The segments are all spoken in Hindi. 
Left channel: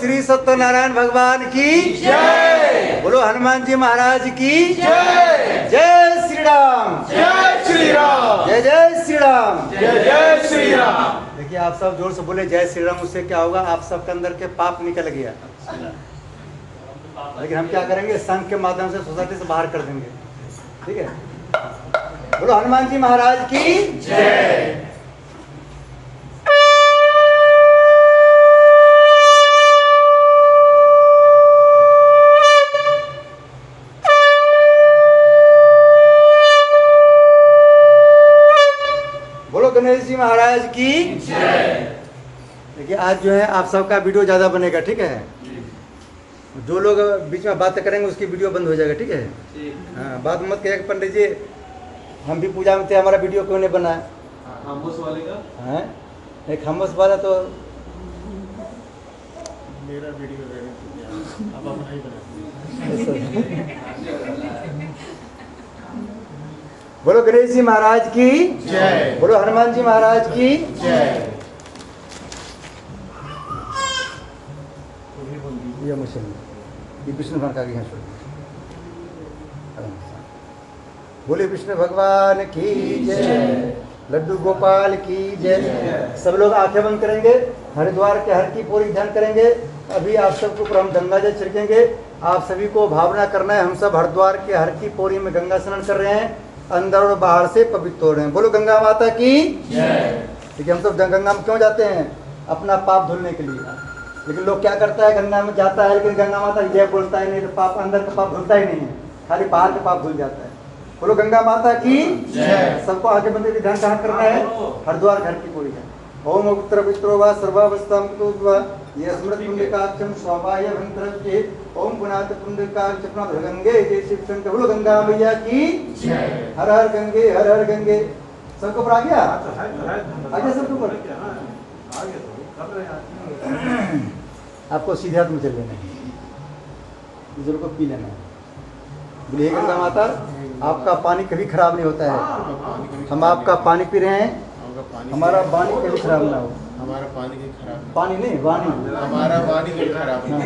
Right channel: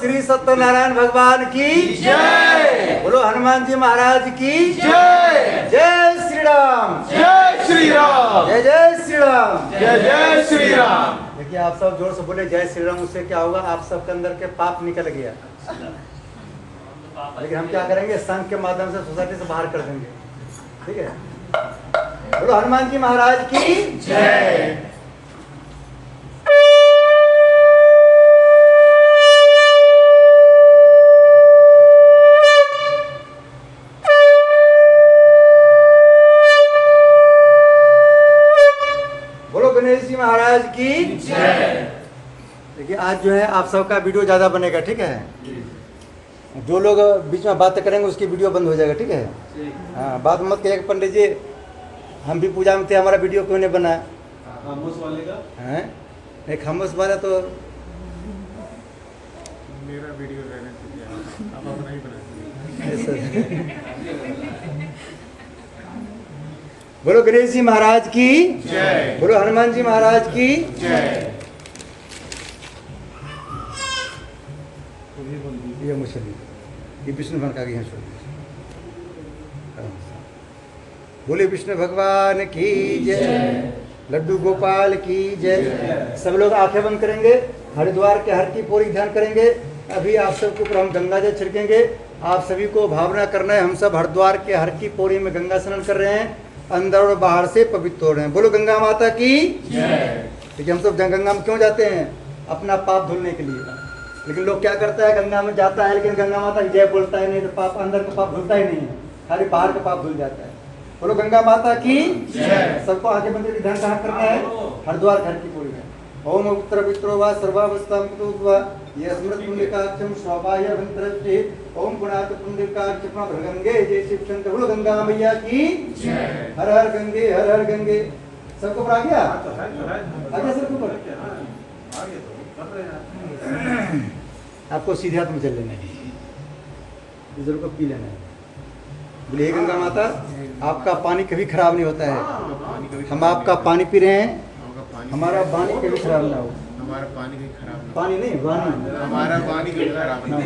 श्री सत्यनारायण भगवान की जय। बोलो हनुमान जी महाराज की जय। जय श्री राम। जय श्री राम। जय जय श्री राम। जय जय श्री राम। देखिए आप सब जोर से बोले जय श्री राम। उससे क्या होगा, आप सबके अंदर के पाप निकल गया। लेकिन हम क्या करेंगे, संघ के माध्यम से सोसाइटी से बाहर कर देंगे। ठीक है, बोलो हनुमान जी महाराज की जय। बोलो गणेश जी महाराज की जय। देखिए आज जो है आप सबका वीडियो ज्यादा बनेगा। ठीक है, जो लोग बीच में बात करेंगे उसकी वीडियो बंद हो जाएगा। ठीक है, हाँ बात मत करिएगा पंडित जी, हम भी पूजा में थे, हमारा वीडियो क्यों नहीं बना? खामोश वाले का हैं नहीं, खामोश वाला तो मेरा वीडियो रहने से क्या, आप अपना ही बना दीजिए। बोलो गणेश जी महाराज की जय। बोलो हनुमान जी महाराज की जय। ये मुझे ये विष्णु भगवान का आगे यहाँ छोड़िए। बोले विष्णु भगवान की जय। लड्डू गोपाल की जय। सब लोग आंखें बंद करेंगे, हरिद्वार के हर की पूरी ध्यान करेंगे। अभी आप सबके ऊपर हम गंगा जल छिड़केंगे। आप सभी को भावना करना है, हम सब हरिद्वार के हर की पूरी में गंगा स्नान कर रहे हैं, अंदर और बाहर से पवित्र हो रहे हैं। बोलो गंगा माता की जय। ठीक है, हम सब गंगा में क्यों जाते हैं? अपना पाप धुलने के लिए। लेकिन लोग क्या करता है, गंगा में जाता है लेकिन गंगा माता की जय बोलता है नहीं, तो पाप अंदर का पाप धुलता ही नहीं है, खाली बाहर का पाप धुल जाता है। बोलो गंगा माता की जय। सबको आगे बंदे की ध्यान कहाँ करना है? हरिद्वार घर की पूरी है। ओम उत्तर पित्रो वा सर्वावस्थाम कुतुवा ये स्मृत पुंडकाक्षम स्वाभाय भंतरते ओम पुनात पुंडकाक्ष पुनर्गंगे जय शिव शंकर। बोलो गंगा मैया की जय। हर हर गंगे हर हर गंगे। सबको ऊपर आ गया? आगे सबको ऊपर। आपको सीधे हाथ में चल लेना है, दूसरों को पी लेना है। बोले हे गंगा माता, आपका पानी कभी खराब नहीं होता है। हम आपका पानी पी रहे हैं, हमारा पानी कभी खराब ना हो। हमारा पानी कहीं खराब ना पानी नहीं, वाणी। हमारा पानी कहीं खराब ना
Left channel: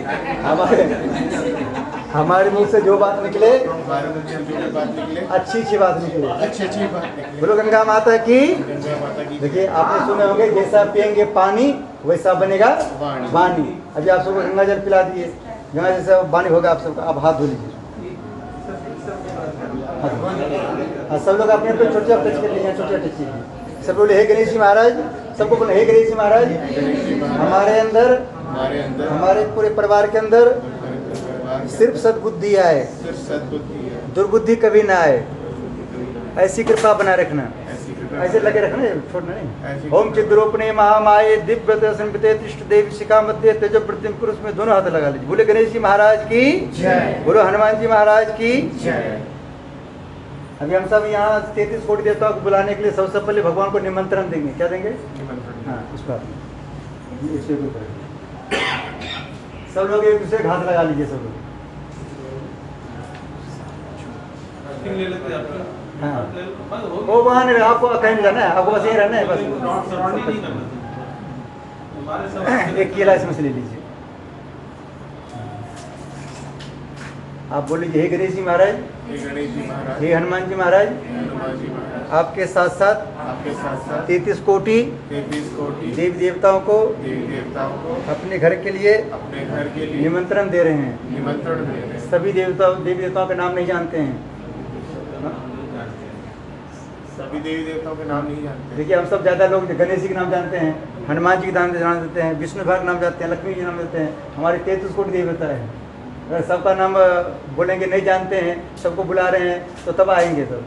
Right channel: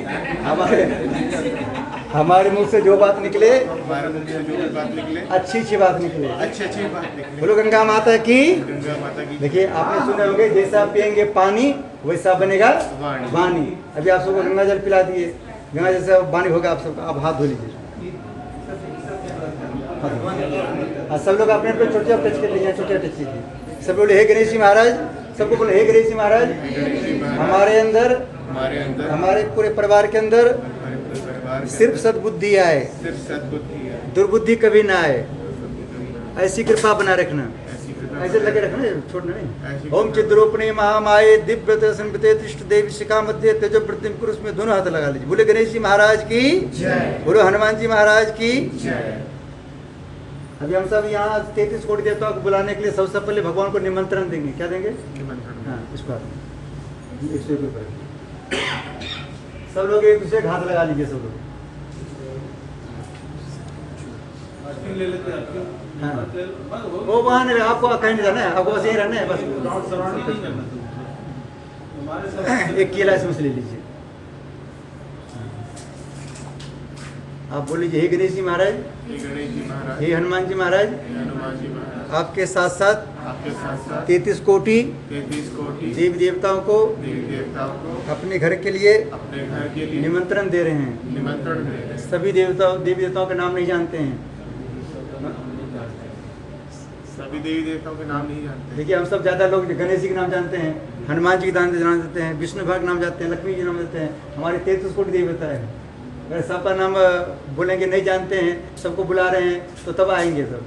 हमारे मुंह से जो बात निकले, हमारे मुख से जो भी बात निकले अच्छी अच्छी बात निकले। अच्छी बात निकले। बोलो गंगा माता की। गंगा माता की। देखिए आपने सुने होंगे, जैसा पियेंगे पानी वैसा बनेगा वाणी। अभी आप सबको गंगा जल पिला दिए, गंगा जैसा वाणी होगा आप सबका। आप हाथ धो लीजिए। सब लोग अपने अपने छोटे टच कर लीजिए, छोटे टच कीजिए। सब बोले हे गणेश जी महाराज। सबको बोले हे गणेश जी महाराज। हमारे अंदर हमारे पूरे परिवार के अंदर सिर्फ सद्बुद्धि आए, सिर्फ सद्बुद्धि है, दुर्बुद्धि कभी ना आए, ऐसी कृपा बना रखना। ऐसे लगे रखना, छोड़ना नहीं। ओम चिद्रोपणे महामाये दिव्य संपते तिष्ठ देवी शिखा मध्य तेजो प्रतिम पुरुष में दोनों हाथ लगा लीजिए। बोले गणेश जी महाराज की जय। बोलो हनुमान जी महाराज की जय। अभी हम सब यहाँ 33 कोटि देवताओं को बुलाने के लिए सबसे पहले भगवान को निमंत्रण देंगे। क्या देंगे? हाँ, इस बात में इस सब लोग एक दूसरे हाथ लगा लीजिए। सब लोग हाँ, वो वहाँ नहीं, आपको कहीं नहीं जाना है, आपको बस यही रहना है बस। एक केला इसमें से ले लीजिए। आप बोल लीजिए हे गणेश जी महाराज, हे हनुमान जी महाराज, आपके साथ साथ 33 कोटि देवी देवताओं को अपने घर के लिए निमंत्रण दे रहे हैं। सभी देवी देवताओं का नाम नहीं जानते हैं। सभी देवी देवताओं के नाम नहीं जानते। देखिए हम सब ज्यादा लोग गणेश जी के नाम जानते हैं, हनुमान जी के नाम जानते हैं, विष्णु भगवान के नाम जानते हैं, लक्ष्मी जी के नाम जानते हैं। हमारे 33 कोटि देवी देवता है। अगर सबका नाम बोलेंगे नहीं जानते हैं, सबको बुला रहे हैं तो तब आएंगे सब।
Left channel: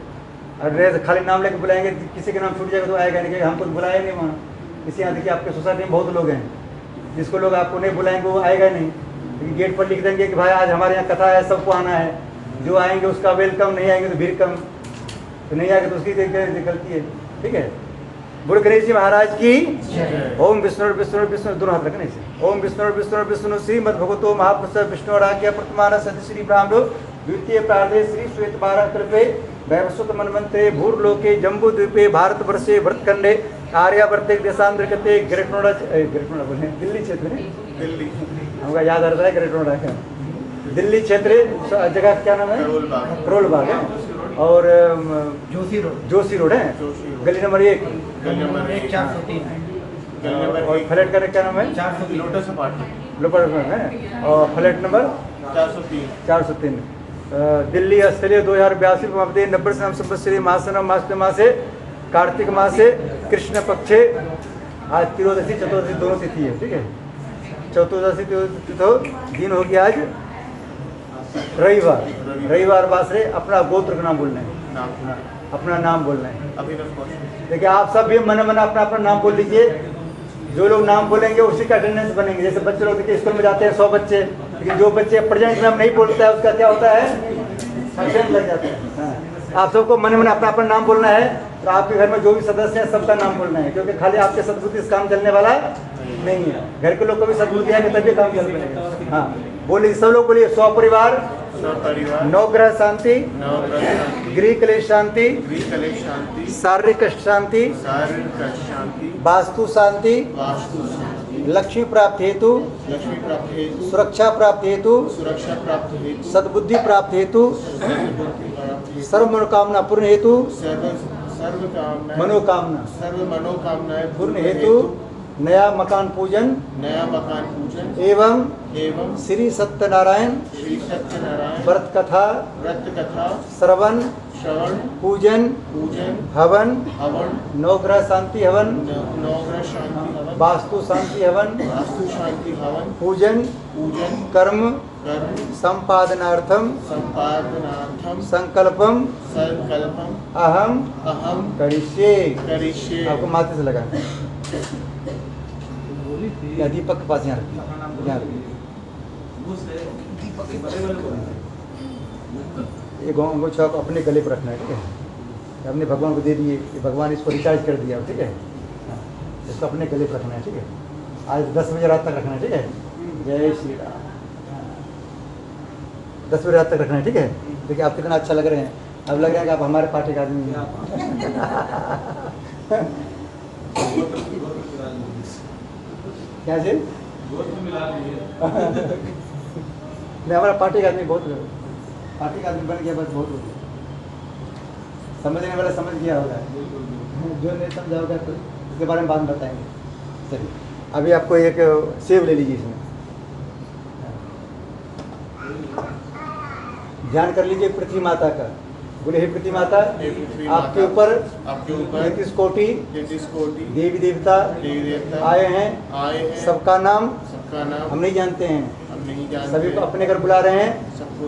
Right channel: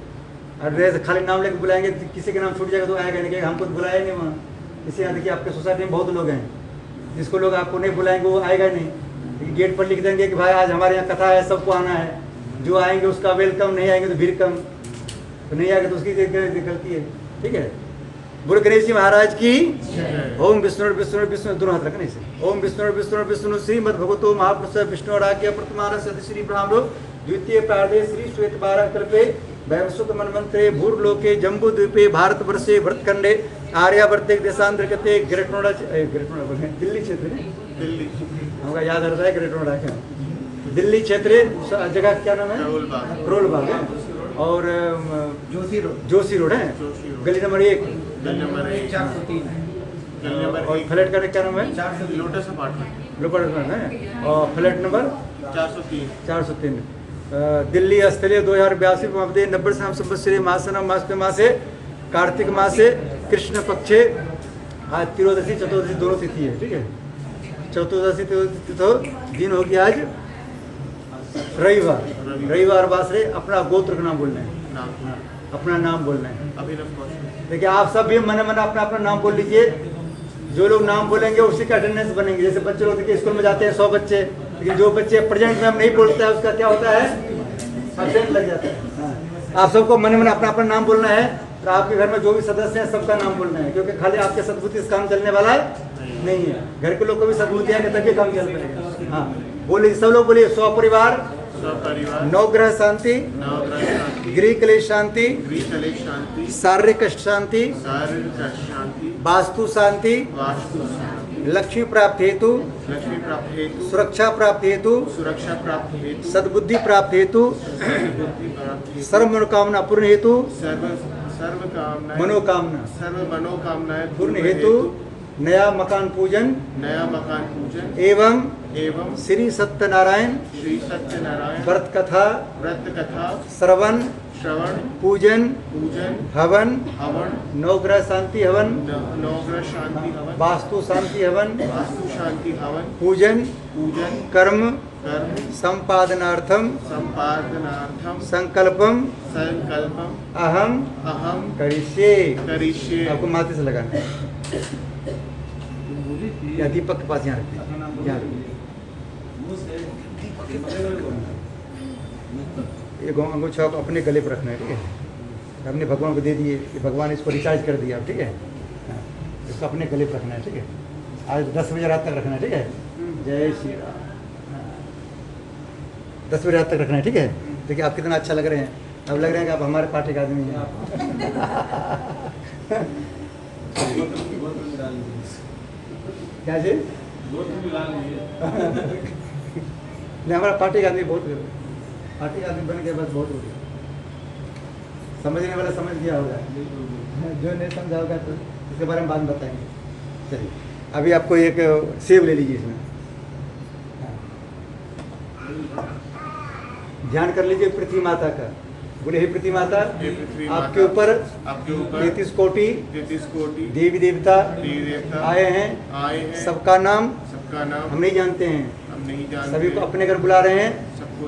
और खाली नाम लेकर बुलाएंगे, किसी का नाम छूट जाएगा तो आएगा नहीं, हमको तो बुलाया नहीं वहाँ। इसी यहाँ देखिए आपके सोसाइटी में बहुत लोग हैं, जिसको लोग आपको नहीं बुलाएंगे वो आएगा नहीं। लेकिन गेट पर लिख देंगे कि भाई आज हमारे यहाँ कथा है, सबको आना है। जो आएंगे उसका वेलकम, नहीं आएंगे तो भीड़ कम, तो नहीं आएगा तो उसकी गलती है। ठीक है, बोलो गणेश जी महाराज की ओम विष्णु विष्णु विष्णु दोनों हाथ रखने से। ओम विष्णु विष्णु विष्णु श्रीमद भगवतो महापुरुष विष्णु आज्ञा प्रतमान सति श्री ब्राह्मणो द्वितीय प्रार्थे श्री श्वेत 12 कृपे वैवस्वत मनमंत्रे भूर्लोके जम्बू द्वीपे भारत वर्षे भरतखंडे आर्यावर्ते देशांतर्गते ग्रेट नोएडा बोले दिल्ली क्षेत्र में दिल्ली हमका याद रहता है ग्रेट नोएडा का। दिल्ली क्षेत्र जगह क्या नाम है? करोल बाग। करोल बाग है। और जोशी रोड। जोशी रोड है, जोशी रोड। गली नंबर 1। गली नंबर 1 403 है। और फ्लैट का क्या नाम है? 403 लोटस अपार्टमेंट लोपर है। और फ्लैट नंबर 403 403। दिल्ली स्थलीय 2082 मध्य 90 नाम संवत्सरे मासनम मासे कार्तिक मासे कृष्ण पक्षे। आज त्रयोदशी चतुर्दशी दोनों तिथि है, ठीक है। चतुर्दशी तिथि तो दिन होगी आज रविवार बासरे अपना गोत्र का नाम बोलना है, नाम अपना नाम बोलना है। अभिनव कौशल। देखिए आप सब भी मन मन अपना अपना नाम बोल लीजिए। जो लोग नाम बोलेंगे उसी का अटेंडेंस बनेंगे। जैसे बच्चे लोग देखिए स्कूल में जाते हैं 100 बच्चे, लेकिन जो बच्चे प्रेजेंट में हम नहीं बोलता है उसका क्या होता है? एब्सेंट लग जाता है। हाँ। आप सबको मन मन अपना अपना नाम बोलना है। तो आपके घर में जो भी सदस्य हैं सबका नाम बोलना है, क्योंकि खाली आपके सद्बुद्धि से काम चलने वाला नहीं है। घर के लोग को भी सद्बुद्धि आएंगे तभी काम चल पाएगा। हाँ बोलिए, सब लोग बोलिए। स्वपरिवार स्वपरिवार नवग्रह शांति, नवग्रह गृह क्लेश शांति, कलेश शांति शारीरिक शांति, शारीरिक शांति वास्तु शांति, वास्तु शांति लक्ष्मी प्राप्ति हेतु, लक्ष्मी प्राप्ति हेतु सुरक्षा प्राप्ति हेतु, सुरक्षा प्राप्ति हेतु सद्बुद्धि प्राप्ति हेतु, सर्वबुद्धि प्राप्ति हेतु सर्व मनोकामना पूर्ण हेतु, सर्व कामनाएं सर्व मनोकामनाएं पूर्ण हेतु, नया मकान पूजन नया मकान पूजन एवं एवं श्री सत्यनारायण श्री सत्यनारायण व्रत कथा व्रत कथा श्रवण पूजन पूजन हवन हवन नवग्रह शांति हवन नवग्रह शांति हवन वास्तु शांति हवन वास्तु शांति हवन पूजन कर्म संपादनार्थम संकल्पम अहम करिष्ये। आपको माथे से लगाना है। या दीपक के पास यहाँ रखिए, यहाँ रखिए। ये अंगूठा आप अपने गले पर रखना है, ठीक है। हमने भगवान को दे दिए, ये भगवान इसको रिचार्ज कर दिया, ठीक है। हाँ, इसको अपने गले पर रखना है, ठीक है। आज 10 बजे रात तक रखना है, ठीक है। जय श्री राम। 10 बजे रात तक रखना है, ठीक है। देखिए आप कितना अच्छा लग रहे हैं। अब लग रहे हैं कि आप हमारे पार्टी का आदमी हैं। क्या जी? नहीं, हमारा पार्टी का आदमी बहुत, पार्टी का आदमी बन गया बस बहुत हो गया। समझने वाला समझ गया होगा, जो नहीं समझा होगा तो इसके बारे में बाद में बताएंगे। चलिए अभी आपको एक सेब ले लीजिए, इसमें ध्यान कर लीजिए पृथ्वी माता का। बोले हे पृथ्वी माता, आपके ऊपर 33 कोटि देवी देवता आए हैं। सबका नाम हम नहीं जानते हैं, सभी को अपने घर बुला रहे हैं।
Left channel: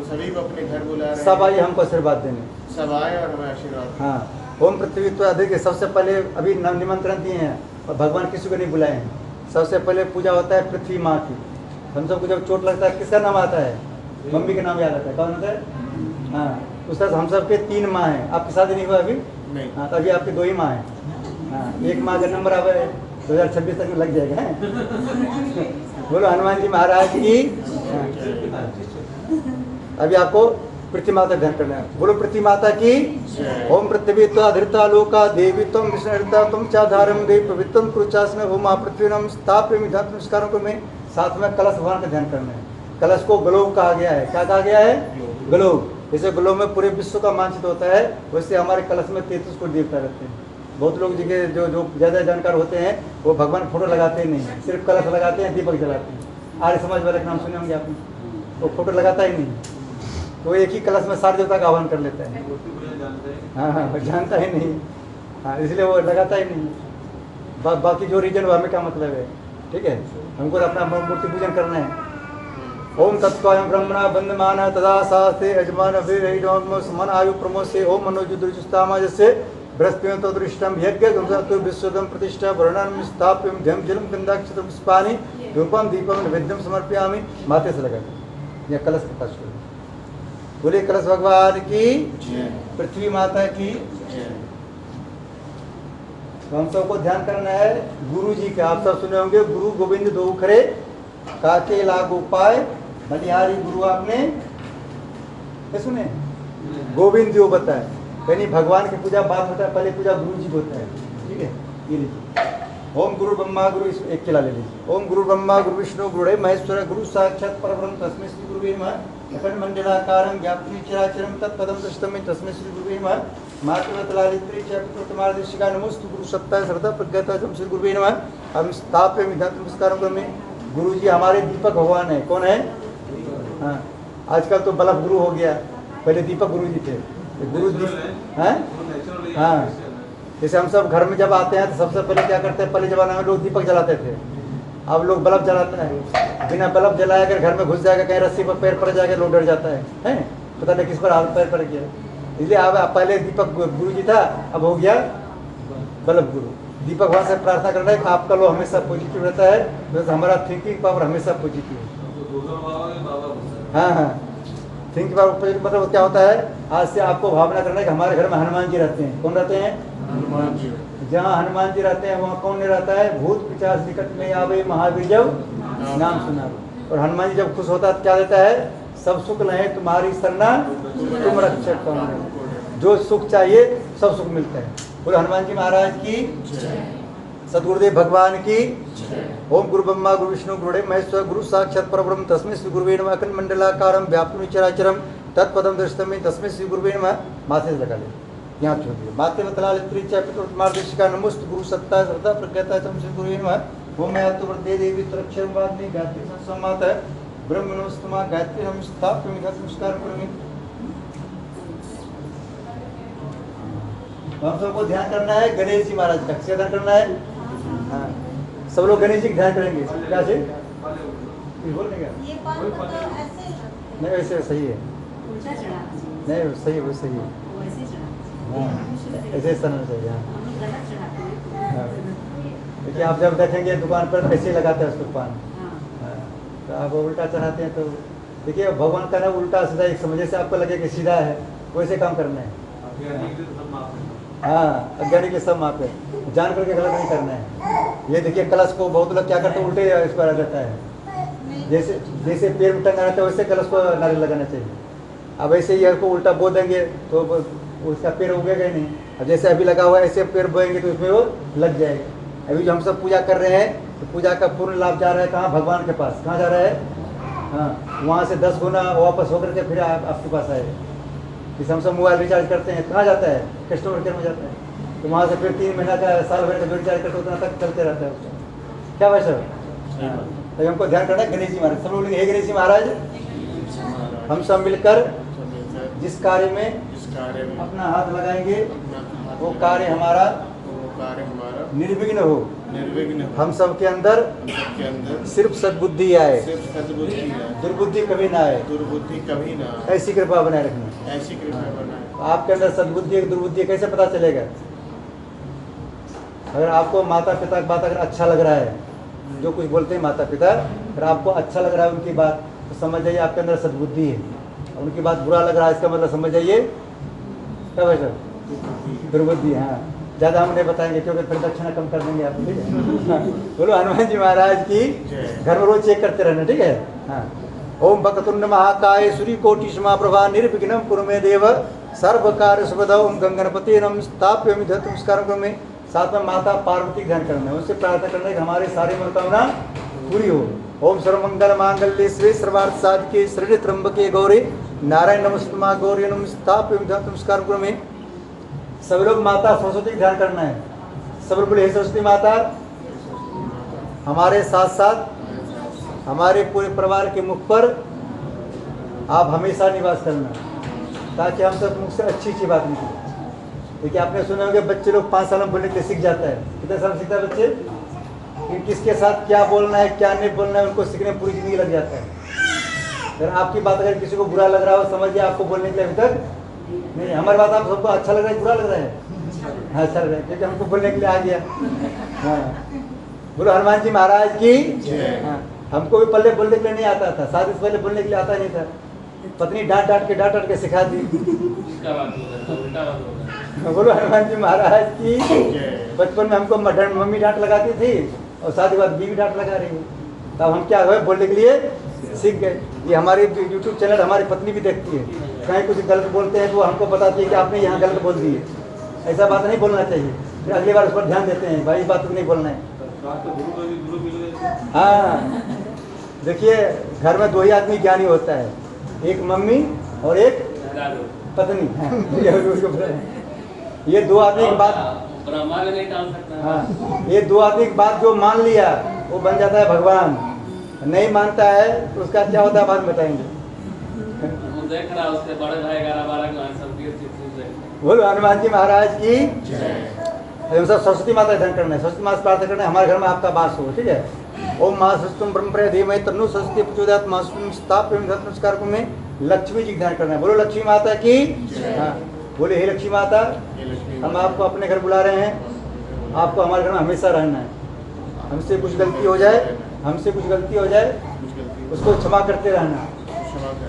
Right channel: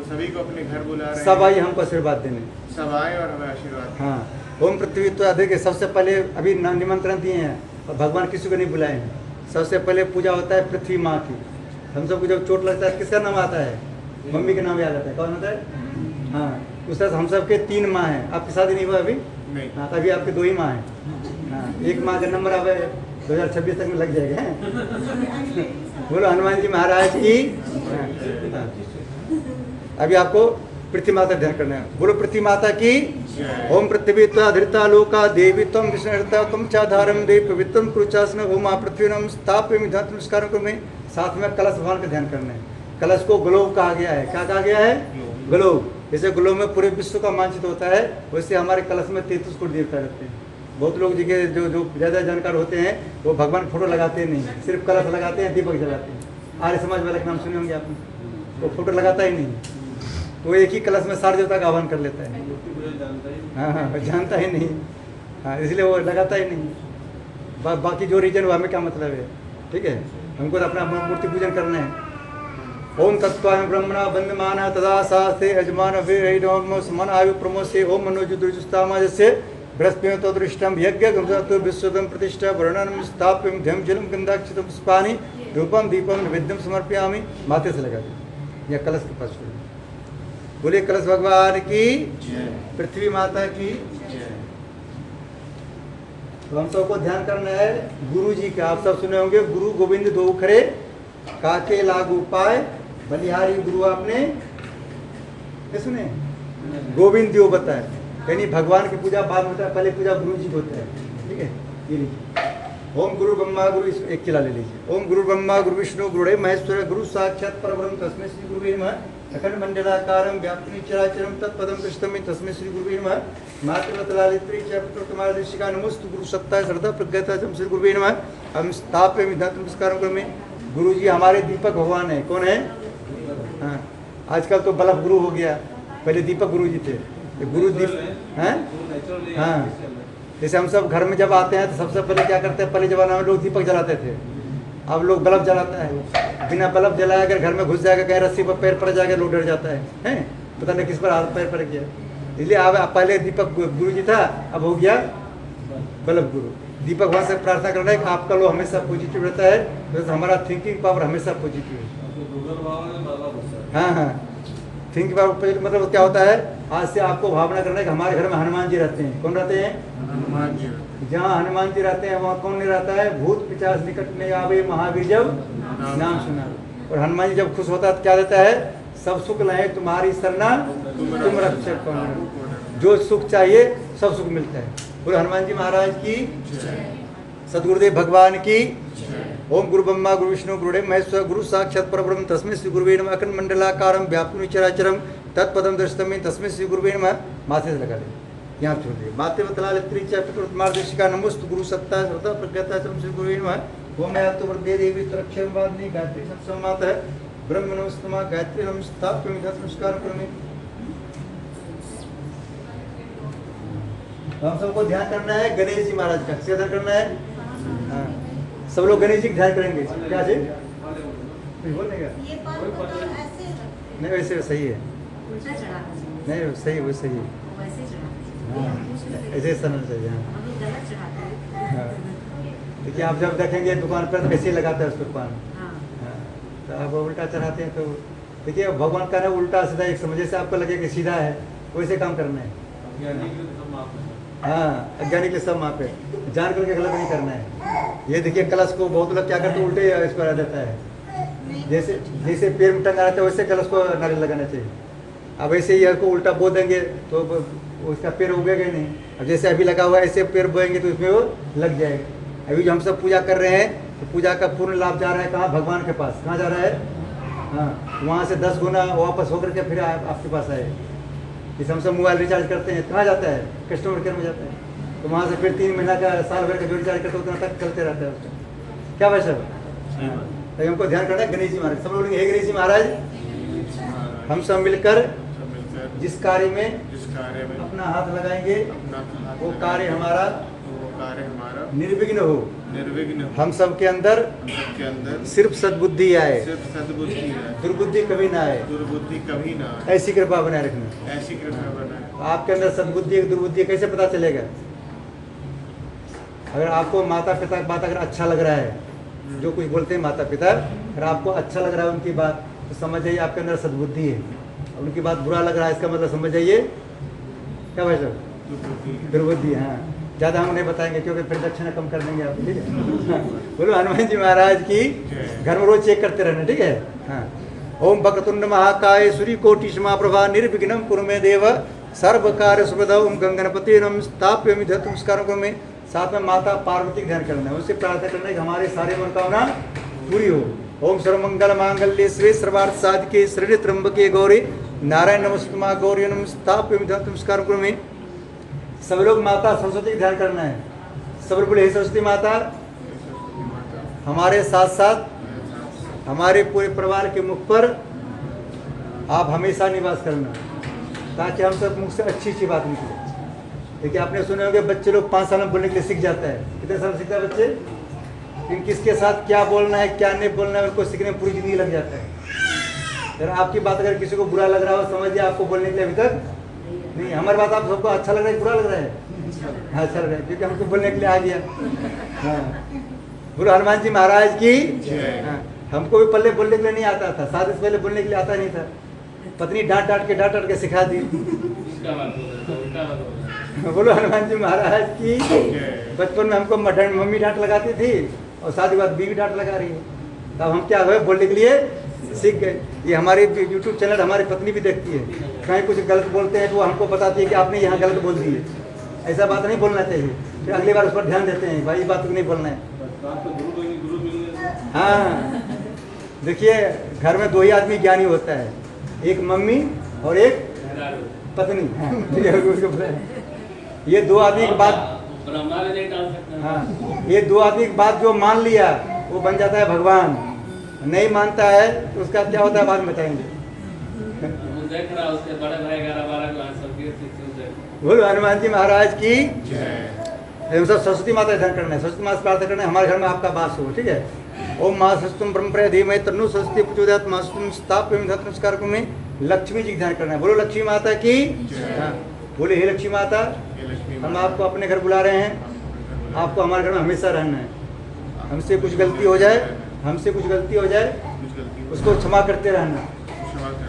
सभी को अपने घर बुला रहे हैं। सब आइए हमको आशीर्वाद देने। सब आए और हमें आशीर्वाद। हाँ, ओम पृथ्वी तो देखिए सबसे पहले अभी निमंत्रण दिए हैं और भगवान किसी को नहीं बुलाए हैं। सबसे पहले पूजा होता है पृथ्वी माँ की। हम सबको जब चोट लगता है किसका नाम आता है? मम्मी का नाम याद आता है। कौन आता है? हाँ, उस तरह हम सबके 3 माँ हैं। आपकी शादी नहीं हुआ अभी? नहीं। हाँ, तभी आपके 2 ही माँ हैं। हाँ, एक माँ का नंबर अब 2026 तक में लग जाएगा। बोलो हनुमान जी महाराज की। अभी आपको पृथ्वी माता ध्यान करना है। बोलो पृथ्वी माता की। ओम पृथ्वी धृता लोका देवी तम विष्णुता तुम चाधारम देव पवित्रम कुरुचासन ओम पृथ्वी नम स्थाप्य नमस्कारों को में। साथ में कलश भगवान का ध्यान करना है। कलश को ग्लोब कहा गया है। क्या कहा गया है? ग्लोब। जैसे ग्लोब में पूरे विश्व का मानचित्र होता है, वैसे हमारे कलश में 33 कोटि देवता रहते हैं। बहुत लोग जगह जो ज़्यादा जानकार होते हैं वो भगवान फोटो लगाते नहीं, सिर्फ कलश लगाते हैं, दीपक जलाते हैं। आर्य समाज वाले का नाम सुने होंगे आपने, तो फोटो लगाता ही नहीं। तो एक ही कलश में सारे देवता का आह्वान कर लेता है। हाँ, जानता ही नहीं। हाँ, इसलिए वो लगाता ही नहीं। बाकी जो रीजन वो हमें क्या मतलब है, ठीक है। हमको तो अपना मूर्ति पूजन करना है। ओम तत्वायं ब्रह्मणा बंधमान तदा सास्ते यजमान वीर आयु प्रमोसे ओम मनोजुदुष्टामजस्य बृहस्पति तो दृष्टम यज्ञ गंधतो विश्वदम प्रतिष्ठा वर्णनम स्थाप्यम ध्यम जलम गंधाक्षित पुष्पानि धूपम दीपम नैवेद्यम समर्पयामि। माथे से लगा या कलश के पास बोले कलश भगवान की, पृथ्वी माता की। तो हम सबको ध्यान करना है गुरु जी का। आप सब सुने होंगे गुरु गोविंद दो खरे काके लागू पाए बलिहारी गुरु। आपने सुने? गोविंद जी होता है, यानी भगवान की पूजा बाद में होता है, पहले पूजा गुरु जी को होता है, ठीक है। ये लिखिए ओम गुरु ब्रह्मा गुरु एक चिल्ला ले लीजिए। ओम गुरु ब्रह्मा गुरु विष्णु गुरुदेव महेश्वर गुरु साक्षात परब्रह्म तस्मै श्री गुरुवे नमः। अखंड मंडलाकारं व्याप्तं चराचरं तत्पदं दृष्टं तस्मै श्री गुरुवे नमः। मातृवत्सलालित्री च पितृतमादर्शिका नमोस्तु गुरु सत्ता श्रद्धा प्रज्ञता श्री गुरुवे नमः। हम स्थाप्य नमस्कार करोमि। गुरु जी हमारे दीपक भगवान है। कौन है? हाँ, आजकल तो बल्ब गुरु हो गया, पहले दीपक गुरु जी थे। ये गुरु दीप हैं। हाँ, जैसे हम सब घर में जब आते हैं तो सबसे पहले क्या करते हैं, पहले जमाने में लोग दीपक जलाते थे, अब लोग बल्ब जलाते हैं। बिना बल्ब जलाए अगर घर में घुस जाएगा, कहीं रस्सी पर पैर पड़ जाएगा, लोग डर जाता है, पता नहीं किस पर हाथ पैर पड़ गया। इसलिए अब पहले दीपक गुरु जी था, अब हो गया बल्ब गुरु। दीपक भगवान से प्रार्थना करना है कि आपका लो हमेशा पॉजिटिव रहता है, तो हमारा थिंकिंग पावर हमेशा पॉजिटिव है। हाँ हाँ, थिंकिंग पावर मतलब क्या होता है, आज से आपको भावना करना है कि हमारे घर में हनुमान जी रहते हैं। कौन रहते हैं? हनुमान जी। जहाँ हनुमान जी रहते हैं वहाँ कौन नहीं रहता है? भूत पिशाच निकट में आवे महावीर जब नाम सुना। और हनुमान जी जब खुश होता है तो क्या देता है? सब सुख लहे तुम्हारी सरना तुम रक्षक कौन। जो सुख चाहिए सब सुख मिलता है। बोलो हनुमान जी महाराज की, सदगुरुदेव भगवान की। ओम गुरु ब्रह्मा गुरु विष्णु गुरुदेव महेश्वर गुरु साक्षात परब्रह्म तस्मै श्री गुरुवे नमः। अखंड मंडलाकारं व्याप्तं चराचरं तत्पदं दृष्टं तस्मै श्री गुरुवे नमः। माथे से लगा ले, यहाँ छोड़ दिए। माते वतलालित्री च पितृतमादर्शिका नमोस्तु गुरु सत्ता श्रद्धा प्रज्ञता श्री गुरुवे नमः। ओम यातु वृद्धे देवी तरक्षं वादनी गायत्री संसमात ब्रह्म नमस्तमा गायत्री नमस्ताप्यं नमस्कार करोमि। हम सबको ध्यान करना है गणेश जी महाराज का। किसका ध्यान करना है? हाँ, सब लोग गणेश जी का ध्यान करेंगे। क्या से कुछ बोलने का नहीं, वैसे सही है, नहीं सही वो सही है। हाँ, ऐसे चलना चाहिए। हाँ, देखिए आप जब देखेंगे दुकान पर ऐसे लगाते हैं उसको पान, तो आप उल्टा चढ़ाते हैं। तो देखिए भगवान का ना उल्टा सीधा एक समझे से आपको लगे कि सीधा है, वैसे काम करना है। हाँ, अज्ञानी के सब मापे, जान करके गलत नहीं करना है। ये देखिए कलश को बहुत लोग क्या करते हैं, उल्टे इस पर आ जाता है। जैसे जैसे पैर में टंगा रहता है वैसे कलश को नारियल लगाना चाहिए। अब ऐसे ही को उल्टा बो देंगे तो उसका पैर उगेगा ही नहीं। अब जैसे अभी लगा हुआ है ऐसे पैर बोएंगे तो इसमें वो लग जाएगा। अभी जो हम सब पूजा कर रहे हैं तो पूजा का पूर्ण लाभ जा रहा है कहाँ? भगवान के पास। कहाँ जा रहा है? हाँ, वहाँ से 10 गुना वापस होकर के फिर आपके पास आए। जैसे हम सब मोबाइल रिचार्ज करते हैं, कहाँ जाता है? कस्टमर केयर में जाता है। तो वहाँ से फिर 3 महीना का साल भर का रिचार्ज करते उतना तक चलते रहता है उसका। क्या भाई सर? तो हमको ध्यान करना है गणेश जी महाराज। सब लोग हे गणेश जी महाराज, हम सब मिलकर जिस कार्य में अपना हाथ लगाएंगे वो कार्य हमारा निर्विघ्न हो। हम सब के अंदर सिर्फ सद्बुद्धि आए, दुर्बुद्धि कभी ना आए। ऐसी कृपा बनाए रखना। आपके अंदर सद्बुद्धि दुर्बुद्धि कैसे पता चलेगा? अगर आपको माता पिता की बात अगर अच्छा लग रहा है, जो कुछ बोलते हैं माता पिता, अगर आपको अच्छा लग रहा है उनकी बात, तो समझ जाइए आपके अंदर सद्बुद्धि है। उनकी बात बुरा लग रहा है, इसका मतलब समझ जाइए क्या भाई सर? दुर्बुद्धि। हाँ, ज़्यादा हम नहीं बताएंगे क्योंकि फिर दक्षिणा कम कर देंगे आप। ठीक है, बोलो हनुमान जी महाराज की। घर में रोज चेक करते रहना, ठीक है। हाँ, ओम वक्रतुंड महाकाय सूर्यकोटि समाप्रभा निर्विघ्नं कुरु मे देव सर्व कार्य सुभदा। ओम गंगणपति नमस्ताप्यामि नमस्कार करोमि। साथ में माता पार्वती का ध्यान करना है, उनसे प्रार्थना करना है कि हमारी सारी मनोकामना पूरी हो। ओम सर्वमंगल मांगल्ये शिवे सर्वार्थ साधिके शरण्ये त्र्यंबके गौरी नारायण नमस्तुमा गौरी नमस्ताप्यामि नमस्कार करोमि। सब लोग माता सरस्वती का ध्यान करना है। सब लोग बोले हे सरस्वती माता, हमारे साथ साथ हमारे पूरे परिवार के मुख पर आप हमेशा निवास करना, ताकि हम सब मुख से अच्छी अच्छी बात निकले। देखिए आपने सुने होंगे बच्चे लोग 5 साल में बोलने के लिए सीख जाता है। कितने साल सीखता है बच्चे? किसके साथ क्या बोलना है क्या नहीं बोलना है उनको सीखने पूरी जिंदगी लग जाता है। अगर आपकी बात अगर किसी को बुरा लग रहा हो, समझिए आपको बोलने के लिए अभी तक नहीं। हमारी बात आप सबको अच्छा लग रहा है बुरा लग रहा है? हाँ, अच्छा लग रहा है क्योंकि हमको बोलने के लिए आ गया। हाँ, बोलो हनुमान जी महाराज की। हाँ, हमको भी पहले बोलने के लिए नहीं आता था, शादी से पहले बोलने के लिए आता नहीं था। पत्नी डांट डांट के सिखा दी। बोलो हनुमान जी महाराज की। बचपन में हमको मम्मी डांट लगाती थी और शादी के बाद बीवी डांट लगा रही है। तब हम क्या हुए, बोलने के लिए सीख गए। ये हमारी यूट्यूब चैनल हमारी पत्नी भी देखती है, कहीं कुछ गलत बोलते हैं तो हमको बताती है कि आपने यहाँ गलत बोल दिए, ऐसा बात नहीं बोलना चाहिए। फिर अगली बार उस पर ध्यान देते हैं, भाई ये बात नहीं बोलना है। बात तो गुरु मिल गए। हाँ, देखिए घर में दो ही आदमी ज्ञानी होता है, एक मम्मी और एक पत्नी। ये दो आदमी की बात, ब्रह्मा ने नहीं टाल सकता। हाँ, ये दो आदमी की बात जो मान लिया वो बन जाता है भगवान, नहीं मानता है तो उसका क्या होता है बाद में बताएंगे। वो देख रहा उसके बड़े भाई 11-12 को सबकी बोलो हनुमान जी महाराज की। हम सब सरस्वती माता का ध्यान करना है, सरस्वती माता प्रार्थना करना है हमारे घर में आपका वास हो, ठीक है। ओम माँ सरस्वती ब्रह्म धीमहि तन्नो सरस्वती प्रचोदयात् मास्तुम स्थापयामि नमस्कार में लक्ष्मी जी का ध्यान करना है। बोलो लक्ष्मी माता की। हाँ, बोले हे लक्ष्मी माता, हम आपको अपने घर बुला रहे हैं, आपको हमारे घर में हमेशा रहना है। हमसे कुछ गलती हो जाए, हमसे कुछ गलती हो जाए उसको क्षमा करते रहना,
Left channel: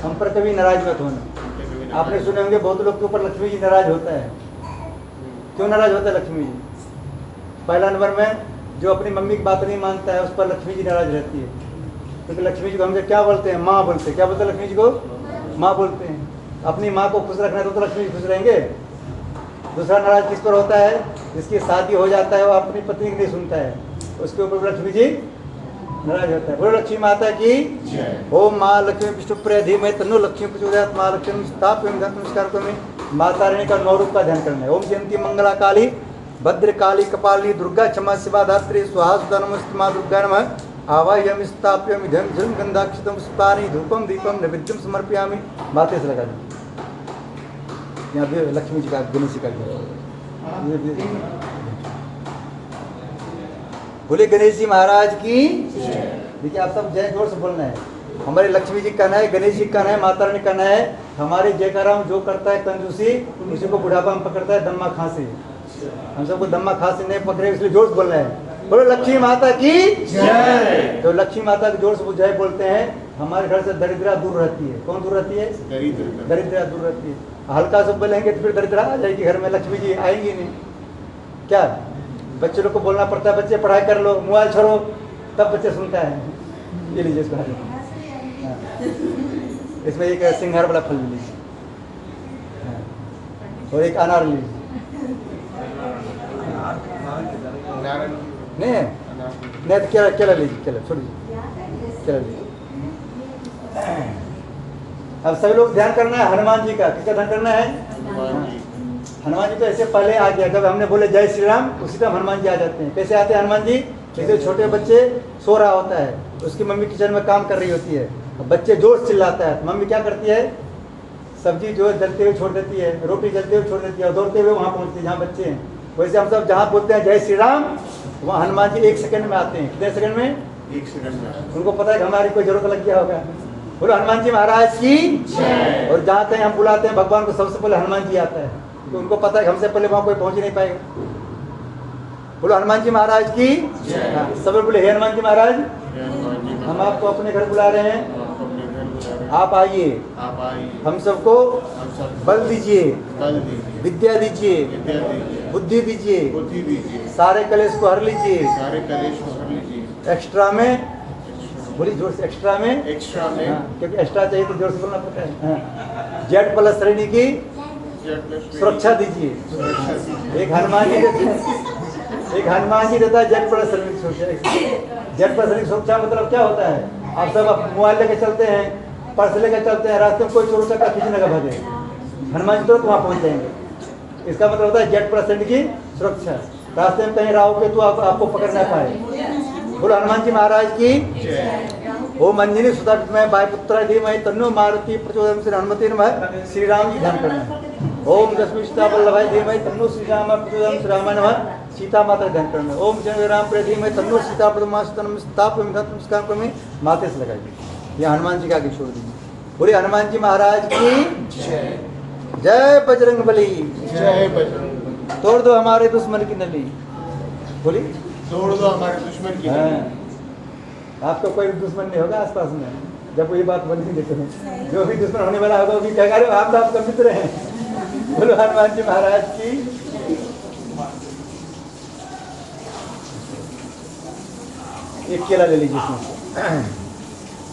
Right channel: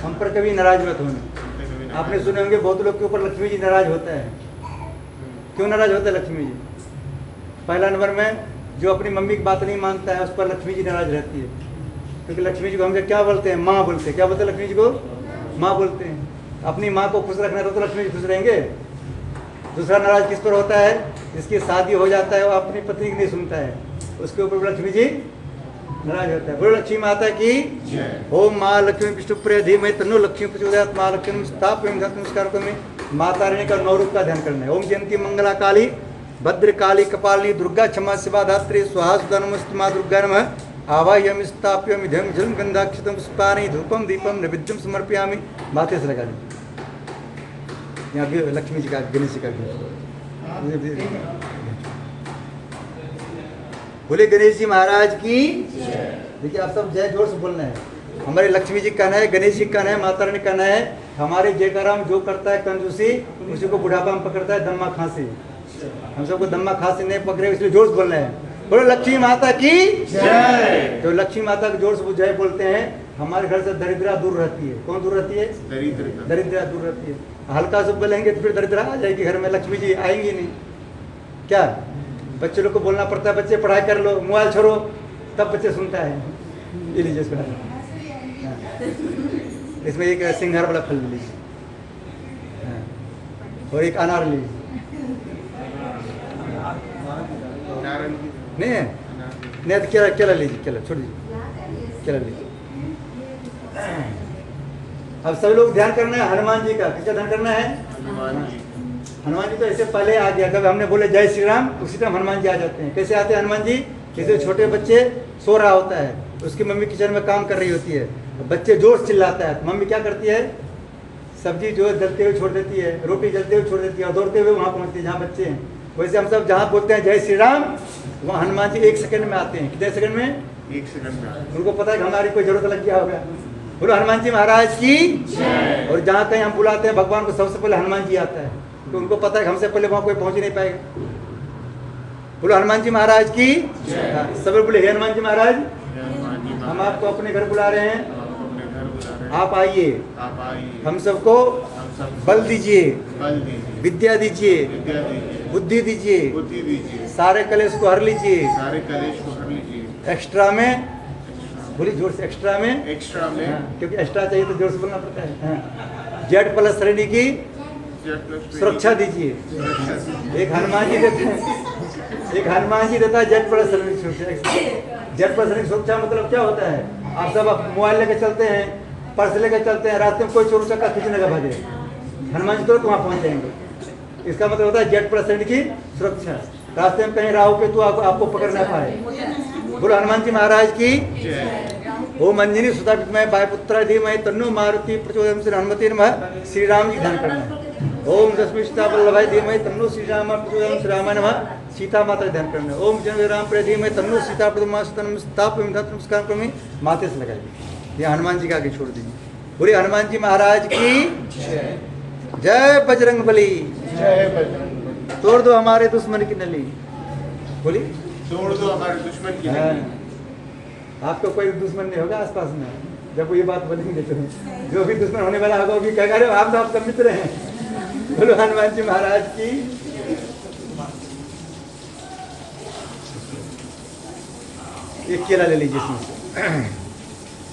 हम पर कभी नाराज मत होना। आपने सुने होंगे बहुत लोग के ऊपर लक्ष्मी जी नाराज होता है। क्यों नाराज होता है लक्ष्मी जी? पहला नंबर में जो अपनी मम्मी की बात नहीं मानता है उस पर लक्ष्मी जी नाराज रहती है, क्योंकि लक्ष्मी जी को हम क्या बोलते हैं? माँ बोलते हैं। क्या बोलते हैं लक्ष्मी जी को? माँ बोलते हैं। अपनी माँ को खुश रखना तो लक्ष्मी जी खुश रहेंगे। दूसरा नाराज किस पर होता है? जिसकी शादी हो जाता है वो अपनी पत्नी की नहीं सुनता है, उसके ऊपर लक्ष्मी जी नाराज होता है। बोलो लक्ष्मी माता की। ओम माँ लक्ष्मी विष्णुप्रिय धीमहि तन्नो लक्ष्मी प्रचोदयात् माँ लक्ष्मी स्थापयामि नमस्कार में माता रानी का 9 रूप का ध्यान करना है। ओम जयंती मंगला काली भद्र काली कपालिनी दुर्गा क्षमा शिवा धात्री स्वाहा सुधा नमस्ते माँ दुर्गा नमः आवाह्यामि स्थापयामि धम झम गंधाक्षतम पुष्पाणि धूपम दीपम नैवेद्यम समर्पयामि। माथे से लगा लीजिए। यहाँ भी लक्ष्मी जी का गणेश जी का बोले गणेश जी महाराज की। देखिए आप सब जय जोर से बोलना है। हमारे लक्ष्मी जी का कहना है, गणेश जी का कहना है, माता रानी का कहना है। हमारे जयकारा जो करता है कंजूसी उसी को बुढ़ापा में पकड़ता है दम्मा खांसी। हम सबको दम्मा खांसी नहीं पकड़े इसलिए जोर से बोलना है। बोलो लक्ष्मी माता की जय। तो लक्ष्मी माता के जोर से जय बोलते हैं। हमारे घर से दरिद्रा दूर रहती है। कौन दूर रहती है? दरिद्रा दूर रहती है। हल्का सब बोलेंगे तो फिर दरिद्रा आ जाएगी घर में, लक्ष्मी जी आएंगी नहीं। क्या बच्चे लोग को बोलना पड़ता है, बच्चे पढ़ाई कर लो, मोबाइल छोड़ो, तब बच्चे सुनता है। ये लीजिए इसको, इसमें एक सिंघार वाला फल लीजिए और एक अनार लीजिए। नहीं है? नहीं तो केला, केला लीजिए, केला छोड़ दीजिए, केला लीजिए। अब सभी लोग ध्यान करना है हनुमान जी का। किसका ध्यान करना है? हनुमान जी तो ऐसे पहले आ गया, कब हमने बोले जय श्री राम उसी टाइम हनुमान जी आ जाते हैं। कैसे आते हैं हनुमान जी? जैसे छोटे बच्चे सो रहा होता है, उसकी मम्मी किचन में काम कर रही होती है, बच्चे जोर से चिल्लाता है, मम्मी क्या करती है? सब्जी जो है जलते हुए छोड़ देती है, रोटी जलते हुए छोड़ देती है और दौड़ते हुए वहाँ पहुँचती है जहाँ बच्चे हैं। वैसे हम सब जहाँ बोलते हैं जय श्री राम, वहाँ हनुमान जी 1 सेकंड में आते हैं। कितने सेकंड में? 1 सेकंड में। उनको पता है कि हमारी कोई जरूरत लग गया होगा। बोलो हनुमान जी महाराज की। और जहाँ कहीं हम बुलाते हैं भगवान को सबसे पहले हनुमान जी आता है, तो उनको पता है कि हमसे पहले वहाँ कोई पहुँच ही नहीं पाएगा। बोलो हनुमान जी महाराज की। सब बोले हे हनुमान जी महाराज, हम आपको अपने घर बुला रहे हैं, आप आइए, हम सबको बल दीजिए, विद्या दीजिए, बुद्धि दीजिए, सारे कलेश को हर लीजिए। एक्स्ट्रा में बोली जोर से, एक्स्ट्रा में क्योंकि एक्स्ट्रा चाहिए तो जोर से बोलना पड़ता है। जेड प्लस श्रेणी की सुरक्षा दीजिए। एक हनुमान जी देता है जेड प्लस श्रेणी सुरक्षा। जेड प्लस श्रेणी सुरक्षा मतलब क्या होता है? आप सब मोबाइल लेकर चलते हैं, पर्स लेकर चलते हैं, रास्ते में कोई चोर चक्का खींचने का भागे, हनुमान जी तुरंत वहाँ पहुँच जाएंगे। इसका मतलब होता है जेड प्लस श्रेणी की सुरक्षा। रास्ते में कहीं राहु के तो आपको पकड़ ना पाए। बोलो हनुमान जी महाराज की। ओम अंजनी सुता विद्महे वायुपुत्राय धीमहि तन्नो मारुति प्रचोदयात् श्री हनुमते नमः। श्री राम जी ध्यान करना है। ओम दशमी सीता वल्लभाय धीमहि तन्नो श्री राम प्रचोदयात् श्री रामाय नमः। सीता माता ध्यान करना है। ओम जय राम प्रिय धीमहि तन्नो सीता प्रचोदयात् स्थापयामि नमस्कार करोमि। माथे से लगाइए। ये हनुमान जी का आगे छोड़ दीजिए। बोले हनुमान जी महाराज की जय। बजरंग बली जय। तोड़ दो हमारे दुश्मन की नली। बोली तोड़ दो हमारे दुश्मन की नली। आपका कोई दुश्मन नहीं होगा आसपास में जब ये बात बोलेंगे तो। जो भी दुश्मन होने वाला होगा वो भी क्या करें, आप तो आपका मित्र हैं। बोलो हनुमान जी महाराज की। एक केला ले लीजिए इसमें।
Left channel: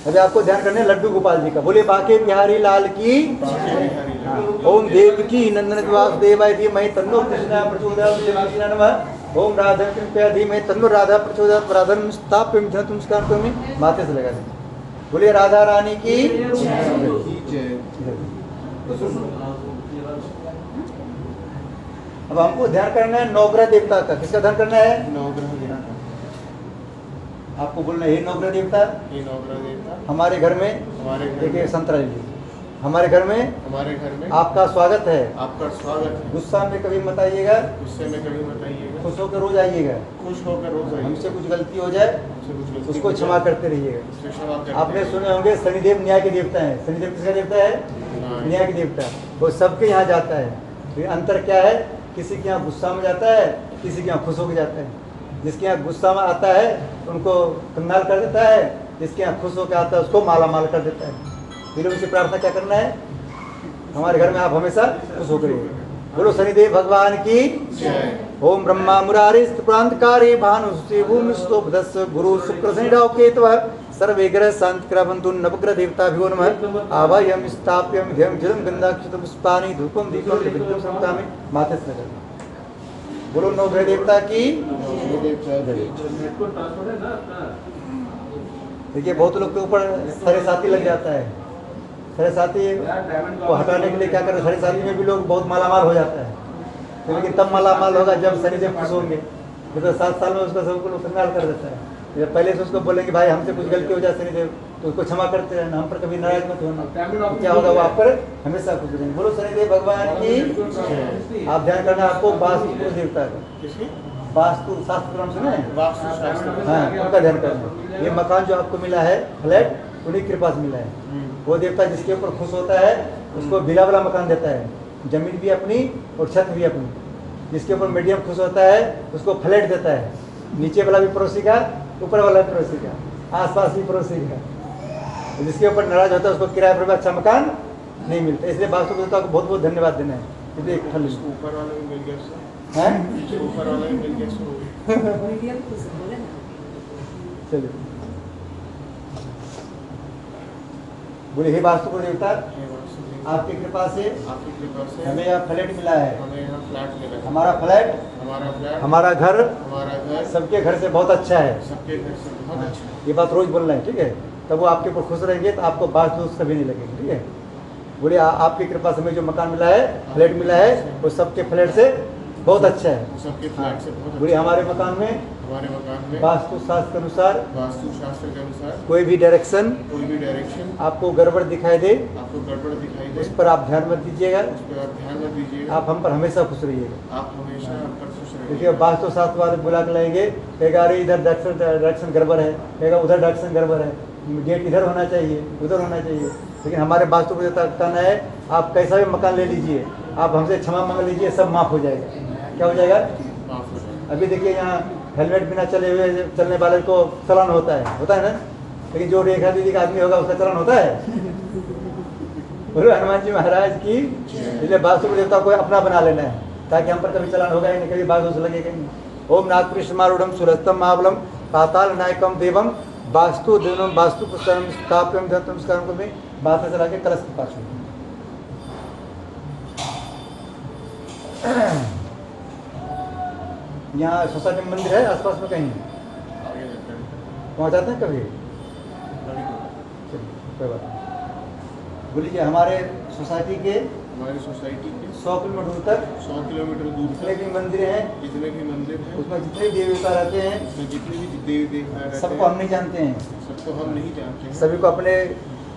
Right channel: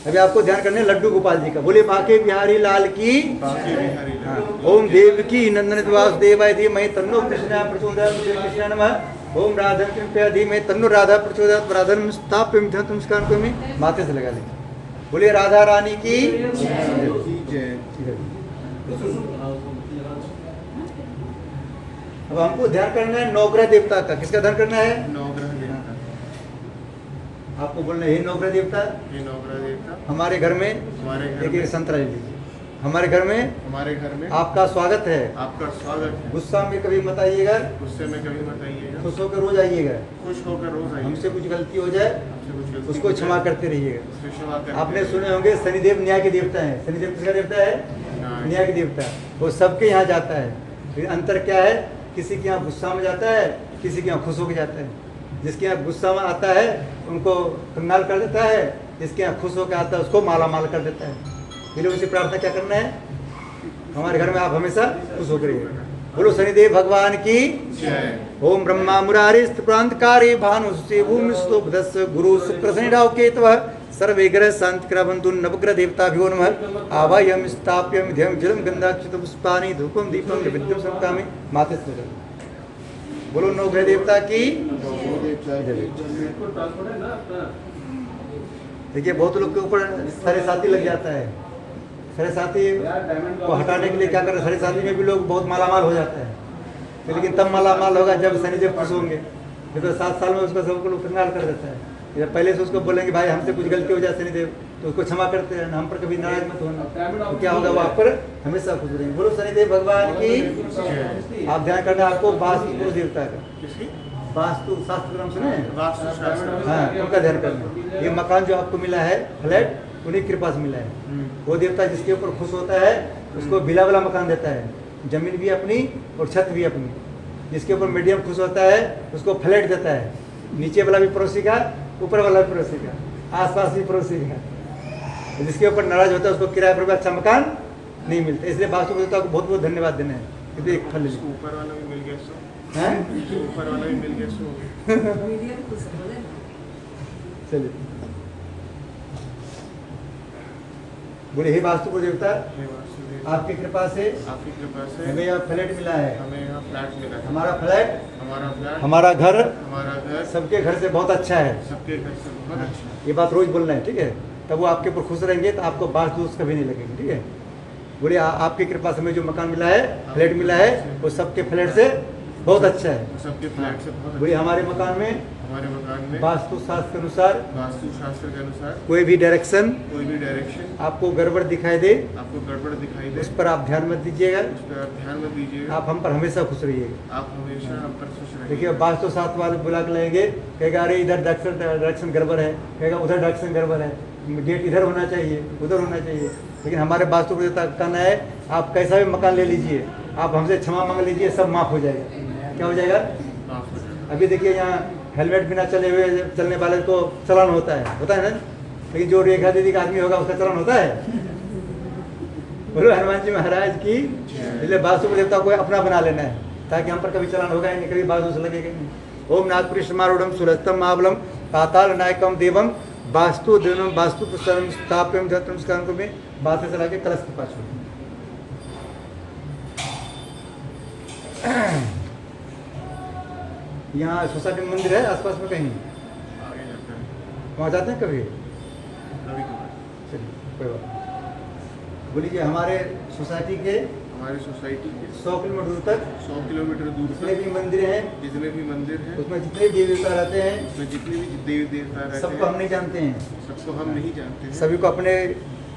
अभी आपको ध्यान करने लड्डू गोपाल जी का। बोले बाके बिहारी लाल की। ओम देव की नंदन वासुदेवाय धीमहि तन्नो कृष्णा प्रचोदयात्। ओम राधा कृपया धीमे तन्नो राधा प्रचोदयात् राधन स्थाप्यम ध्यान नमस्कार करो माथे से लगा लेंगे। बोलिए राधा रानी की अब हमको ध्यान करना है नवग्रह देवता का। किसका ध्यान करना है? नवग्रह देवता। आपको बोलना है हे नवग्रह देवता, ये नवग्रह देवता हमारे घर में हमारे घर एक में संतरा लीजिए। हमारे घर में हमारे घर में आपका स्वागत है। आपका स्वागत है। गुस्सा में कभी मत आइएगा, गुस्से में कभी मत आइएगा, खुश होकर रोज आइएगा। खुश होकर रोज आइए। हमसे कुछ गलती हो जाए हमसे कुछ गलती उसको हो क्षमा जाए, करते रहिएगा। उससे क्षमा करते आपने रहिए। सुने होंगे शनिदेव न्याय के देवता है। शनिदेव किसका देवता है? न्याय। न्याय के देवता। वो सबके यहाँ जाता है, लेकिन अंतर क्या है? किसी के यहाँ गुस्सा में जाता है, किसी के यहाँ खुश होकर जाता है। जिसके यहाँ गुस्सा में आता है उनको कंगाल कर देता है, जिसके यहाँ खुश होकर आता है उसको माला माल कर देता है। ये लोग से प्रार्थना क्या करना है? हमारे घर में आप हमेशा खुश होकर रहिए। बोलो शनिदेव भगवान की जय। ओम ब्रह्मा मुरारी प्रांतकारी भानु भूमिस्तो भदस गुरु शुक्र शनि राहु केतव सर्वे ग्रह शांति क्रवंतु नवग्रह देवताभ्यो नमः। आवाह्यम स्थाप्यम ध्यम जलम गंधाक्षत पुष्पानि धूपम दीपम विद्युम समकामि माथे से लगा। बोलो नवग्रह देवता की। देखिए बहुत लोग के ऊपर सरे साथी लग जाता है। सरे साथी को हटाने के लिए क्या कर रहे? सरे साथी में भी लोग बहुत मालामाल हो जाता है, तो लेकिन तब मालामाल होगा जब शनिदेव खुश होंगे। तो 7 साल में उसका सबको लोग कंगाल कर देता है। या पहले से उसको बोलेंगे भाई हमसे कुछ गलती हो जाए शनिदेव, तो उसको क्षमा करते रहना, हम पर कभी नाराज मत होना, तो क्या होगा? वो आप पर हमेशा खुश रहेंगे। बोलो शनिदेव भगवान की। आप ध्यान करना आपको वास्तु देवता का। किसकी? वास्तु शास्त्र नाम सुने? वास्तु शास्त्र। हाँ, उनका ध्यान करना। ये मकान जो आपको मिला है फ्लैट, उन्हीं के पास मिला है। वो देवता जिसके ऊपर खुश होता है उसको बिला वाला मकान देता है, जमीन भी अपनी और छत भी अपनी। जिसके ऊपर मीडियम खुश होता है उसको फ्लैट देता है, नीचे वाला भी पड़ोसी का, ऊपर वाला भी पड़ोसी का, आसपास भी पड़ोसी का। जिसके ऊपर नाराज होता है उसको किराए पर भी अच्छा मकान नहीं मिलता। इसलिए वास्तु देवता को बहुत बहुत धन्यवाद देना है क्योंकि एक फल इसको ऊपर वाला भी मिल गया इससे। है। इसको ऊपर वाला भी मिल गया इसको। चलिए बोले हे वास्तु देवता, हे वास्तु देवता, आपकी कृपा से आपकी कृपा से हमें यह फ्लैट मिला है। हमें यहाँ फ्लैट मिला है। हमारा फ्लैट, हमारा फ्लैट, हमारा घर हमारा घर सबके घर से बहुत अच्छा है। सबके घर से बहुत अच्छा है। ये बात रोज बोलना है, ठीक है? तब वो आपके ऊपर खुश रहेंगे तो आपको बात दोस्त कभी नहीं लगेगी, ठीक है? बोले आपकी कृपा से हमें जो मकान मिला है, फ्लैट मिला है, वो सबके फ्लैट से बहुत अच्छा है। सबके फ्लैट से बहुत बोले अच्छा। हमारे मकान में हमारे मकान में वास्तु शास्त्र के अनुसार वास्तु शास्त्र के अनुसार कोई भी डायरेक्शन कोई भी डायरेक्शन आपको गड़बड़ दिखाई दे आपको गड़बड़ दिखाई दे उस पर आप ध्यान मत दीजिएगा। उस पर आप ध्यान मत दीजिएगा। आप हम पर हमेशा खुश रहिएगा। आप हमेशा हम पर खुश देखिए रहिए। वास्तु शास्त्र वाले बुला के लाएंगे, कहेगा अरे इधर डायरेक्शन गड़बड़ है, कहेगा उधर डायरेक्शन गड़बड़ है, गेट इधर होना चाहिए, उधर होना चाहिए। लेकिन हमारे वास्तु देवता का कहना है आप कैसा भी मकान ले लीजिए, आप हमसे क्षमा मांग लीजिए, सब माफ हो जाएगा। क्या हो जाएगा? माफ हो जाए। अभी देखिए यहाँ हेलमेट बिना चले हुए चलने वाले को चालान होता है ना? लेकिन जो रेखा दीदी का आदमी होगा उसका चालान होता है? बोलो हनुमान जी महाराज की। इसलिए वास्तु देवता को अपना बना लेना है ताकि हम पर कभी चालान होगा ही नहीं, कभी वास्तु से लगेगा नहीं। ओम नागपुरीशमारूढ़ सुरस्तम महाबलम पाताल नायकम देवम वास्तु देवम वास्तु पुस्तकम स्थाप्यम नमस्कार को भी बात चला के कलश के पास। यहाँ सोसाइटी में मंदिर है आसपास में कहीं? आगे जाते हैं वहाँ जाते हैं कभी? कभी तो। चलिए कोई बात नहीं। बोलिए हमारे सोसाइटी के हमारी सोसाइटी के 100 किलोमीटर दूर तक 100 किलोमीटर दूर जितने तक भी मंदिर हैं जितने भी मंदिर हैं उसमें जितने भी देवी देवता रहते हैं उसमें जितने भी देवी देवता रहते सबको हम हैं नहीं जानते हैं। सबको हम नहीं जानते हैं। सभी को अपने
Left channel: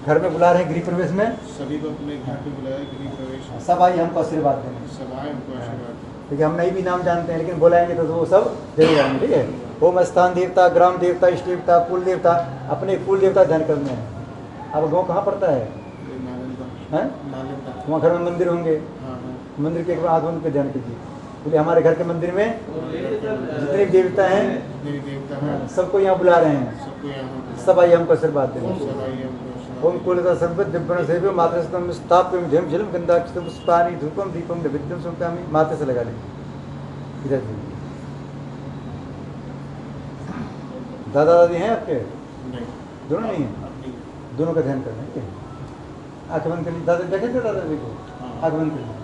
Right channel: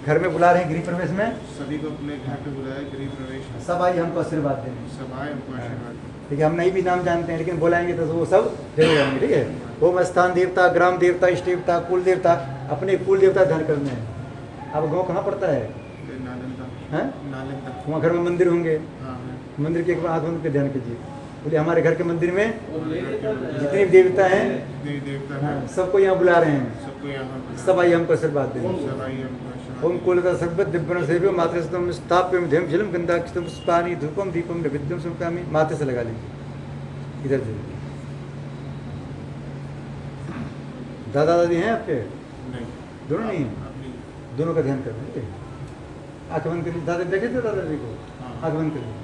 घर में बुला रहे हैं गृह प्रवेश में। सभी को अपने घर पे बुलाया गृह प्रवेश में। सब आइए हमको आशीर्वाद देने। सब आए हमको आशीर्वाद दें। ठीक है, हम नहीं भी नाम जानते हैं लेकिन बुलाएंगे तो वो सब जरूर आएंगे, ठीक है? ओम स्थान देवता, ग्राम देवता, इष्ट देवता, कुल देवता, अपने कुल देवता ध्यान करने हैं। अब गाँव कहाँ पड़ता है? ये नालंदा। हैं? नालंदा। वहाँ घर में मंदिर होंगे, हाँ है। मंदिर के एक बार आगमन पे ध्यान कीजिए। बोले हमारे घर के मंदिर में जितने भी देवता हैं देवी देवता हाँ, हैं सबको यहाँ बुला रहे हैं। सबको यहाँ बुलाया। सब आइए हमको आशीर्वाद देने। सब आइए हमको आशीर्वाद ओम कुलता सर्व दिव्यं सेव्यो मातृस्तम स्थाप्यम ध्यम जलम गंधाक्षतम पुष्पानि धूपम दीपम नैवेद्यम समर्पयामि। माथे से लगा लेंगे इधर से। दादा दादी हैं आपके? नहीं दोनों नहीं हैं? अपनी दोनों का ध्यान करना है, ठीक है? आँख बंद कर लीजिए। दादा देखे थे दादाजी को? हाँ। आँख बंद कर लीजिए।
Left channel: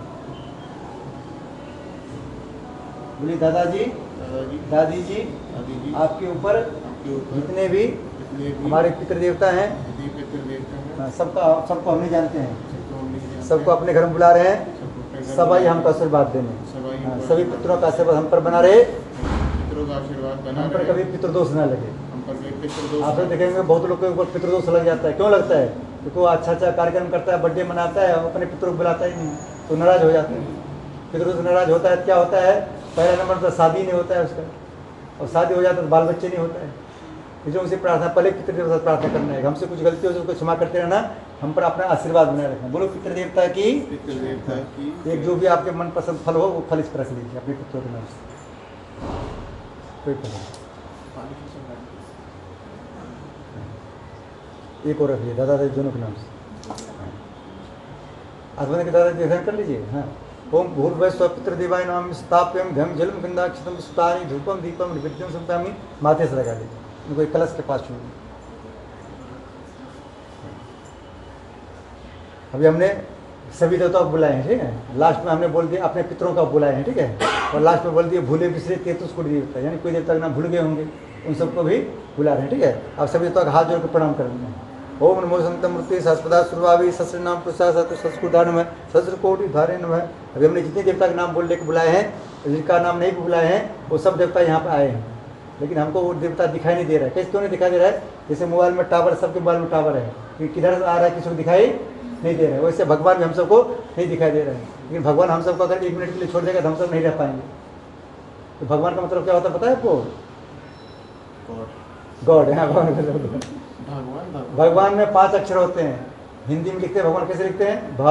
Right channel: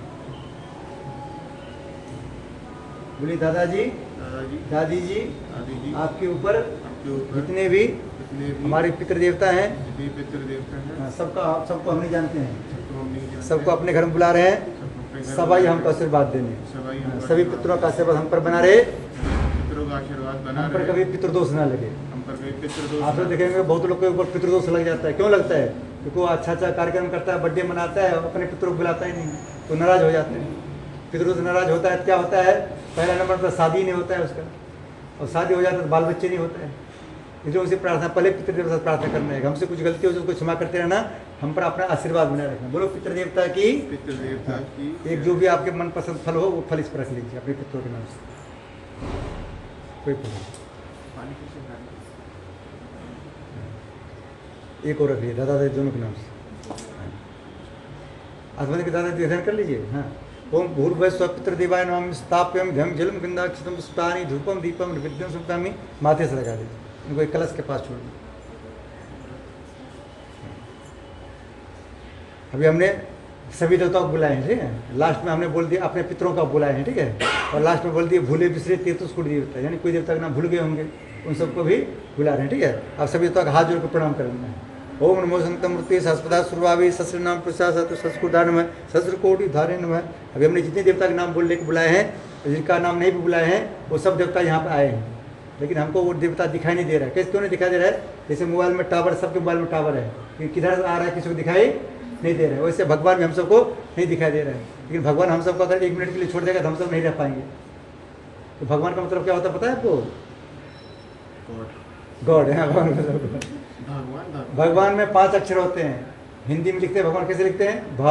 बोलिए दादाजी, दादाजी, दादी जी, दादी जी, आपके ऊपर आपके ऊपर जितने भी जितने भी हमारे पितृ देवता हैं, जितने पितृ देवता हैं, हाँ, सबको हम नहीं जानते हैं, सबको हम नहीं जानते, सबको अपने घर में बुला रहे हैं। सबको अपने घर सब आइए बुला हमको रहे हैं। आशीर्वाद देने। सब आइए हाँ, हमको सभी आशीर्वाद पितरों का आशीर्वाद हम पर बना रहे, पितरों का आशीर्वाद बना हम पर रहे, कभी पितृदोष ना लगे। हम पर कभी पितृदोष आप लोग देखेंगे बहुत लोग के ऊपर पितृदोष लग जाता है। क्यों लगता है? क्योंकि वो अच्छा कार्यक्रम करता है, बर्थडे मनाता है, अपने पितरों को बुलाता ही नहीं, तो नाराज हो जाते हैं। पितरों से नाराज होता है, क्या होता है? पहला नंबर पर शादी नहीं होता है उसका, और शादी हो जाता है तो बाल बच्चे नहीं होता है। इसलिए उनसे प्रार्थना, पहले पितृदेवता से प्रार्थना करना है, हमसे कुछ गलती हो तो उसको क्षमा करते रहना, हम पर अपना आशीर्वाद बनाए रखना। बोलो पितृदेवता की, पितृदेवता की एक जो भी आपके मनपसंद फल हो वो फल इस पर रख लीजिए अपने पितरों के नाम से। कोई फल नहीं। एक और रख लीजिए दादा दादी दोनों के नाम से। आसमान के दादा ध्यान कर लीजिए। हाँ, ओम भूर्भुवः स्वः पितृदेवाय नमः स्थापयम धम जलम गंधाक्षतम सुतानि धूपम दीपम नैवेद्यम समर्पयामि। माथे से लगा लीजिए, इनको एक कलश के पास छोड़ दीजिए। अभी हमने सभी देवताओं को बुलाए हैं, ठीक है। लास्ट में हमने बोल दिया अपने पितरों का बुलाए हैं, ठीक है। और लास्ट में बोल दिया भूले बिसरे तेतुस कुट देवता, यानी कोई देवता का नाम भूल गए होंगे, उन सबको भी बुला रहे हैं, ठीक है। आप सभी देवताओं का हाथ जोड़ कर प्रणाम करेंगे। ओम नमो संतमूर्ति सहस्रदा सुरभावी सहस्र नाम प्रसाद सहस्रकोटि में सहस्र कोटि धारण में। अभी हमने जितने देवता के नाम बोलने के बुलाए हैं, जिनका नाम नहीं भी बुलाए हैं, वो सब देवता यहाँ पर आए हैं, लेकिन हमको वो देवता दिखाई नहीं दे रहा है। कैसे क्यों नहीं दिखाई दे रहा है? जैसे मोबाइल में टावर, सबके मोबाइल में टावर है, किधर आ रहा है किसी को दिखाई नहीं दे रहा है, वैसे भगवान भी हम सबको नहीं दिखाई दे रहा है। लेकिन भगवान हम सबको अगर 1 मिनट के लिए छोड़ देगा तो हम सब नहीं रह पाएंगे। तो भगवान का मतलब क्या होता है पता है आपको? गॉड है। भगवान में 5 अक्षर होते हैं। हिंदी में लिखते हैं भगवान, कैसे लिखते हैं? भ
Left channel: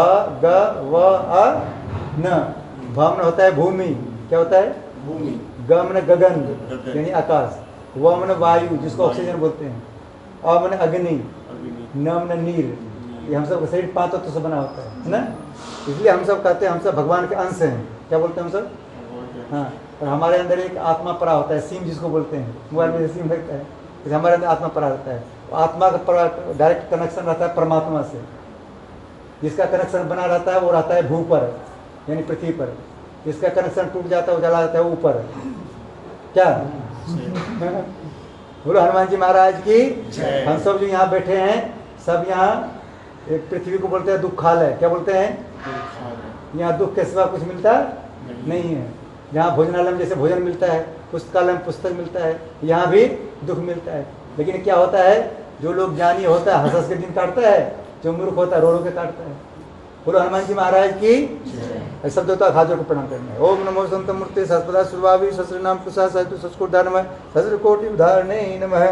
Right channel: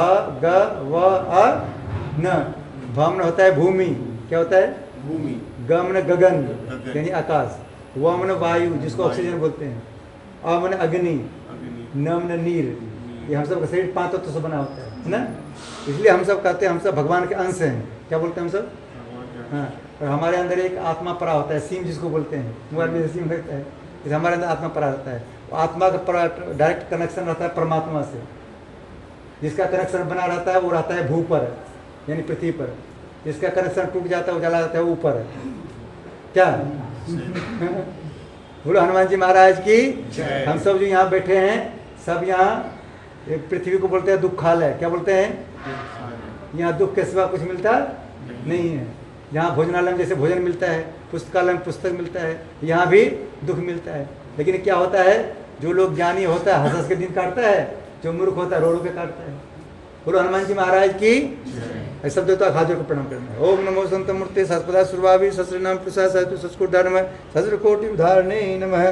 ग व अ न। भ में होता है भूमि, क्या होता है? भूमि। ग में गगन यानी आकाश, व में वायु जिसको ऑक्सीजन बोलते हैं, अ में अग्नि, न में नीर। ये हम सब का शरीर 5 तत्व से बना होता है ना। इसलिए हम सब कहते हैं हम सब भगवान के अंश हैं। क्या बोलते हैं हम सब? हाँ, और हमारे अंदर एक आत्मा परा होता है, सीम जिसको बोलते हैं, मोबाइल में सीम रहता है, इसलिए हमारे अंदर आत्मा परा रहता है। आत्मा का डायरेक्ट कनेक्शन रहता है परमात्मा से। जिसका कनेक्शन बना रहता है वो रहता है भू पर, यानी पृथ्वी पर। जिसका कनेक्शन टूट जाता है वो चला जाता है ऊपर। क्या बोलो हनुमान जी महाराज की। हम सब जो यहाँ बैठे हैं सब यहाँ पृथ्वी को बोलते हैं दुखालय। क्या बोलते हैं? यहाँ दुख के सिवा कुछ मिलता नहीं है। जहाँ भोजनालय में जैसे भोजन मिलता है, पुस्तकालय में पुस्तक मिलता है, यहाँ भी दुख मिलता है। लेकिन क्या होता है, जो लोग ज्ञानी होता है हंस के दिन काटता है, जो मूर्ख होता है रो रो के काटता है। बोलो हनुमान जी महाराज की। सब देवता हाथ जोड़ को प्रणाम करना है। ओम नमो संत मूर्ति सहस्रदा सुरभावी सहस्र नाम प्रसाद सहस्र कोटि उदाहरणे नमः।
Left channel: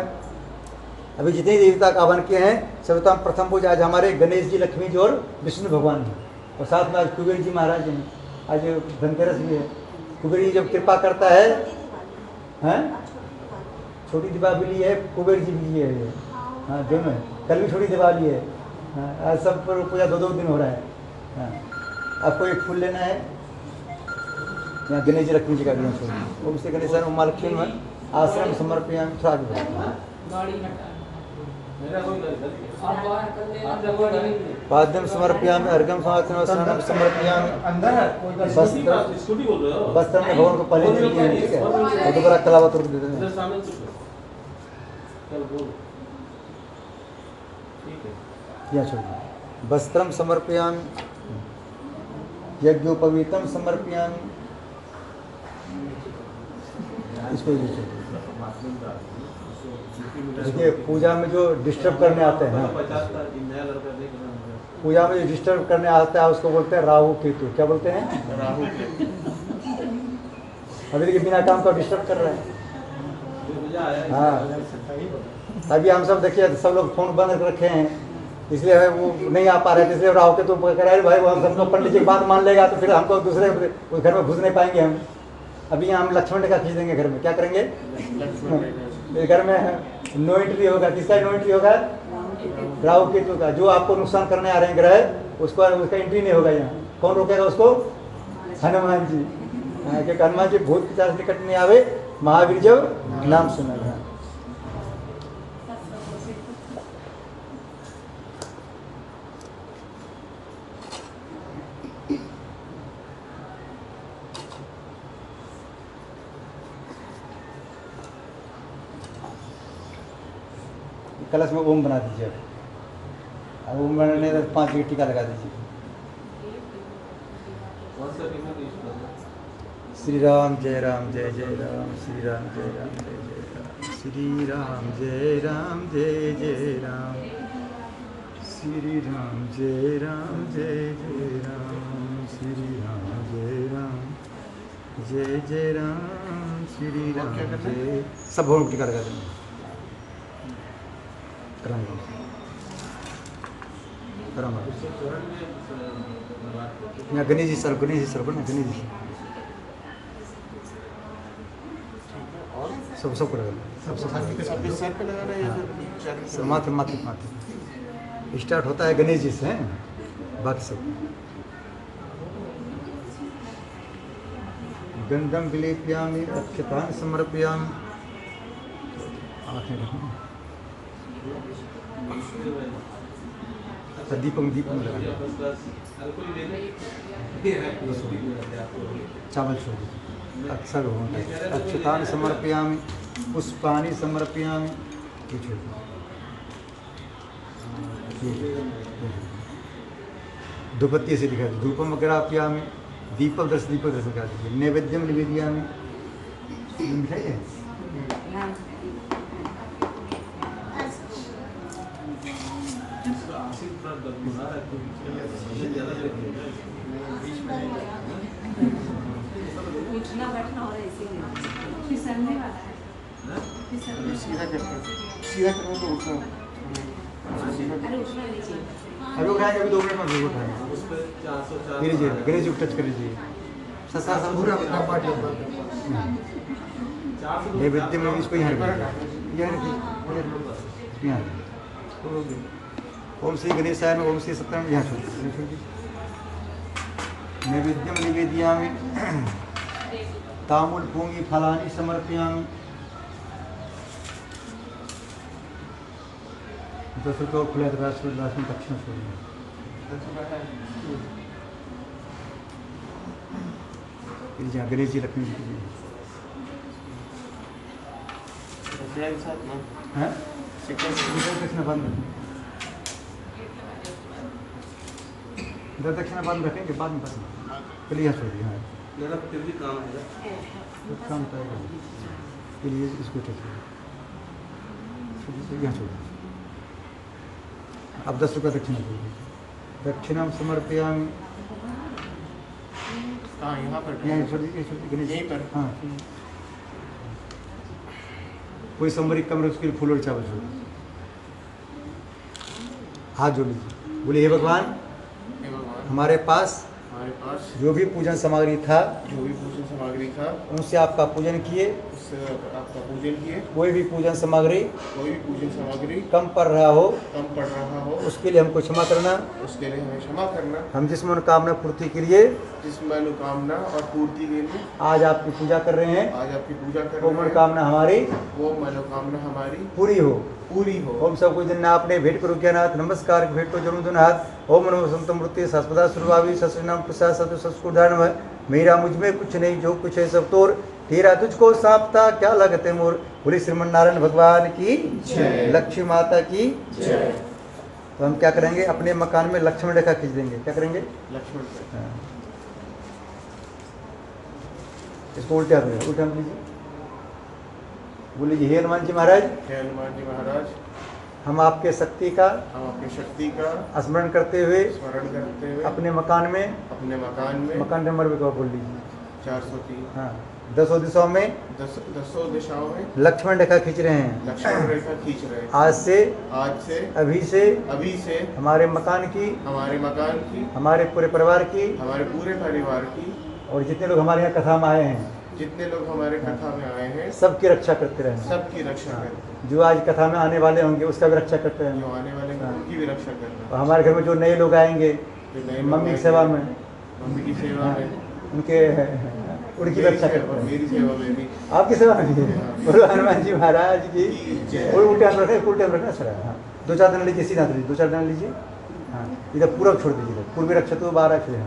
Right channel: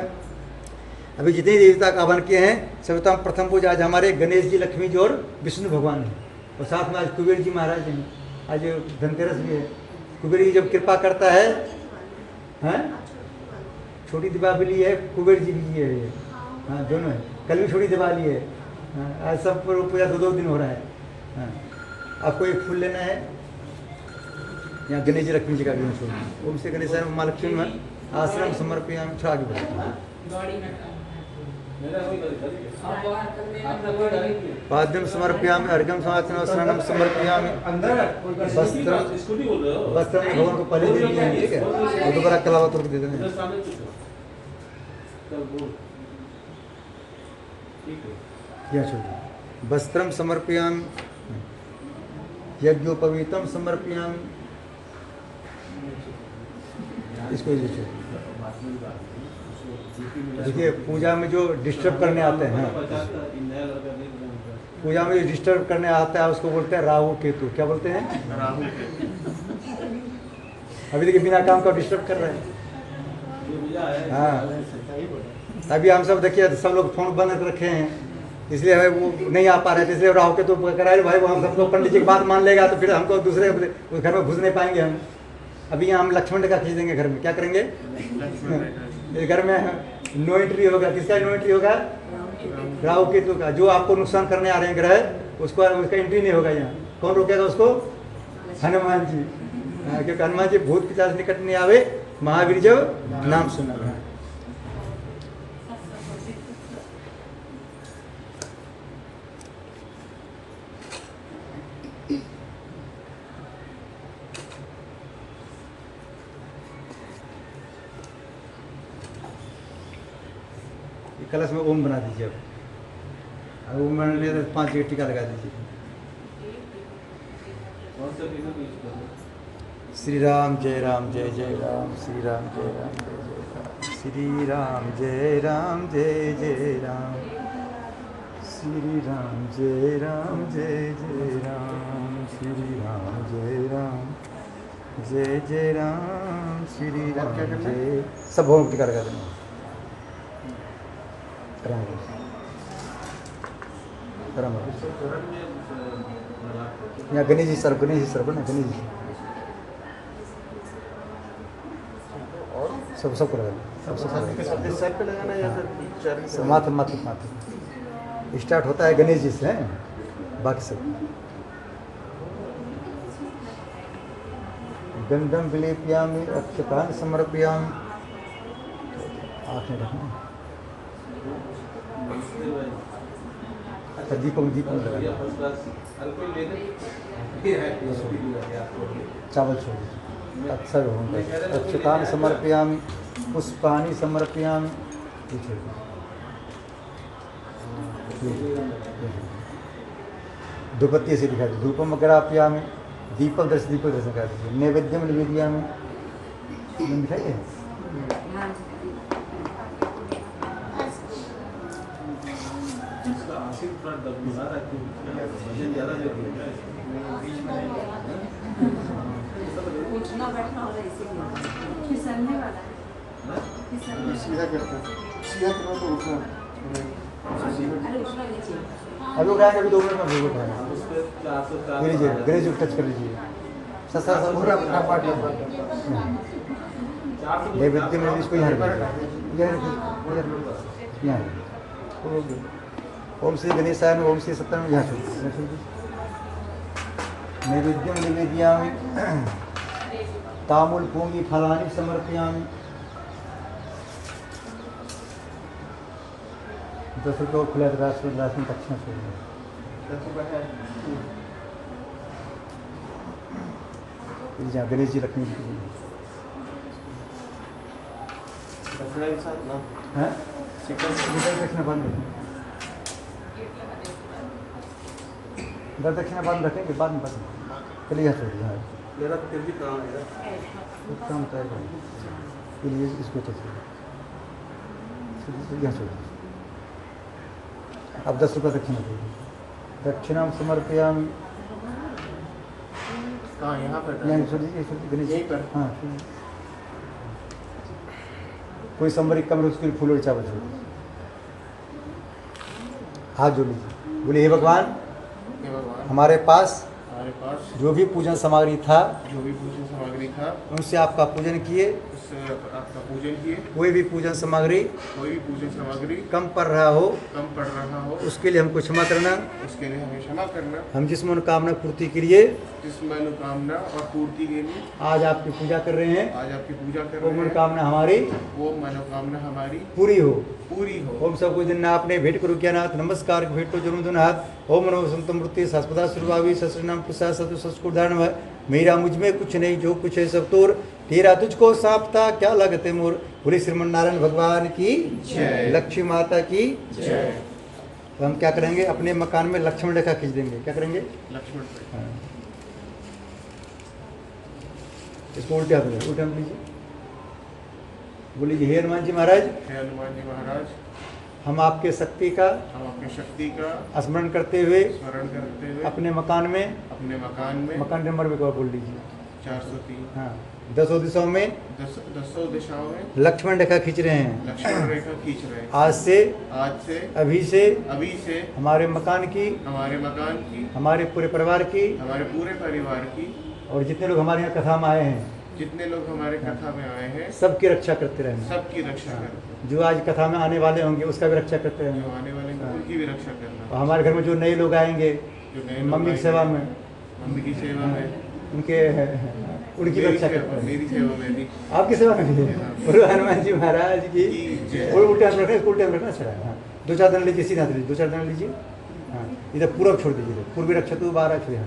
अभी जितने देवता का आह्वान किए हैं सर्वप्रथम प्रथम पूजा आज हमारे गणेश जी, लक्ष्मी जी और विष्णु भगवान है। और साथ में आज कुबेर जी महाराज हैं। आज धनतेरस भी है। कुबेर जी जब कृपा करता है, छोटी दीपावली है, कुबेर जी भी है ये। हाँ, दोनों है। कल भी छोटी दिवाली है। हाँ, आज सब पूजा 2-2 दिन हो रहा है। हाँ, आपको एक फूल लेना है, यहाँ गणेश जी लक्ष्मी जी का भी फूल। ओम से गणेश उमा लक्ष्मी में आश्रम समर्पयामि। थोड़ा आगे बढ़ो। पाद्यम समर्पयामि, अर्घ्यम समाचरण समर्पयामि। वस्त्र में भगवान को पहले दे दिए हैं, ठीक है। वो दोबारा कलावत रुक देते हैं। यहाँ छोड़िए। वस्त्रम समर्पयामि, यज्ञोपवीतम समर्पयामि। इसको ये छोड़िए। देखिए पूजा में जो डिस्टर्ब करने आते हैं, पूजा में जो डिस्टर्ब करने आता है उसको बोलते हैं राहु केतु। क्या बोलते हैं? राहु केतु। अभी देखिए बिना काम का डिस्टर्ब कर रहे हैं। हाँ, अभी हम सब देखिए सब लोग फोन बंद कर रखे हैं, इसलिए हमें वो नहीं आ पा रहे थे। इसलिए राहु केतु कराए भाई, वो हम सबको पंडित जी की बात मान लेगा तो फिर हमको दूसरे घर में घुस नहीं पाएंगे हम। अभी यहाँ हम लक्ष्मण का खींच देंगे घर में। क्या करेंगे? घर में नो एंट्री होगा। किसका नो एंट्री होगा? राहु केतु का। जो आपको नुकसान करने आ रहे हैं ग्रह, उसका एंट्री नहीं होगा यहाँ। कौन रोकेगा उसको? हनुमान जी। क्योंकि हनुमान जी भूत पिशाच निकट नहीं आवे, महावीर जब नाम सुना। कलश में ओम बना दीजिए। अब ओम बनाने तो 5 जगह टीका लगा दीजिए। श्री राम जय राम जय जय राम, श्री राम जय राम जय जय राम, श्री राम जय राम जय जय राम, श्री राम जय राम जय जय राम, श्री राम जय राम जय जय राम, श्री राम जय। सब भगवान टीका लगा देंगे। यहाँ गणेश जी सर, गणेश जी सर को ना, गणेश जी सब सबको लगा दें। सर पे लगाना है या फिर सब माथे माथे माथे। स्टार्ट होता है गणेश जी से, है बाकी सब। गंधम विलेप्यामि अक्षतान समर्पयामि। आँख में रखना। दीपम दीपम लगा। चावल छोड़ दीजिए। अक्षर होंगे। अक्षतान समर्पयामि, पुष्पानि समर्पयामि। धूपत्ती से दिखा दीजिए। धूपम अग्रापयामि, दीपक दर्शन कर दीजिए। नैवेद्यम निवेदयामि। मिठाई है? उठना बैठना हो रहा है इसीलिए फिसलने वाला है। सीधा करना तो उठना। अरे उठना लीजिए। अभी उठाएंगे, अभी 2 मिनट में अभी उठाएंगे। ये लीजिए, गणेश जी को टच कर लीजिए। सस्ता सा पूरा डब्बा डब्बा। नैवेद्य में इसको यहाँ रखिए। यहाँ रखिए। ओम श्री गणेशाय नमः, ओम श्री सत्यनारायण। यहाँ छोड़ दीजिए। नैवेद्यम निवेदयामि, ताम्बूल पूंगी फलानि समर्पयामि। 10 रुपये खुला राष्ट्र राशन दक्षिणा छोड़िए। जहाँ गणेश जी लक्ष्मी जी हैं, दक्षिणा बंद रखें। दक्षिणा बंद रखेंगे, बाद में बंद। चलिए यहाँ छोड़िए। हाँ मेरा फिर भी काम है। काम चाहिए के लिए इसको टच करिए। यहाँ छोड़िए। अब 10 रुपये दक्षिणा दीजिए। दक्षिणा समर्पयामि। कहाँ? यहाँ पर यहाँ छोड़ दीजिए, गणेश यहीं पर? हाँ। कोई संबरिक कमरे उसके लिए फूल और चावल छोड़ दीजिए। हाथ जोड़ लीजिए। बोले हे भगवान, हमारे पास जो भी पूजन सामग्री था, उनसे आपका पूजन किए। आपका पूजन किए। कोई भी पूजन सामग्री कम पड़ रहा हो, उसके लिए हमको क्षमा करना। उसके लिए हमें क्षमा करना। हम जिस मनोकामना पूर्ति के लिए जिस मनोकामना और पूर्ति के लिए आज आपकी पूजा कर रहे हैं, आज आपकी पूजा कर वो रहे हैं, मनोकामना हमारी वो मनोकामना हमारी पूरी हो। हो। ओम सब कुछ दिन आपने भेंट करो क्या नाथ, नमस्कार भेंट तो जरूर हाथ। ओम नमो संत मूर्ति शास्पदा सुरभावी सस्नाम प्रसाद सतु संस्कुधारण। मेरा मुझ में कुछ नहीं, जो कुछ है सब तोर। तेरा तुझको सापता क्या लगते मोर। बोले श्रीमन नारायण भगवान की जय, लक्ष्मी माता की जय। तो हम क्या करेंगे, अपने मकान में लक्ष्मण रेखा खींच देंगे। क्या करेंगे? लक्ष्मण पे। हाँ। इसको उल्टे हाथ में, उल्टे हाथ लीजिए। बोलिए हे हनुमान जी महाराज, हे हनुमान जी महाराज, हम आपके शक्ति का हम अपनी शक्ति का स्मरण करते हुए अपने मकान में मकान नंबर में बोल लीजिए 403 हाँ 10 दिशाओं में 10 दिशाओं में लक्ष्मण रेखा खींच रहे हैं। लक्ष्मण रेखा खींच रहे हैं। आज से अभी से हमारे मकान की, हमारे पूरे परिवार की और जितने लोग हमारे यहाँ कथा में आए हैं, जितने लोग हमारे कथा में आए हैं, सबकी रक्षा करते रहना। सबकी रक्षा करना। जो आज कथा में आने वाले होंगे उसका भी रक्षा करते रहना। जो आने वाले हैं उनकी भी रक्षा करना। और हमारे घर में जो नए लोग आएंगे, मम्मी की सेवा में, मम्मी की सेवा में, उनकी रक्षा करते हैं। मेरी सेवा में भी, आपकी सेवा में भी। बोलो हनुमान जी महाराज की। और उल्टे हाथ रखना, उल्टे हाथ रखना सर। हाँ 2-4 दिन लीजिए, सीधा लीजिए, 2-4 दिन लीजिए। हाँ इधर पूर्व छोड़ दीजिए, पूर्वी रक्षा तो 12 छोड़िए।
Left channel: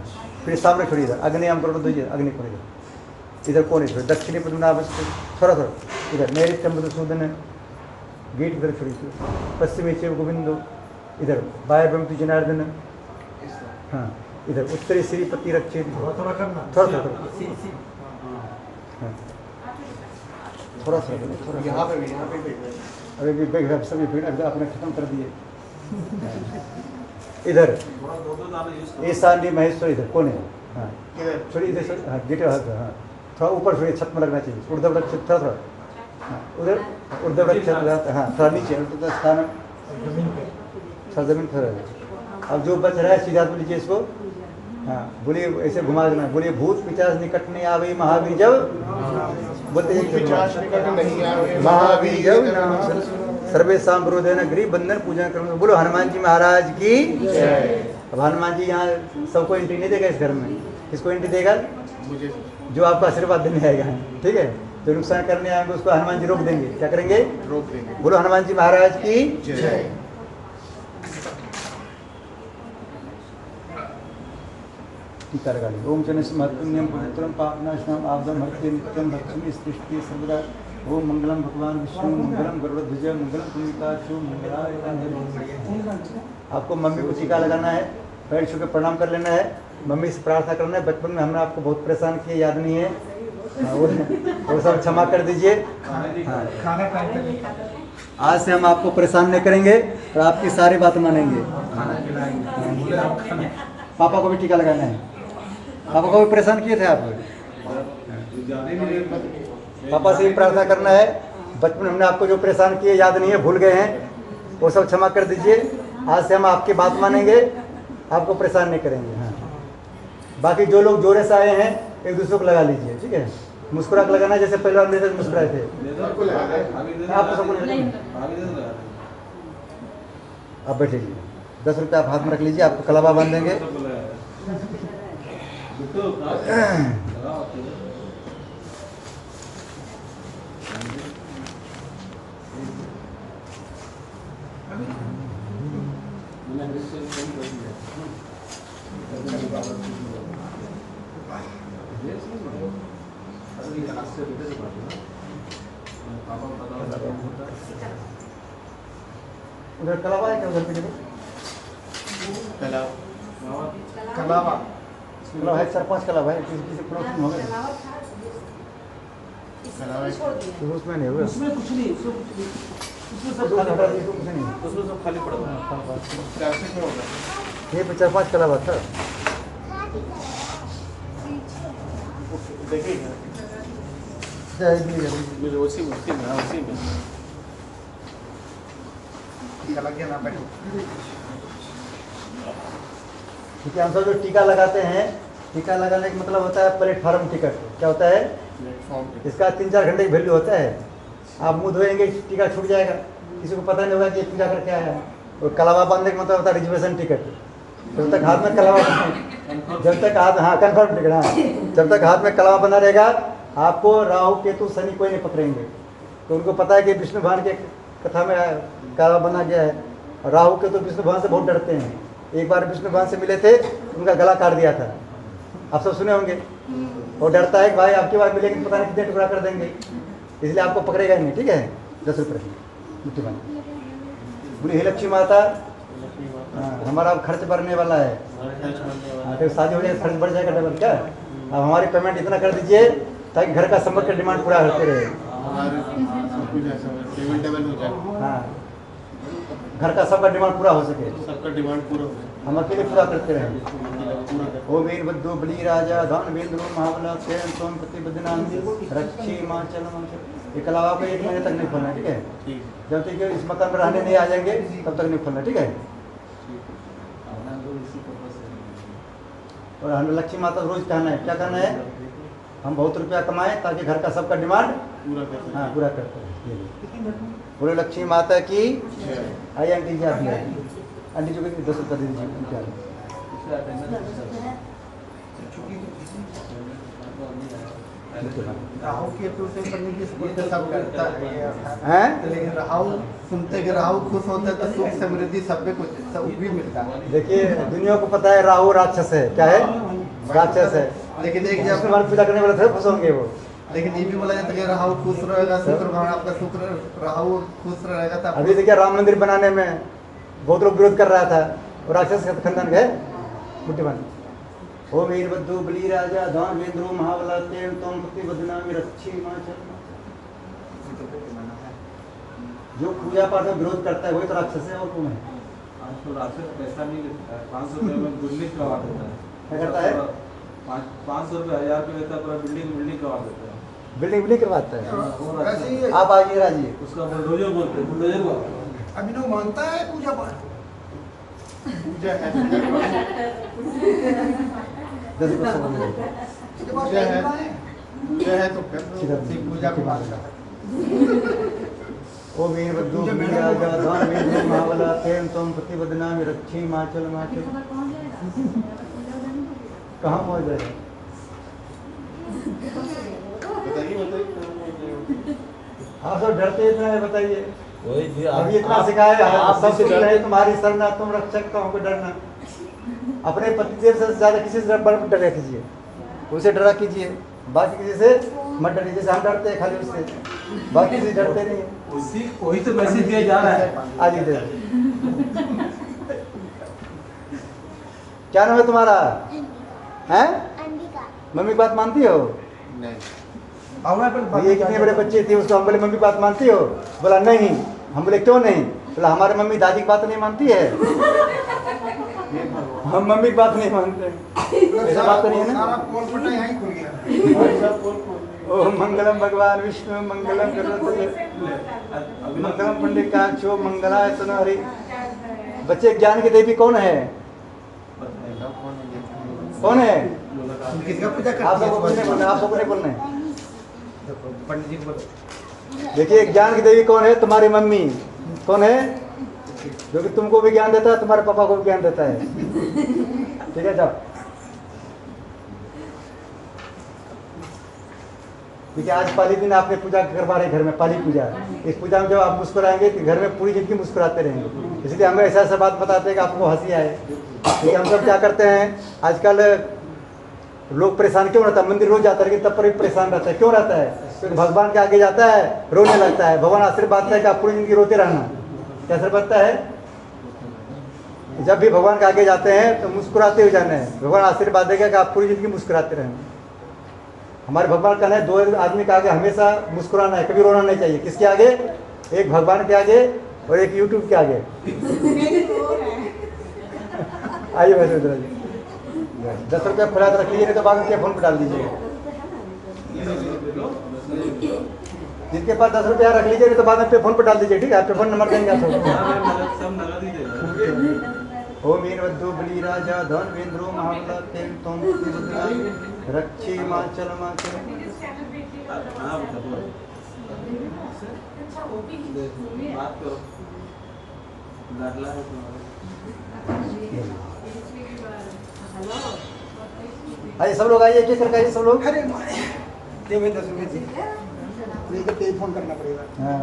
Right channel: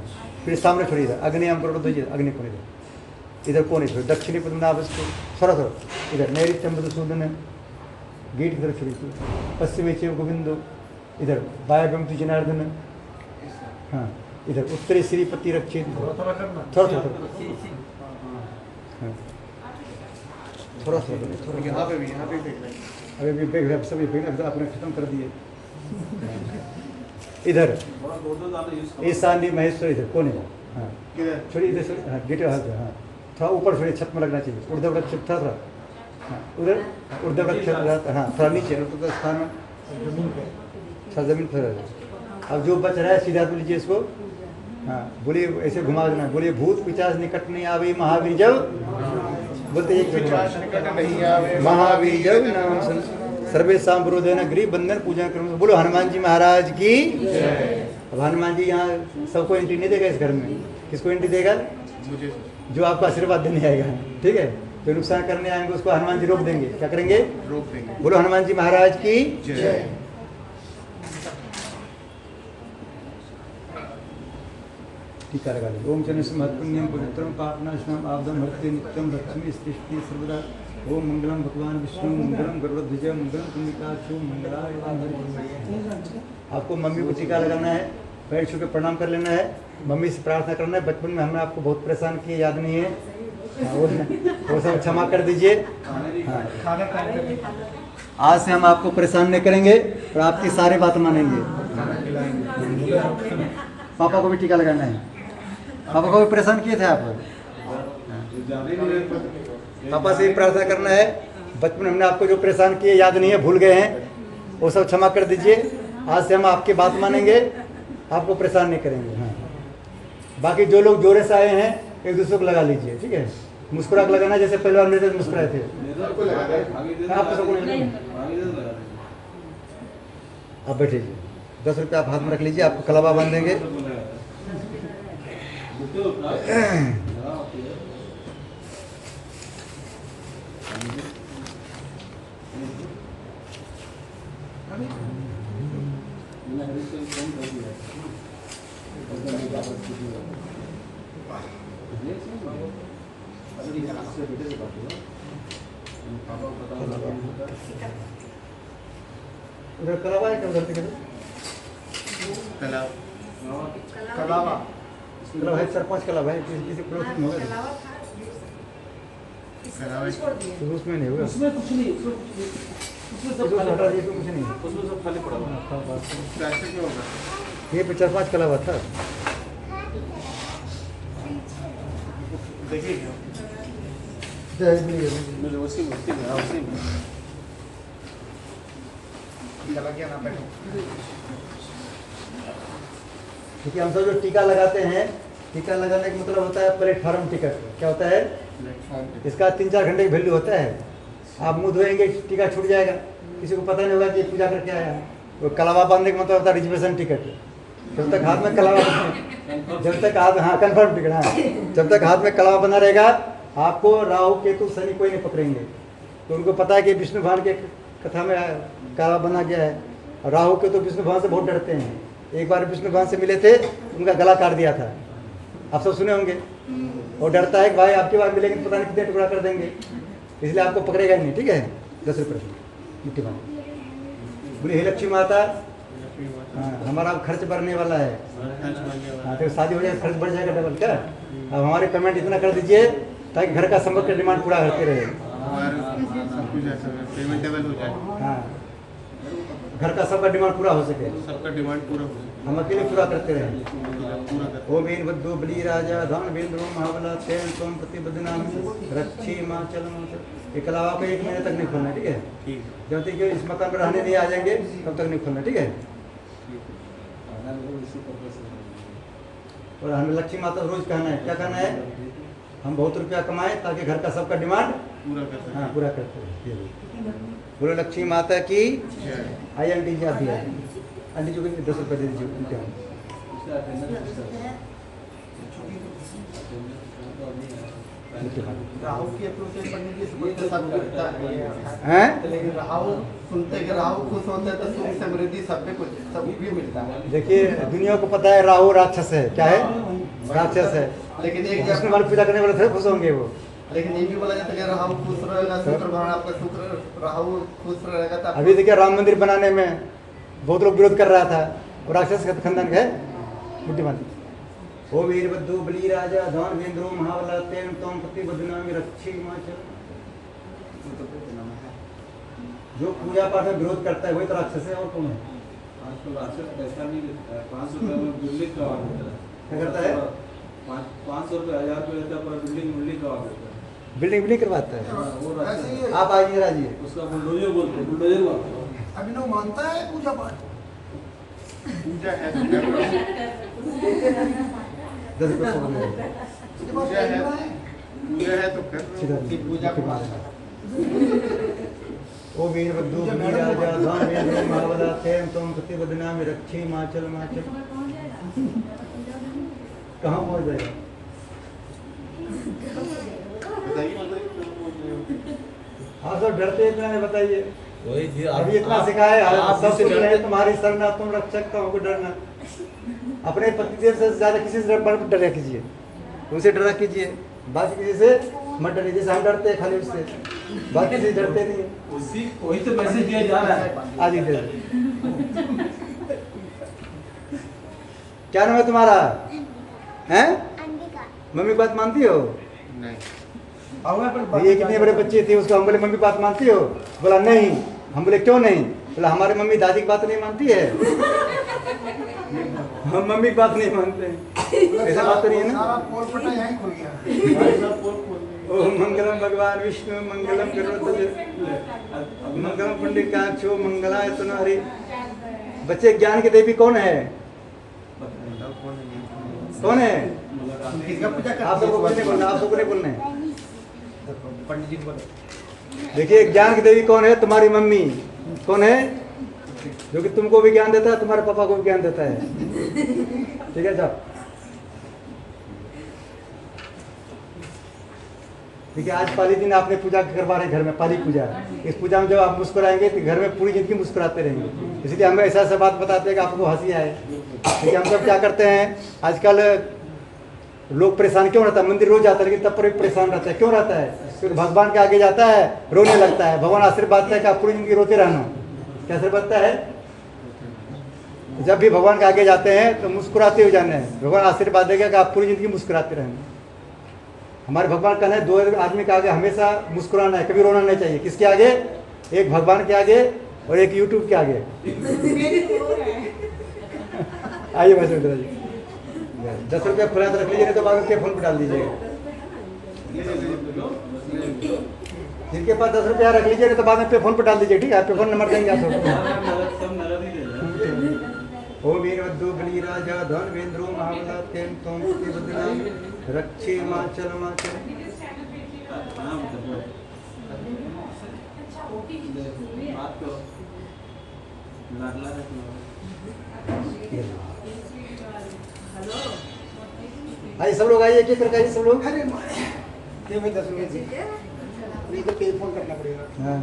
फिर सामने छोड़िए, इधर अग्नि हम करो दीजिए, अग्नि को इधर कोने छोड़िए, दक्षिणी पद्मनाभ थोड़ा इधर नैऋत्यम मधुसूदन गेट की तरफ छोड़िए, पश्चिमी चेव गोविंदो, इधर वायव्यम तु जनार्दन, हाँ इधर उत्तरी श्रीपति रक्षे, थोड़ा थोड़ा हाँ थोड़ा सा यहाँ पे भी अभी भी बैग सभी आपने खत्म कर दिए। इधर ईशान्य महेश्वर, इधर कौन है? हाँ छोड़िए इधर छोड़िए, हाँ गेट हाँ थोड़ा ऊपर छोड़िए, छत में लगना चाहिए, ऊर्ध्व रक्ष थोड़ा थोड़ा, हाँ उधर ऊर्ध्व रक्ष, हाँ थोड़ा नीचे स्थान, थोड़ा जमीन पर। अब जो बच रहा है सीधा तो लीजिए इसको, हाँ बोलिए ऐसे घुमा देना, बोलिए भूत पिचास निकट नहीं आवे महावीर जब, बोलते एक पिशाच निकट नहीं आवे महावीर जब नाम सर्वे शाम विरोधन गृह बंधन पूजन करो। बोलो हनुमान जी महाराज की जय। अब हनुमान जी यहाँ सबको एंट्री नहीं देगा इस घर में, किसको एंट्री देगा? मुझे जो आपको आशीर्वाद देने आएगा, ठीक है, जो नुकसान करने आएंगे उसको हनुमान जी रोक देंगे। क्या करेंगे? रोक देंगे। बोलो हनुमान जी महाराज की जय। टीका लगा ली। ओम चने महत्पुण्यम पवित्रम पापनाशनम आपदम हरते नित्यम भक्षमी स्तिष्ठि सर्वदा। ओम मंगलम भगवान विष्णु मंगलम गरुड़ध्वज मंगलम पुण्यकाक्षो मंगलाय। आपको मम्मी को टीका लगाना है, पैर छू के प्रणाम कर लेना है, मम्मी से प्रार्थना करना है। बचपन में हमने आपको बहुत परेशान किया, याद नहीं है? हाँ, वो सब क्षमा कर दीजिए। हाँ, आज से हम आपको परेशान नहीं करेंगे और आपकी सारी बात मानेंगे। पापा को भी टीका लगाना है। पापा को भी परेशान किए थे आप? पापा से भी प्रार्थना करना है। बचपन में हमने आपको जो परेशान किए याद नहीं है, भूल गए हैं, वो सब क्षमा कर दीजिए। आज से हम आपकी बात मानेंगे, आपको परेशान नहीं करेंगे। हाँ, बाकी जो लोग जोरे से आए हैं एक दूसरे को लगा लीजिए, ठीक है? मुस्कुरा के लगाना, जैसे पहले मेरे से मुस्कुराए थे। आप सबको आप बैठिए, 10 रुपये आप हाथ में रख लीजिए, आपको कलावा बांध देंगे। उधर कलावा है क्या? उधर से कलावा कलावा है, 4-5 कलावा है, किसी पड़ोस में होगा। उसमें नहीं होगा, उसमें कुछ नहीं, उसमें सब खाली हटा दीजिए, कुछ नहीं। उसमें सब खाली पड़ा हुआ है। कैसे क्या होगा? ये पे 4-5 कलावा था। देखिए मुझे उसी में क्योंकि हम सब जो टीका लगाते हैं, टीका लगाने का मतलब होता है प्लेटफार्म टिकट। क्या होता है? इसका 3-4 घंटे की वैल्यू होता है। आप मुंह धोएंगे, टीका छूट जाएगा, किसी को पता नहीं होगा कि पूजा करके आया है। वो कलावा बांधने का मतलब होता है रिजर्वेशन टिकट। जब तक हाथ में कलावा, जब तक हाथ, हाँ कन्फर्म टिकट, हाँ, जब तक हाथ में कलावा बना रहेगा आपको राहु केतु शनि कोई नहीं पकड़ेंगे। तो उनको पता है कि विष्णु भगवान के कथा में कलावा बना गया है। राहु केतु विष्णु भगवान से बहुत डरते हैं। एक बार विष्णु भगवान से मिले थे, उनका गला काट दिया था, आप सब सुने होंगे। वो डरता है कि भाई आपकी बात मिलेगी पता नहीं कितने टुकड़ा कर देंगे, इसलिए आपको पकड़ेगा ही नहीं, ठीक है? 10 रुपये मुट्ठी बना। बोली हे लक्ष्मी माता, हाँ हमारा अब खर्च बढ़ने वाला है। हाँ तो शादी हो जाए खर्च बढ़ जाएगा डबल क्या? अब हमारी पेमेंट इतना कर दीजिए ताकि घर का संपर्क का डिमांड पूरा करते रहे। पेमेंट डबल हो जाए। हाँ, घर का सबका डिमांड पूरा हो सके, सबका डिमांड पूरा हो जाए, हम अकेले पूरा करते रहे। पूरा कर। ओम वीर बद्धो बली राजा धन वेंद्रो महाबला चैन सोम प्रतिबद्धनान रक्षी माँ चल माचल। ये कलावा को 1 महीने तक नहीं खोलना, ठीक है? ठीक जब तक कि इस मकान में रहने नहीं आ जाएंगे तब तक नहीं खोलना, ठीक है? और हमें लक्ष्मी माता रोज कहना है, क्या कहना है? हम बहुत रुपया कमाएं ताकि घर का सबका डिमांड पूरा कर सकते। हाँ पूरा करते हैं। बोलो लक्ष्मी माता की जय। आइए आंटी जी, आप भी आइए। आंटी जी को 10 रुपये दे दीजिए, उनके यहाँ। राहु केतु से समृद्धि सब करता है। हैं? लेकिन राहु सुनते कि राहु खुश होता है तो सुख समृद्धि सब में कुछ सब भी मिलता है। देखिए दुनिया को पता है राहु राक्षस है। क्या है? राक्षस है। लेकिन एक विष्णु भगवान पूजा करने वाले थोड़े खुश होंगे वो। लेकिन ये भी बोला जाता है कि राहु खुश रहेगा, शुक्र भगवान आपका शुक्र राहु खुश रहेगा तो अभी देखिए राम मंदिर बनाने में बहुत लोग विरोध कर रहा था और राक्षस का खंडन गए बुद्धिमान। ओ वीरभद्रो बलि राजा धन वेंद्रो महाबला तेन तम पति बदनामी रक्षी हिमाचल। जो पूजा पाठ में विरोध करता है वही तो राक्षस है और कौन है? आज तो राक्षस पैसा नहीं लेता है, 500 रुपये में बिल्डिंग करवा देता है। क्या करता है? 500 रुपये 1000 रुपये लेता है, पूरा बिल्डिंग करवा देता है। बिल्डिंग करवाता है। वो राक्षस है। आप आइए राजिए। उसका बुलडोजर बोलते हैं, बुलडोजर बोलते हैं। अभी लोग मानता है पूजा पाठ, पूजा है ₹10 से बोले। पूजा है, पूजा है तो कर पूजा के बाद ओ वीरभद्रो बलि राजा धन वेंद्रो महाबला तेन तम पति बदनामी रक्षी हिमाचल हिमाचल। कहाँ पहुँच जाएगा? बताइए आप सब डरते इतना है बताइए। वही जी अभी इतना सिखाए आप सब से डरे तुम्हारी शरण तुम रक्षक का हमको डरना। अपने पतिदेव से ज्यादा किसी से डरा कीजिए, उसे डरा कीजिए, बाकी किसी से मत डरिए। जैसे हम डरते हैं खाली उससे, बाकी किसी से डरते नहीं। वही तो मैसेज दिया जा रहा है। आज ही दे। क्या नाम है तुम्हारा? हैं? मम्मी की बात मानती हो? नहीं ये कितने बड़े बच्चे थे, उसको हम बोले मम्मी की बात मानती हो? बोला नहीं। हम बोले क्यों नहीं? बोला हमारे मम्मी दादी की बात नहीं मानती है, हम मम्मी की बात नहीं मानते। ऐसा बात तो नहीं है ना? ओ मंगलम भगवान विष्णु मंगलम गरुड़ध्वज मंगलम पुंडरीकाक्षो मंगलाय तनु हरि। बच्चे ज्ञान की देवी कौन है? कौन है? आप सबको बोलने बोलना, आप सबको नहीं बोलना है। पंडित जी को देखिए ज्ञान की देवी कौन है? तुम्हारी मम्मी। कौन है? जो कि तुमको भी ज्ञान देता है, तुम्हारे पापा को भी ज्ञान देता है। ठीक है, जाओ। देखिए आज पाली दिन आपने पूजा करवा रहे घर में, पाली पूजा। इस पूजा में जब आप मुस्कुराएंगे तो घर में पूरी जिंदगी मुस्कुराते रहेंगे। इसलिए हमें ऐसा ऐसा बात बताते हैं कि आपको हंसी आए। देखिए हम सब क्या करते हैं आजकल, लोग परेशान क्यों रहता है? मंदिर रोज जाता है लेकिन तब पर भी परेशान रहता है। क्यों रहता है? क्योंकि भगवान के आगे जाता है रोने लगता है। भगवान आशीर्वाद देता है कि आप पूरी जिंदगी रोते रहना। क्या आशीर्वाद देता है? जब भी भगवान के आगे जाते हैं तो मुस्कुराते हुए जाना है। भगवान आशीर्वाद देगा कि आप पूरी जिंदगी मुस्कुराते रहना। हमारे भगवान कहना है 2 आदमी के आगे हमेशा मुस्कुराना है, कभी रोना नहीं चाहिए। किसके आगे? एक भगवान के आगे और एक यूट्यूब के आगे। आइए वैसे इधर आइए। 10 रुपया खुला तो रख लीजिए, नहीं तो बाद में पे फोन पे डाल दीजिएगा। जिनके पास 10 रुपया रख लीजिए, नहीं तो बाद में पे फोन पे डाल दीजिए। ठीक है, पे फोन नंबर देंगे आप सबको। ओ वीरभद्रो बलि राजा धन वेंद्रो महाबला तेन तम पति बदनामी रक्षी हिमाचल हिमाचल। आइए सब लोग, आइए एक एक करके आइए सब लोग। पे फोन करना पड़ेगा। हाँ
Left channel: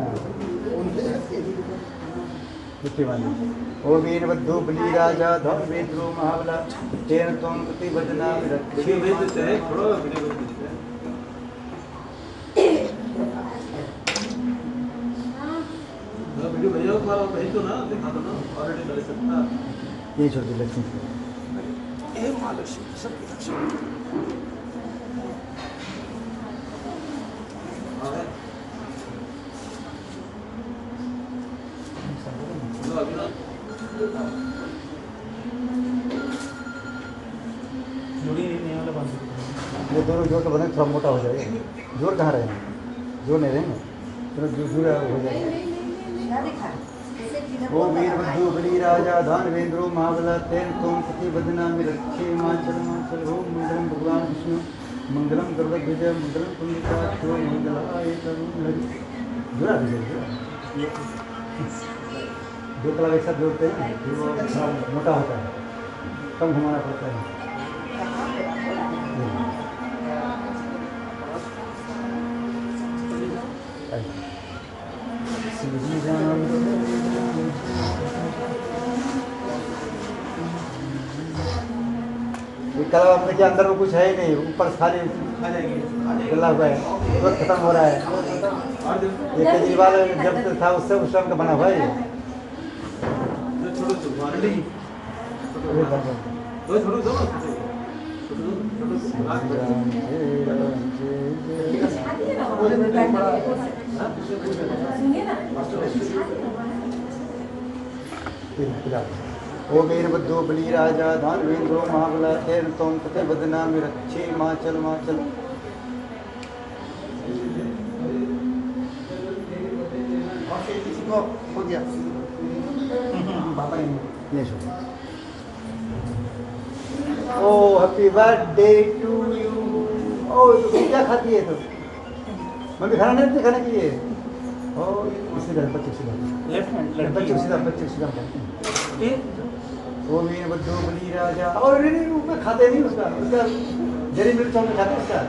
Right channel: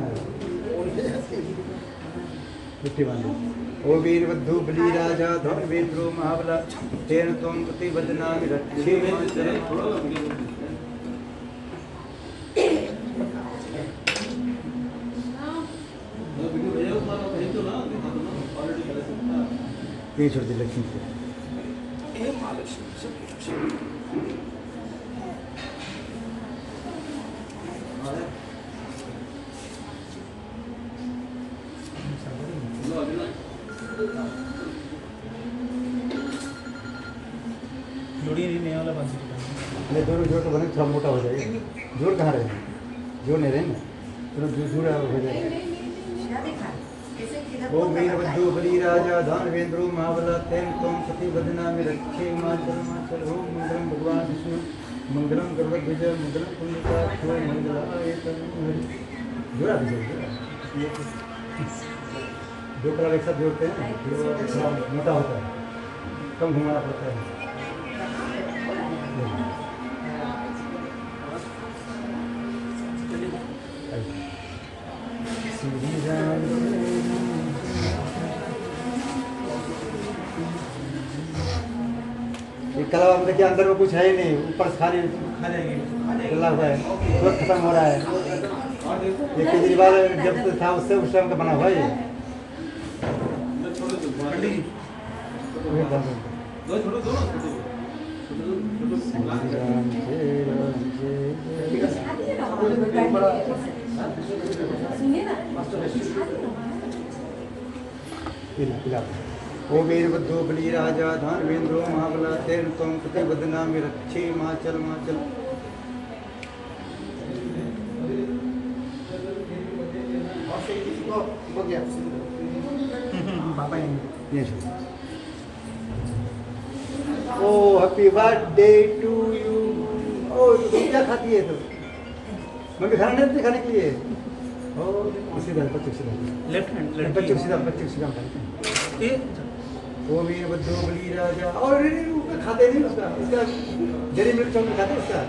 ओ वीरभद्रो बलि राजा धन वेंद्रो महाबला तेन त्वं पति बदनामी रक्षी हिमाचल। ये छोड़ दी लक्ष्मी को। ये दोनों जोड़ तो बने, थोड़ा मोटा हो जाएगा। जोड़ कहाँ रहे? जोड़ नहीं रहे ना, थोड़ा जुड़ा हो जाएगा। ओ वीरभद्रो बलि राजा धन वेंद्रो महाबला तेन त्वं पति बदनामी रक्षे हिमाचल हिमाचल। ओम मंगलम भगवान विष्णु मंगलम गरुड़ध्वज मंगलम पुंडरीकाक्षो मंगलाय तनु हरि। जुड़ा दीजिए। 2 कलर एक साथ जोड़ते हैं, फिर वो थोड़ा मोटा होता है, कम घुमाना पड़ता है। श्री राम ये कला में देखिए अंदर में कुछ है ही नहीं, ऊपर से खाली गला हुआ है, तुरंत खत्म हो रहा है। ये केजरीवाल जब से था उससे उस टाइम का बना हुआ है ये। ओ वीरभद्रो बली राजा दानवेंद्रो महाबला तेन तुम कति बदना में रक्षे माचल माचल। हो गया ये ओ हैप्पी बर्थडे टू यू। ओ क्या खाती है तो मम्मी खाना नहीं खाने के लिए। ओ सीधा बच्चे सीधा लेफ्ट हैंड बच्चे सीधा खाते हैं। वो भी बद्दो बली राजा और उसमें खाते नहीं उसका जरी मिर्च चौक खाते उसका।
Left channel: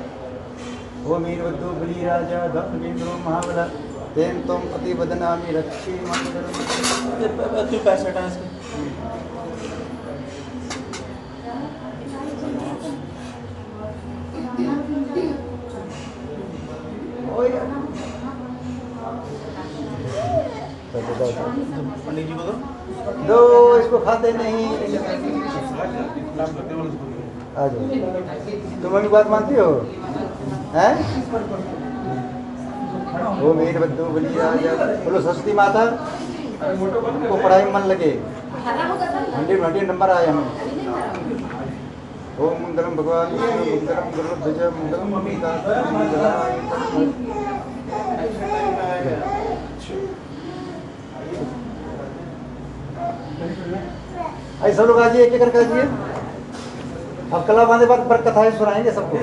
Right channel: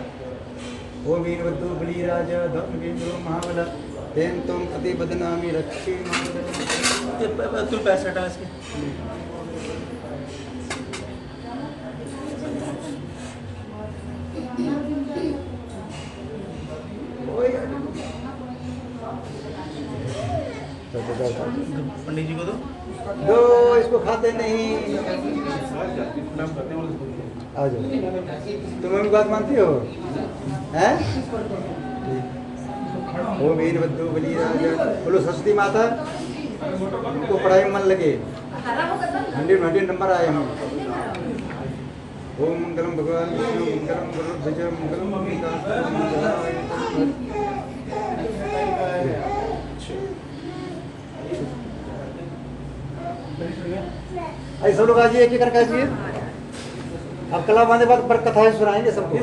ओ मीर बद्दो बली राजा धनवेंद्रो महाबला तेन तुम पति बदनामी रक्षी क्यों पैसे हटा इसके पंडित जी को दो इसको खाते नहीं। आ जाओ तुम मम्मी बात मानती हो हैं? वो मीर बद्दो बली राजा बोलो सरस्वती माता उनको पढ़ाई में मन लगे 100 नंबर आए हमें। ओम मंगलम भगवान विष्णु मंगलम गुरुध्वज मंगलम मंगलाय। ऐसा लोग आज एक एक करके आइए। अब कला बांधे बाद पर कथाएं सुनाएंगे सबको।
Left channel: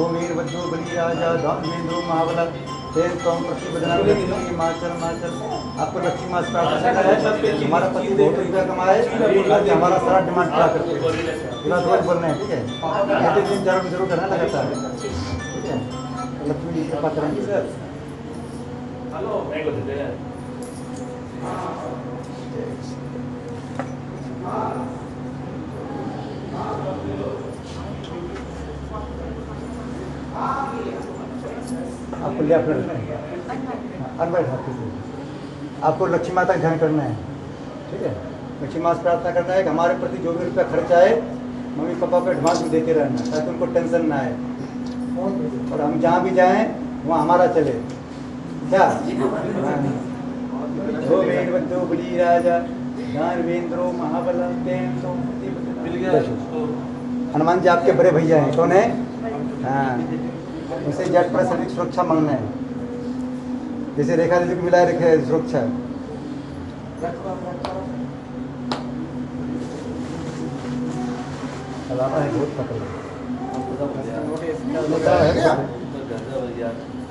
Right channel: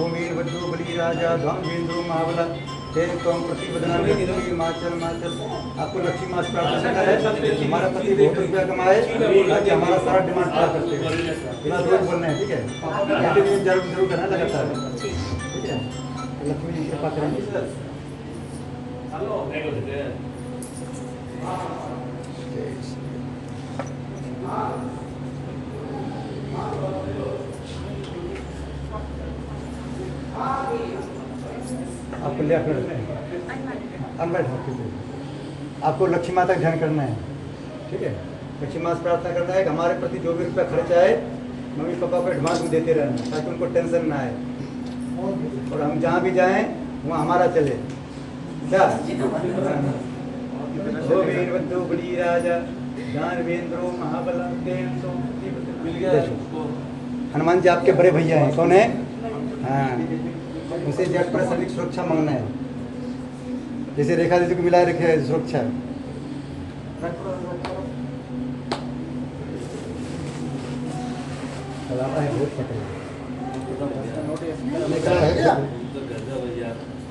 ओम वीर बद्दो बली राजा दानवेंद्रो महाबला तेन कौम प्रति बदनामी रक्षी माचल माचल। आपको लक्ष्मी मास प्राप्त करना है। हमारा पति बहुत रुपया कमाए ताकि हमारा सारा डिमांड पूरा करते हैं। बिना रोज बोलना है ठीक है। ऐसे दिन जरूर जरूर करना लगातार ठीक है। लक्ष्मी जी कृपा करेंगे। आपको ले आपको लक्ष्मी माता का ध्यान करना है ठीक है। लक्ष्मी माता प्रार्थना करना है कि हमारे प्रति जो भी रुपया खर्च आए मम्मी पापा को एडवांस में देते रहना ताकि उनको टेंशन ना आए और हम जहाँ भी जाएं वहाँ हमारा चले क्या। ओ वीरभद्रो बली राजा दानवेंद्रो महाबला तेन तुम हनुमान जी आपके बड़े भैया हैं। कौन है? हाँ उसे जट पर सैनिक सुरक्षा मांगना है। जैसे रेखा दीदी को मिलाए रखे सुरक्षा।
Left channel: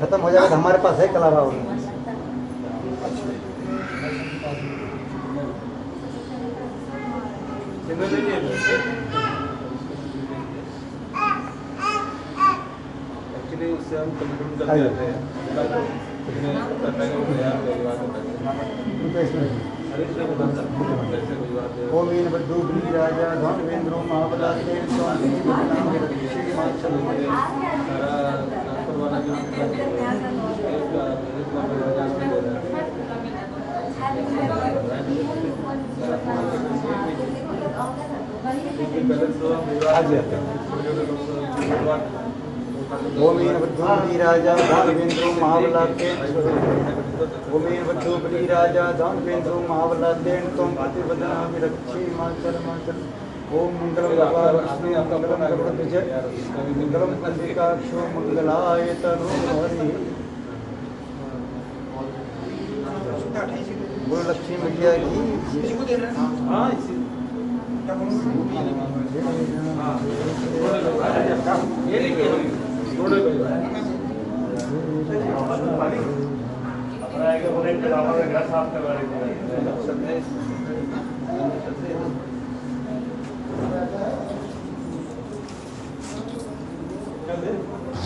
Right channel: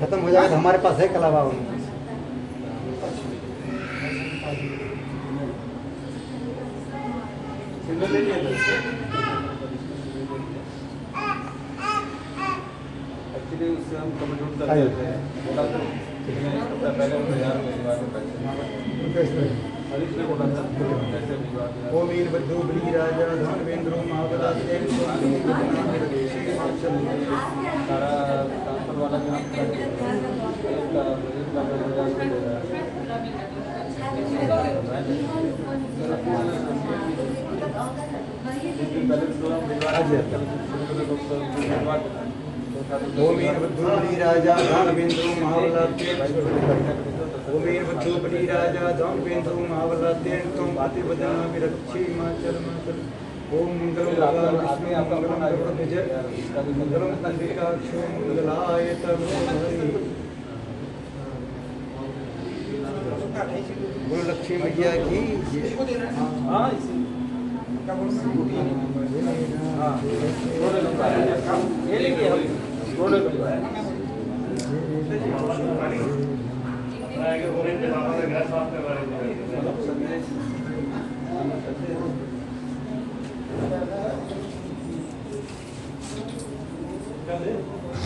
खत्म हो जाएगा तो हमारे पास है कलावा। उससे हम कंक्लूड कर देते हैं ओ वीरभद्रो बली राजा दानवेंद्रो महाबला तेन ओ वीरभद्रो बली राजा दानवेंद्रो महाबला ओ वीरभद्रो बली राजा दानवेंद्रो महाबला तेन त्वं प्रतिबदनामि रक्षे माचल माचल। ओम मंगलम भगवान विष्णु मंगलम गरुड़ध्वज मंगलम कंदिकाक्षो मंगलाय तनोहरि। बोल लक्ष्मी मैया की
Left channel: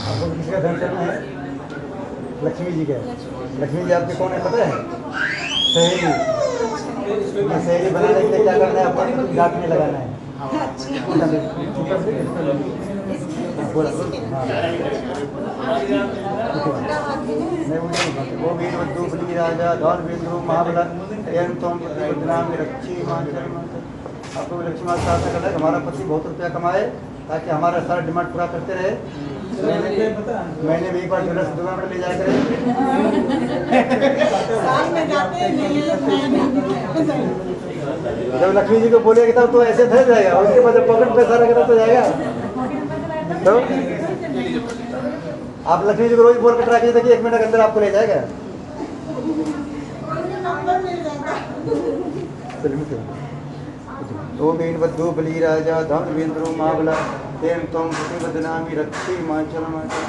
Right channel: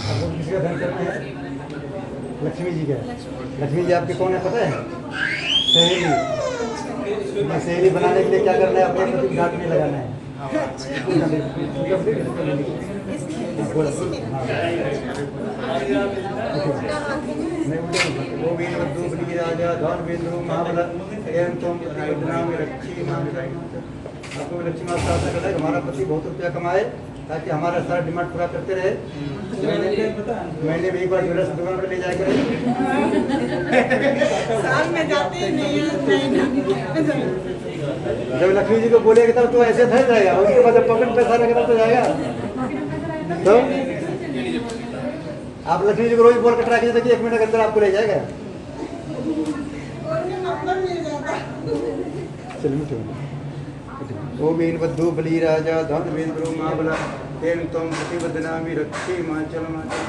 आपको किसी का ध्यान करना है? लक्ष्मी जी का। लक्ष्मी जी आपके कौन है पता है? सहेली। ये सहेली बनाने के लिए क्या करना है? अपने पति घाट में लगाना है। बोला हाँ। नहीं बोले वो भी मधु बली राजा धौल बिंदु महाबला एवं तुम बदनाम रक्षी मान। आपको भी लक्ष्मी माता प्रार्थना करना है कि हमारा पति बहुत रुपया कमाए ताकि हमारा सारा डिमांड पूरा करते रहे। महीने में एक बार ज्वेलर्स दुकान पर ले जाया करें। साल में जाते नहीं हैं। जब लक्ष्मी जी को बोलेगा तब तो ऐसे ठहर जाएगा, उसके बाद जब पॉकेट पैसा रहेगा तो जाएगा। तो आप लक्ष्मी जी को रोज बोल कर ट्राई कीजिए कि 1 मिनट के अंदर आपको ले जाएगा। चलिए ओ बीन बद्धू बली राजा धन वेंद्रो महाबला तेन तम पति बदनामी रक्षी माचल माचल।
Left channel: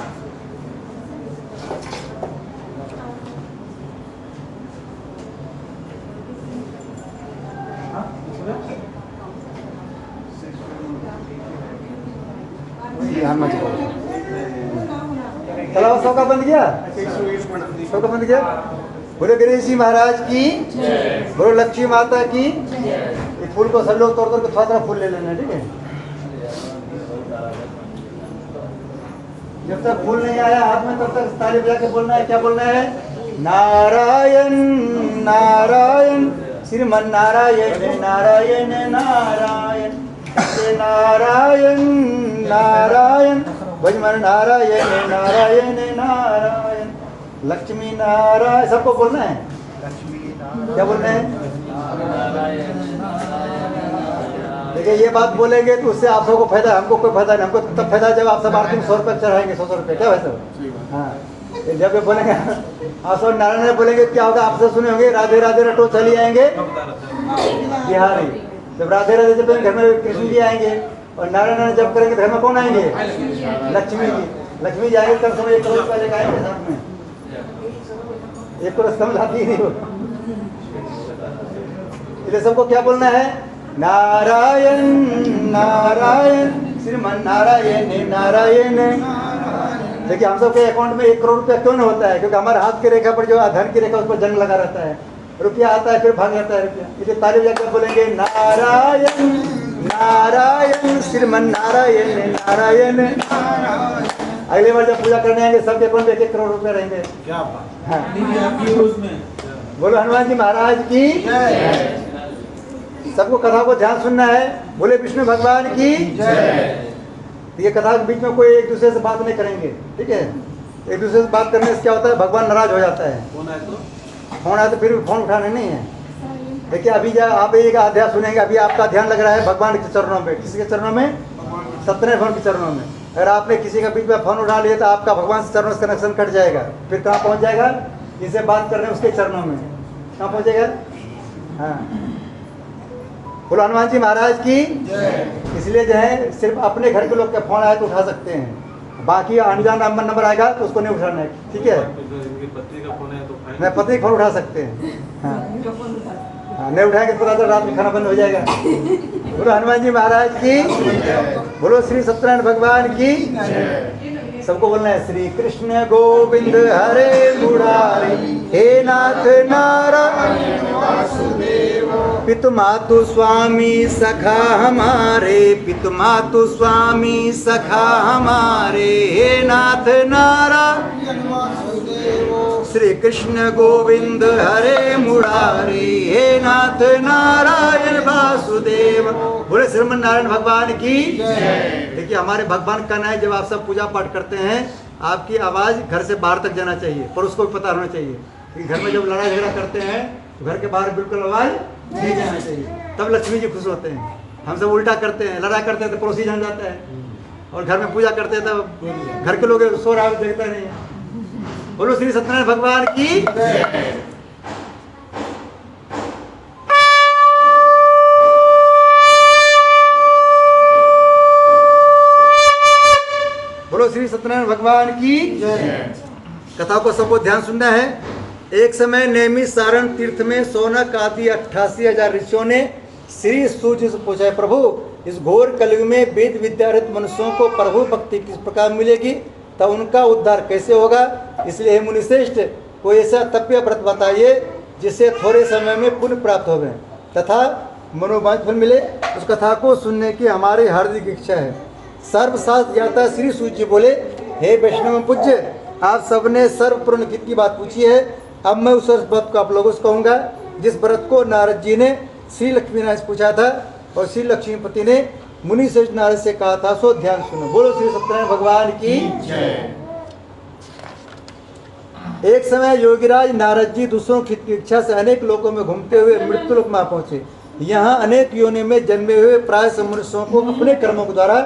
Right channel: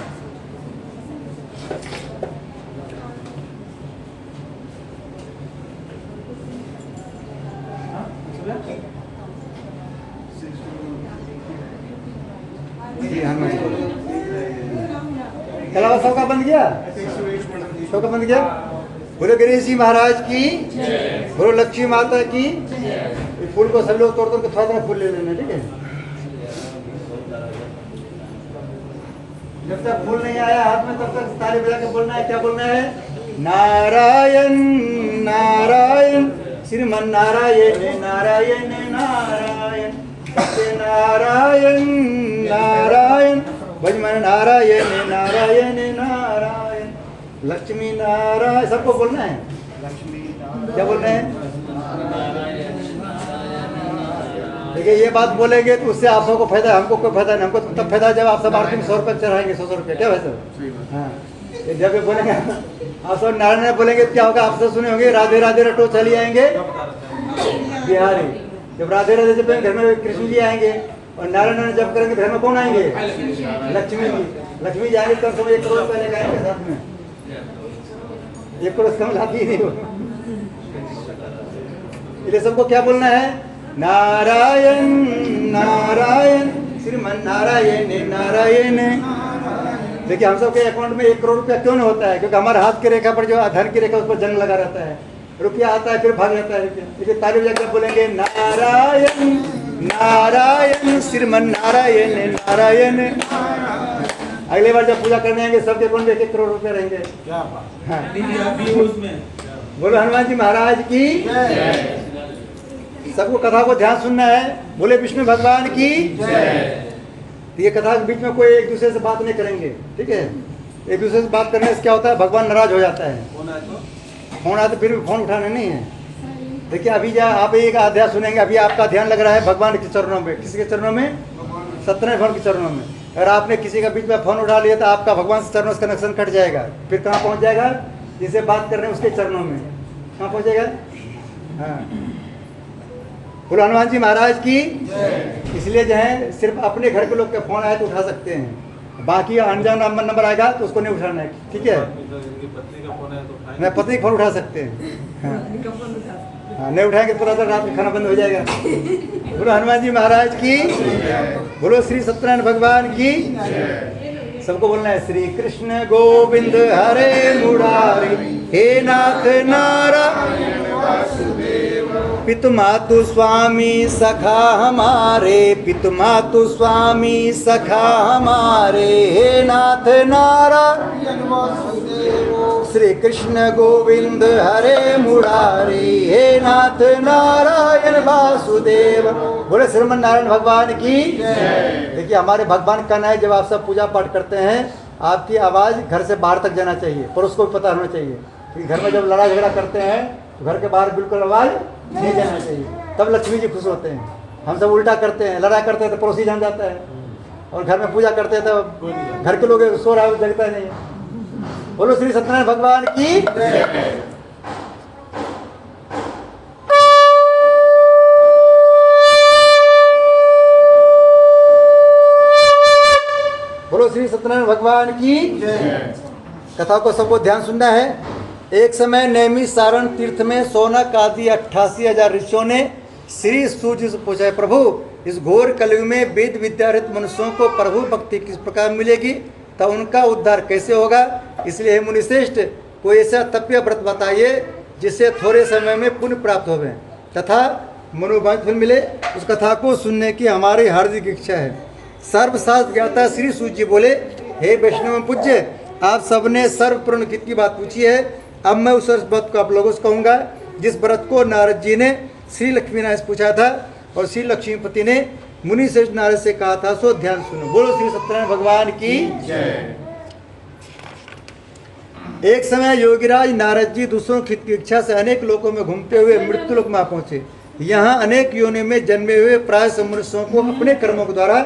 सबका बंद किया, सबका बंद किया। बोले गणेश जी महाराज की, बोलो लक्ष्मी माता की। ये फूल को सब लोग तोड़ तोड़ के थोड़ा थोड़ा फूल ले लेना, ठीक है। जब तक फूल नहीं आया हाथ में तब तक ताली बजा के बोलना है। क्या बोलना है? नारायण नारायण श्रीमन नारायण नारायण नारायण सत्य नारायण नारायण भजमन नारायण नारायण नारायण लक्ष्मी नारायण। सबको बोलना है। क्या बोलना है? देखिए ये बात बोलेंगे तो उससे आप सबको फायदा है, हमको कोई फायदा नहीं। हमको तब फायदा है जब आप सब आरती में 100 रुपये चढ़ाएंगे, 100 रुपये। क्या है सर? हाँ, जब ये बोलेंगे आप सब नारायण बोलेंगे क्या होगा? आप सब सुने होंगे राधे राधे रटो चली आएंगे बिहारी। जब राधे राधे जब घर में कृष्ण जी आएंगे और नारायण जब करेंगे घर में कौन आएंगे? लक्ष्मी जी। लक्ष्मी जी आएंगे कम से कम 1 करोड़ रुपये लेकर आएंगे साथ में। 1 करोड़ कम लाती ही नहीं हो। इसलिए सबको क्या बोलना है? नारायण नारायण श्रीमन नारायण नारायण। देखिए हम सबके अकाउंट में 1 करोड़ रुपया क्यों नहीं होता है? क्योंकि हमारे हाथ की रेखा पर जो धन की रेखा उस पर जन्म लगा रहता है। रुपया आता है फिर भाग जाता है रुपया। इसलिए ताली बजा के बोलेंगे नारायण नारायण श्रीमन नारायण नारायण। अगली बार जब पूजा करने आएंगे सबके अकाउंट में 1 करोड़ रुपया रहेंगे। हाँ। बोलो हनुमान जी महाराज की। सबको कथा को ध्यान सुनना है। बोले विष्णु भगवान की। तो ये कथा के बीच में कोई एक दूसरे से बात नहीं करेंगे, ठीक है। एक दूसरे से बात करने से क्या होता है? भगवान नाराज हो जाता है। फोन आए तो फिर भी फोन उठाने नहीं है। देखिए अभी आप एक अध्याय सुनेंगे, अभी आपका ध्यान लग रहा है भगवान के चरणों में। किसके चरणों में? सत्यनारायण भगवान के चरणों में। अगर आपने किसी का बीच में फोन उठा लिया तो आपका भगवान से चरणों से कनेक्शन कट जाएगा। फिर कहाँ पहुँच जाएगा? जिसे बात कर रहे हैं उसके चरणों में। कहाँ पहुँचेगा? हाँ। बोलो हनुमान जी महाराज की। इसलिए जो है सिर्फ अपने घर के लोग का फोन आए तो उठा सकते हैं, बाकी अनजान नंबर आएगा तो उसको नहीं उठाना है, ठीक है। नहीं, पत्नी फोन उठा सकते हैं। हाँ, नहीं उठाएंगे तो पूरा रात में खाना बंद हो जाएगा। बोलो हनुमान जी महाराज की। बोलो श्री सत्यनारायण भगवान की। सबको बोलना है श्री कृष्ण गोविंद हरे मुरारी हे नाथ नारायण पितु मातु स्वामी सखा हमारे पितु मातु स्वामी सखा हमारे हे नाथ नारायण श्री कृष्ण गोविंद हरे मुरारी हे नाथ नारायण वासुदेव। बोले श्रीमन नारायण भगवान की। देखिए हमारे भगवान का है, जब आप सब पूजा पाठ करते हैं आपकी आवाज़ घर से बाहर तक जाना चाहिए, पर उसको भी पता होना चाहिए कि घर में जब लड़ाई झगड़ा करते हैं तो घर के बाहर बिल्कुल आवाज़ नहीं जाना चाहिए। तब लक्ष्मी जी खुश होते हैं। हम सब उल्टा करते हैं, लड़ाई करते हैं तो पड़ोसी जान जाता है, और घर में पूजा करते हैं तो घर के लोग सो रहा जगता नहीं है। बोलो श्री सत्यनारायण भगवान की। बोलो श्री सत्यनारायण भगवान की। कथा को सबको ध्यान सुनना है। एक समय नैमिष सारण तीर्थ में सोनक आदि 88,000 ऋषियों ने श्री सूर्य से पूछा है, प्रभु इस घोर कलयुग में वेद विद्यारहित मनुष्यों को प्रभु भक्ति किस प्रकार मिलेगी? तब उनका उद्धार कैसे होगा। इसलिए हे मुनिश्रेष्ठ, कोई ऐसा तप्य व्रत बताइए जिससे थोड़े समय में पुण्य प्राप्त होवे तथा मनोवांछित फल मिले। उस कथा को सुनने की हमारी हार्दिक इच्छा है। सर्वशास्त्र ज्ञाता श्री सूत जी बोले, हे वैष्णव पूज्य, आप सबने सर्वपूर्ण हित की बात पूछी है। अब मैं उस व्रत को आप लोगों से कहूँगा जिस व्रत को नारद जी ने श्री लक्ष्मीनारायण से पूछा था और श्री लक्ष्मीपति ने मुनि श्रेष्ठ नारद से कहा था, सो ध्यान सुनो। बोलो श्री सत्यनारायण भगवान की जय। एक समय योगीराज नारद जी दूसरों की इच्छा से अनेक लोकों में घूमते हुए मृत्यु लोक में पहुंचे। यहाँ अनेक योनियों में जन्मे हुए प्राय मनुष्यों को अपने कर्मों के द्वारा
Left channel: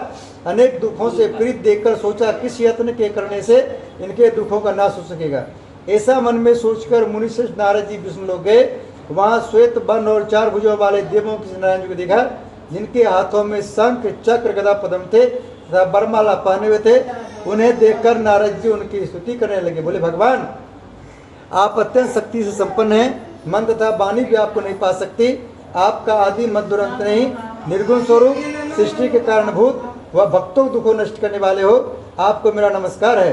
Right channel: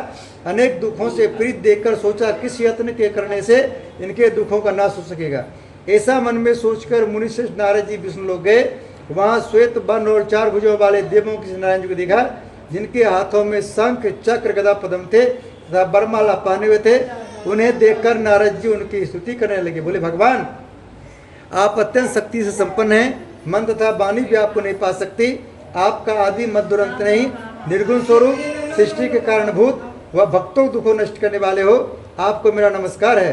अनेक दुखों से पीड़ित देखकर सोचा, किस यत्न के करने से इनके दुखों का नाश हो सकेगा। ऐसा मन में सोचकर मुनिश्रेष्ठ नारद जी विष्णु लोक गए। वहाँ श्वेत वर्ण और 4 भुजों वाले देवों की नारायण जी को देखा, जिनके हाथों में शंख चक्र गदा पद्म थे तथा बरमाला पहने हुए थे। उन्हें देखकर नारद जी उनकी स्तुति करने लगे। बोले, भगवान आप अत्यंत शक्ति से संपन्न हैं, मन तथा वाणी भी आपको नहीं पा सकती। आपका आदि मध्य और अंत नहीं, निर्गुण स्वरूप, सृष्टि के कारणभूत व भक्तों को दुखों नष्ट करने वाले हो। आपको मेरा नमस्कार है।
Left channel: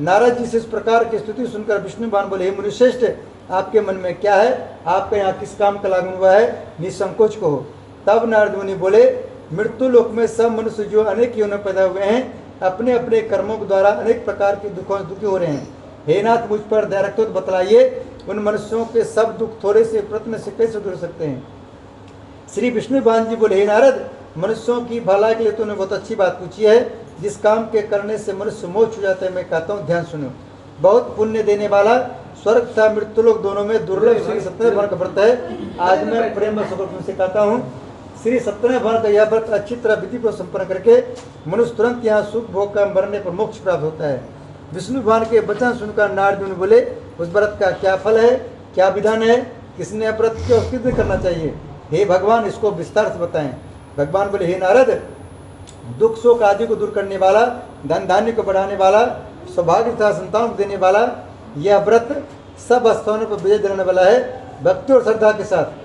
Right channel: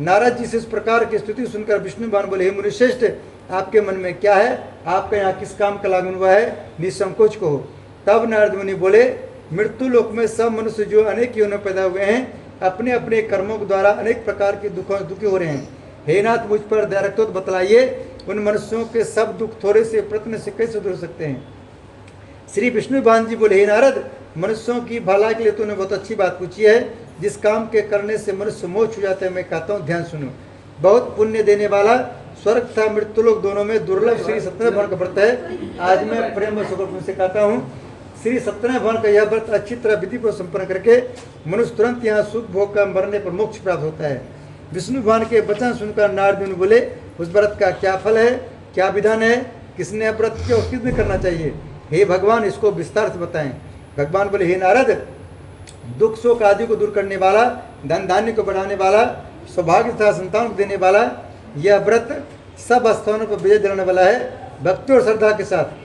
नारद जी से इस प्रकार की स्तुति सुनकर विष्णु भगवान बोले, हे मुनिश्रेष्ठ, आपके मन में क्या है? आपका यहाँ किस काम का लागू हुआ है? निसंकोच कहो। तब नारद मुनि बोले, मृत्यु लोक में सब मनुष्य जो अनेक योनियों में पैदा हुए हैं, अपने अपने कर्मों के द्वारा अनेक प्रकार के दुखों से दुखी हो रहे हैं। हे नाथ, मुझ पर दया रखो तो बतलाइए, उन मनुष्यों के सब दुख थोड़े से प्रयत्न से कैसे दूर सकते हैं। श्री विष्णु भगवान जी बोले, हे नारद, मनुष्यों की भलाई के लिए तूने बहुत अच्छी बात पूछी है। जिस काम के करने से मनुष्य मोक्ष हो जाते हैं, मैं कहता हूँ ध्यान सुनो। बहुत पुण्य देने वाला स्वर्ग तथा मृत्युलोक दोनों में दुर्लभ श्री सत्यनारायण भगवान का व्रत है। आज मैं प्रेम व सुख से कहता हूँ, श्री सत्यनारायण भगवान का यह व्रत अच्छी तरह विधि को संपन्न करके मनुष्य तुरंत यहाँ सुख भोग का मरने पर मोक्ष प्राप्त होता है। विष्णु भगवान के वचन सुनकर नारद मुनि बोले, उस व्रत का क्या फल है, क्या विधान है, किसने व्रत क्यों किस दिन करना चाहिए? हे भगवान, इसको विस्तार से बताएं। भगवान बोले, हे नारद, दुख शोक आदि को दूर करने वाला, धन धान्य को बढ़ाने वाला, सौभाग्य तथा संतान को देने वाला यह व्रत सब स्थानों पर विजय दिलाने वाला है। भक्ति और श्रद्धा के साथ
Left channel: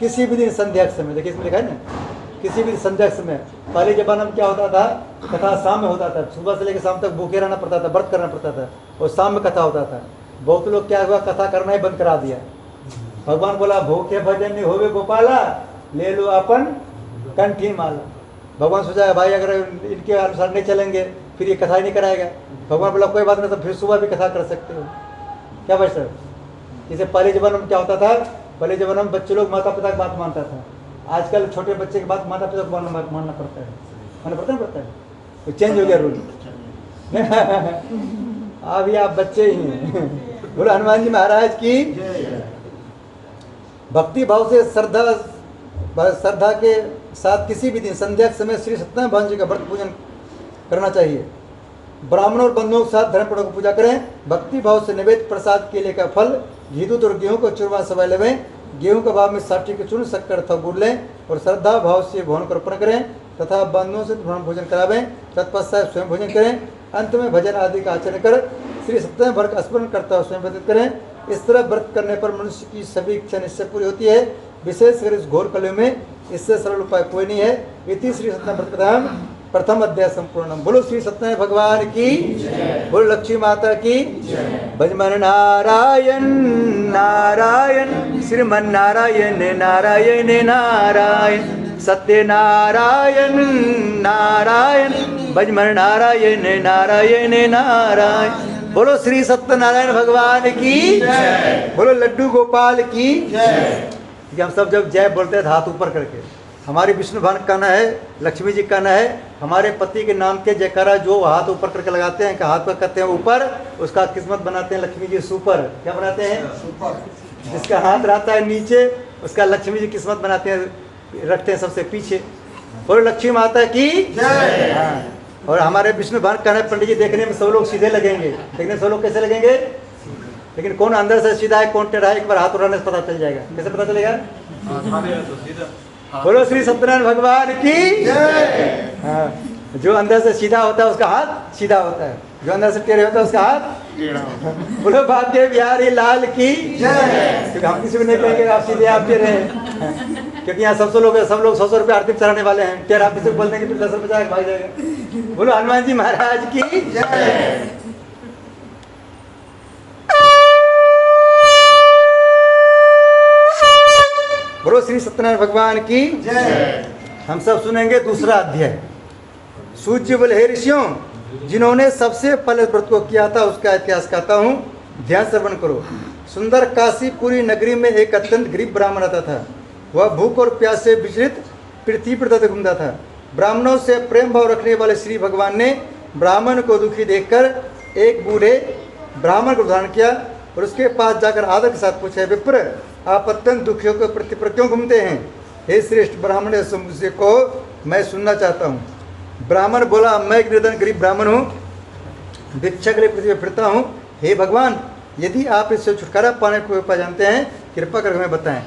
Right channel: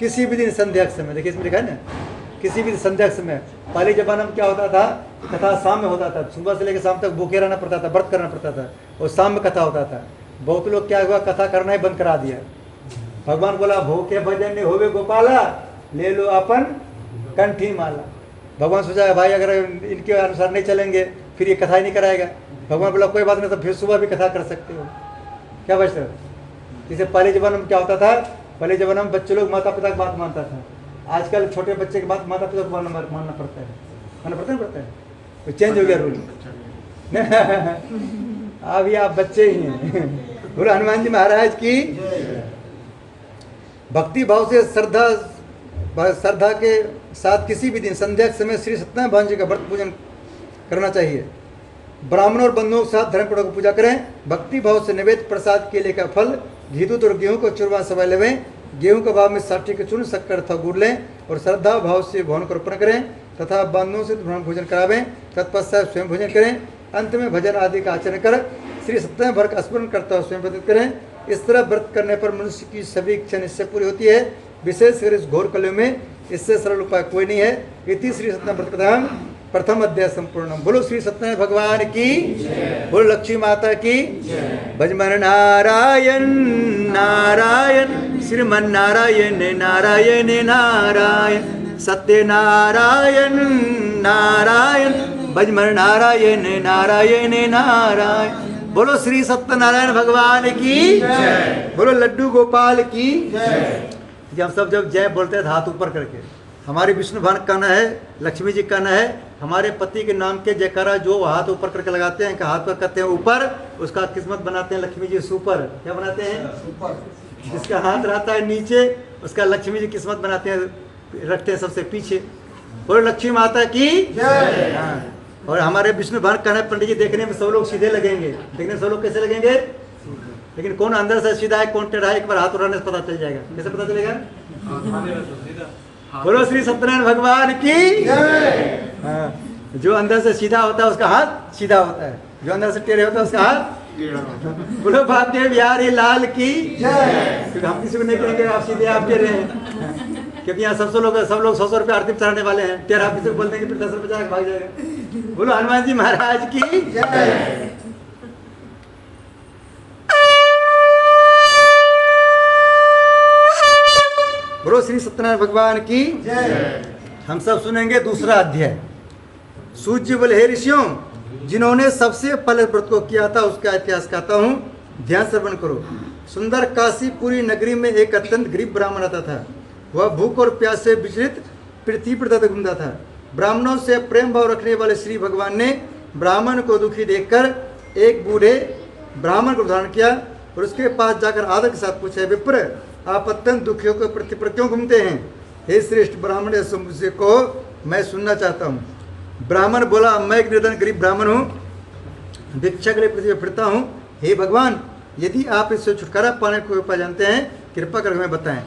किसी भी दिन संध्या के समय, देखिए इसमें लिखा है ना, किसी भी संध्या के समय। पहले जमाना में क्या होता था, कथा शाम में होता था, सुबह से लेकर शाम तक भूखे रहना पड़ता था, व्रत करना पड़ता था, और शाम में कथा होता था। बहुत लोग क्या हुआ, कथा करना ही बंद करा दिया। भगवान बोला, भूखे भजन नहीं होवे गोपाला, ले लो अपन कंठी माला। भगवान सोचा, भाई अगर इनके अनुसार नहीं चलेंगे फिर ये कथा ही नहीं कराएगा। भगवान बोला, कोई बात नहीं, तो फिर सुबह भी कथा कर सकते हो। क्या भाई सर, जैसे पहले जमाने में क्या होता था, पहले जमाने में बच्चे लोग माता पिता की बात मानता था। आजकल छोटे बच्चे की बात माता पिता को मानना पड़ता है, पड़ता है। तो चेंज हो गया रूल। अभी आप बच्चे ही हैं। बोलो हनुमान जी महाराज की। भक्ति भाव से श्रद्धा के साथ किसी भी दिन संध्या के समय श्री सत्यनारायण भगवान जी का व्रत पूजन करना चाहिए। ब्राह्मणों और बंधुओं के साथ धर्मपूर्वक पूजा करें। भक्ति भाव से निवेद प्रसाद केले का फल, घी दूध और गेहूं को चूरमा सवाई लेवें। गेहूं के भाव में साठी के चूर्ण शक्कर अथवा गुड़ लें और श्रद्धा भाव से भवन को अर्पण करें तथा बंधुओं से ब्राह्मण भोजन करावें। तत्पश्चात स्वयं भोजन करें। अंत में भजन आदि का आचरण कर श्री सत्यनारायण भगवान का स्मरण करता हुआ स्वयं व्यतीत करें। इस तरह व्रत करने पर मनुष्य की सभी इच्छा निश्चय पूरी होती है। विशेषकर इस घोर कलयुग में इससे सरल उपाय कोई नहीं है। इति श्री सत्यनारायण व्रत कथा प्रथम अध्याय संपूर्ण। बोलो श्री सत्यनारायण भगवान की, बोलो लक्ष्मी माता की। भजमन नारायण नारायण श्रीमन नारायण नारायण नारायण सत्य नारायण नारायण भजमन नारायण नारायण नारायण। बोलो श्री सत्यनारायण भगवान की, बोलो लड्डू गोपाल की। हम सब जब जय बोलते हैं हाथ ऊपर करके, हमारे विष्णु भगवान का कहना है, लक्ष्मी जी का कहना है, हमारे पति के नाम के जयकारा जो हाथ ऊपर करके लगाते हैं, हाथ पर करते हैं ऊपर, उसका किस्मत बनाते हैं लक्ष्मी जी सुपर। क्या बनाते हैं? सुपर। जिसका हाथ रहता है नीचे उसका लक्ष्मी जी किस्मत बनाते हैं, रखते हैं सबसे पीछे। बोलो लक्ष्मी माता की जय। हाँ। और हमारे विष्णु भगवान का कहना है, पंडित जी देखने में सब लोग सीधे लगेंगे, देखने में सब लोग कैसे लगेंगे, लेकिन कौन अंदर से सीधा है कौन टेढ़ा है एक बार हाथ उड़ाने से पता चल जाएगा। कैसे पता चलेगा? बोलो श्री सत्यनारायण भगवान की। हाँ, जो अंदर से सीधा होता है उसका हाथ सीधा होता है, जो अंदर से टेढ़े होता है उसका हाथ। बोलो भाग्य बिहारी लाल की जय। क्योंकि हम किसी को नहीं कहेंगे आप सीधे आप टेढ़े हैं, क्योंकि यहाँ सब लोग 100 रुपये आरती चढ़ाने वाले हैं। टेढ़ा किसी को बोल देंगे फिर 10 रुपये भाग जाएगा। बोलो हनुमान जी महाराज की जय। बोलो श्री सत्यनारायण भगवान की जय। हम सब सुनेंगे दूसरा अध्याय। सूर्य बोले हे ऋषियों, जिन्होंने सबसे पहले व्रत को किया था उसका इतिहास कहता हूँ, ध्यान श्रवण करो। सुंदर काशीपुरी नगरी में एक अत्यंत गरीब ब्राह्मण रहता था। वह भूख और प्यास से विचलित पृथ्वी पर घूमता था। ब्राह्मणों से प्रेम भाव रखने वाले श्री भगवान ने ब्राह्मण को दुखी देखकर एक बूढ़े ब्राह्मण को धारण किया और उसके पास जाकर आदर के साथ पूछा, विप्र, आप अत्यंत दुखियों के प्रति पर क्यों घूमते हैं? हे श्रेष्ठ ब्राह्मण, मुझसे को मैं सुनना चाहता हूँ। ब्राह्मण बोला, मैं एक निर्धन गरीब ब्राह्मण हूँ, भिक्षा के लिए पृथ्वी पर फिरता हूँ। हे भगवान, यदि आप इससे छुटकारा पाने को उपाय जानते हैं, कृपा कर हमें बताएं।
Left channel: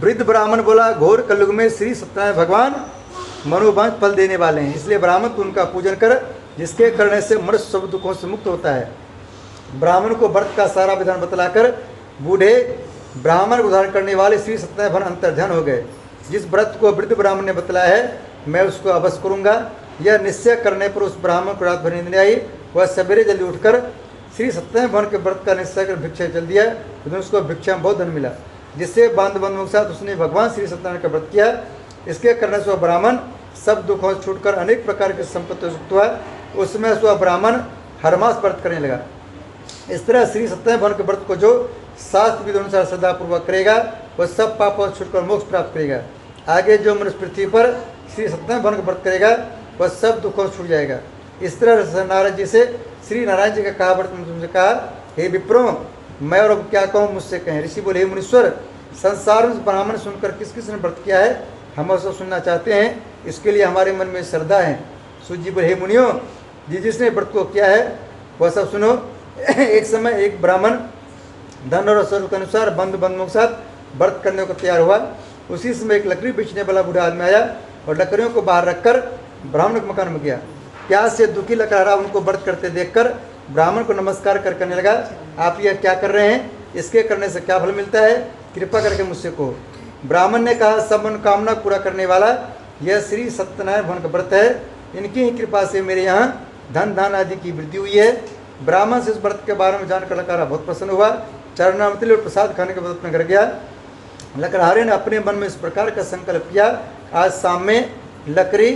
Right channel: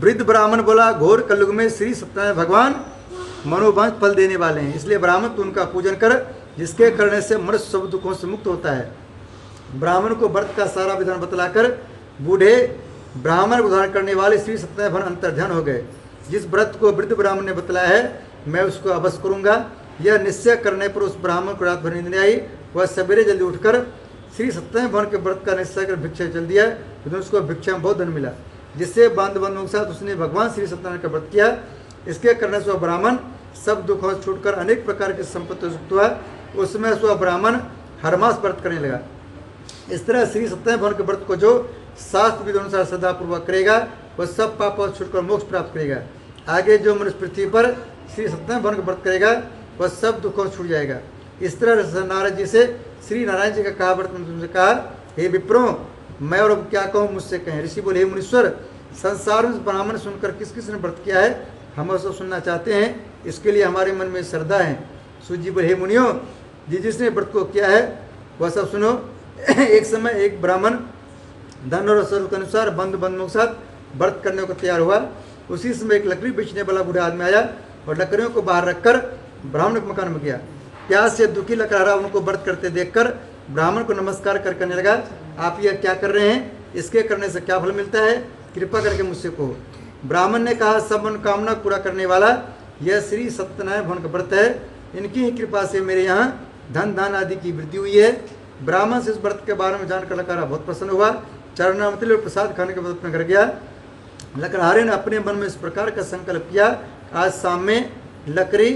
वृद्ध ब्राह्मण बोला, घोर कलयुग में श्री सत्यनारायण भगवान मनोवांछ फल देने वाले हैं, इसलिए ब्राह्मण तू उनका पूजन कर, जिसके करने से मनुष्य सब दुखों से मुक्त होता है। ब्राह्मण को व्रत का सारा विधान बतलाकर बूढ़े ब्राह्मण को धारण करने वाले श्री सत्यनारायण भगवान अंतर्ध्यान हो गए। जिस व्रत को वृद्ध ब्राह्मण ने बतलाया है, मैं उसको अवश्य करूंगा। यह निश्चय करने पर उस ब्राह्मण को रात भर नींद नहीं आई। वह सवेरे जल्दी उठकर श्री सत्यनारायण भगवान के व्रत का निश्चय कर भिक्षा चल दिया। उसको भिक्षा में बहुत धन मिला, जिससे बंधुओं के साथ उसने भगवान श्री सत्यनारायण का व्रत किया। इसके करने से वह ब्राह्मण सब दुखों से छूटकर अनेक प्रकार की संपत्ति युक्त हुआ। उसमें वह ब्राह्मण हर मास व्रत करने लगा। इस तरह श्री सत्यनारायण भगवान के व्रत को जो शास्त्र विधि अनुसार श्रद्धापूर्वक करेगा, वह सब पापों से छूटकर मोक्ष प्राप्त करेगा। आगे जो मनुष्य पृथ्वी पर श्री सत्यनारायण भगवान का व्रत करेगा, वह सब दुखों से छूट जाएगा। इस तरह नारद जी से श्री नारायण जी का कहा व्रत में तुमसे कहा, हे विप्रो, मैं और अब क्या कहूँ, मुझसे कहें। ऋषि बोले, हे मुनीश्वर, संसार में ब्राह्मण सुनकर किस किस ने व्रत किया है, हम सब सुनना चाहते हैं, इसके लिए हमारे मन में श्रद्धा है। सूर्य जी बोले, हे मुनियों, जिसने व्रत को किया है वह सब सुनो। एक समय एक ब्राह्मण धन और स्वरूप के अनुसार बंधुओं के साथ व्रत करने को तैयार हुआ। उसी समय एक लकड़ी बेचने वाला बूढ़ा आदमी आया और लकड़ियों को बाहर रखकर ब्राह्मण के मकान में गया। प्यास से दुखी लकड़हारा उनको व्रत करते देखकर ब्राह्मण को नमस्कार कर करने लगा, आप यह क्या कर रहे हैं? इसके करने से क्या फल मिलता है? कृपा करके मुझसे कहो। ब्राह्मण ने कहा, सब मनोकामना पूरा करने वाला यह श्री सत्यनारायण भगवान का व्रत है। इनकी ही कृपा से मेरे यहाँ धन दान आदि की वृद्धि हुई है। ब्राह्मण से इस व्रत के बारे में जानकर लकड़हारा बहुत प्रसन्न हुआ। चरणामृत और प्रसाद खाने के बाद अपने घर गया। लकड़हारे ने अपने मन में इस प्रकार का संकल्प किया, आज शाम में लकड़ी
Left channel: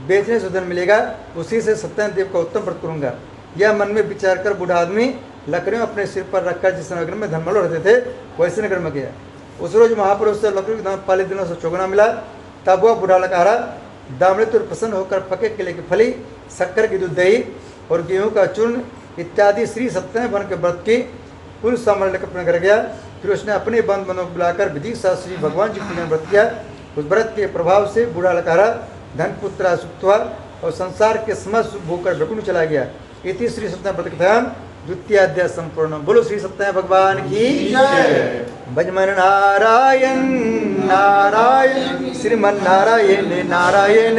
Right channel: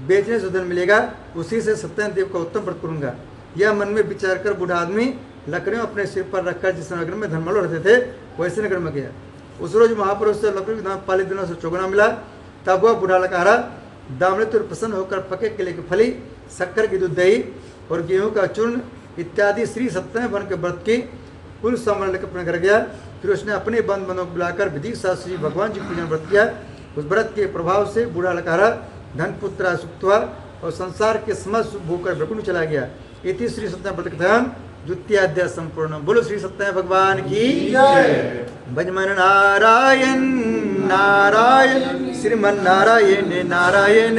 बेचने से धन मिलेगा, उसी से सत्यनारायण देव का उत्तम व्रत करूंगा। यह मन में विचार कर बूढ़ा आदमी लकड़ियों अपने सिर पर रखकर जिस नगर में धनमल रहते थे वैसे नगर में गया। उस रोज महापुरुष से लकड़ी के दाम पाले दिनों से चौगुना मिला। तब वह बूढ़ा लकड़हारा दामृत और प्रसन्न होकर पके केले की फली, शक्कर की दूध दही और गेहूं का चूर्ण इत्यादि श्री सत्यनारायण भगवान के व्रत की कुल सामान लेकर अपने घर गया। फिर उसने अपने बंधुओं को बुलाकर विधि शास्त्री भगवान जी पूजन व्रत किया। उस व्रत के प्रभाव से बूढ़ा लकड़हारा धन पुत्र सुख हुआ और संसार के समस्त भूकर वैकुंठ चला गया। इति श्री सत्यनारायण व्रत कथाम द्वितीय अध्याय संपूर्ण। बोलो श्री सत्यनारायण भगवान की जय। भजमन नारायण नारायण श्रीमन नारायण नारायण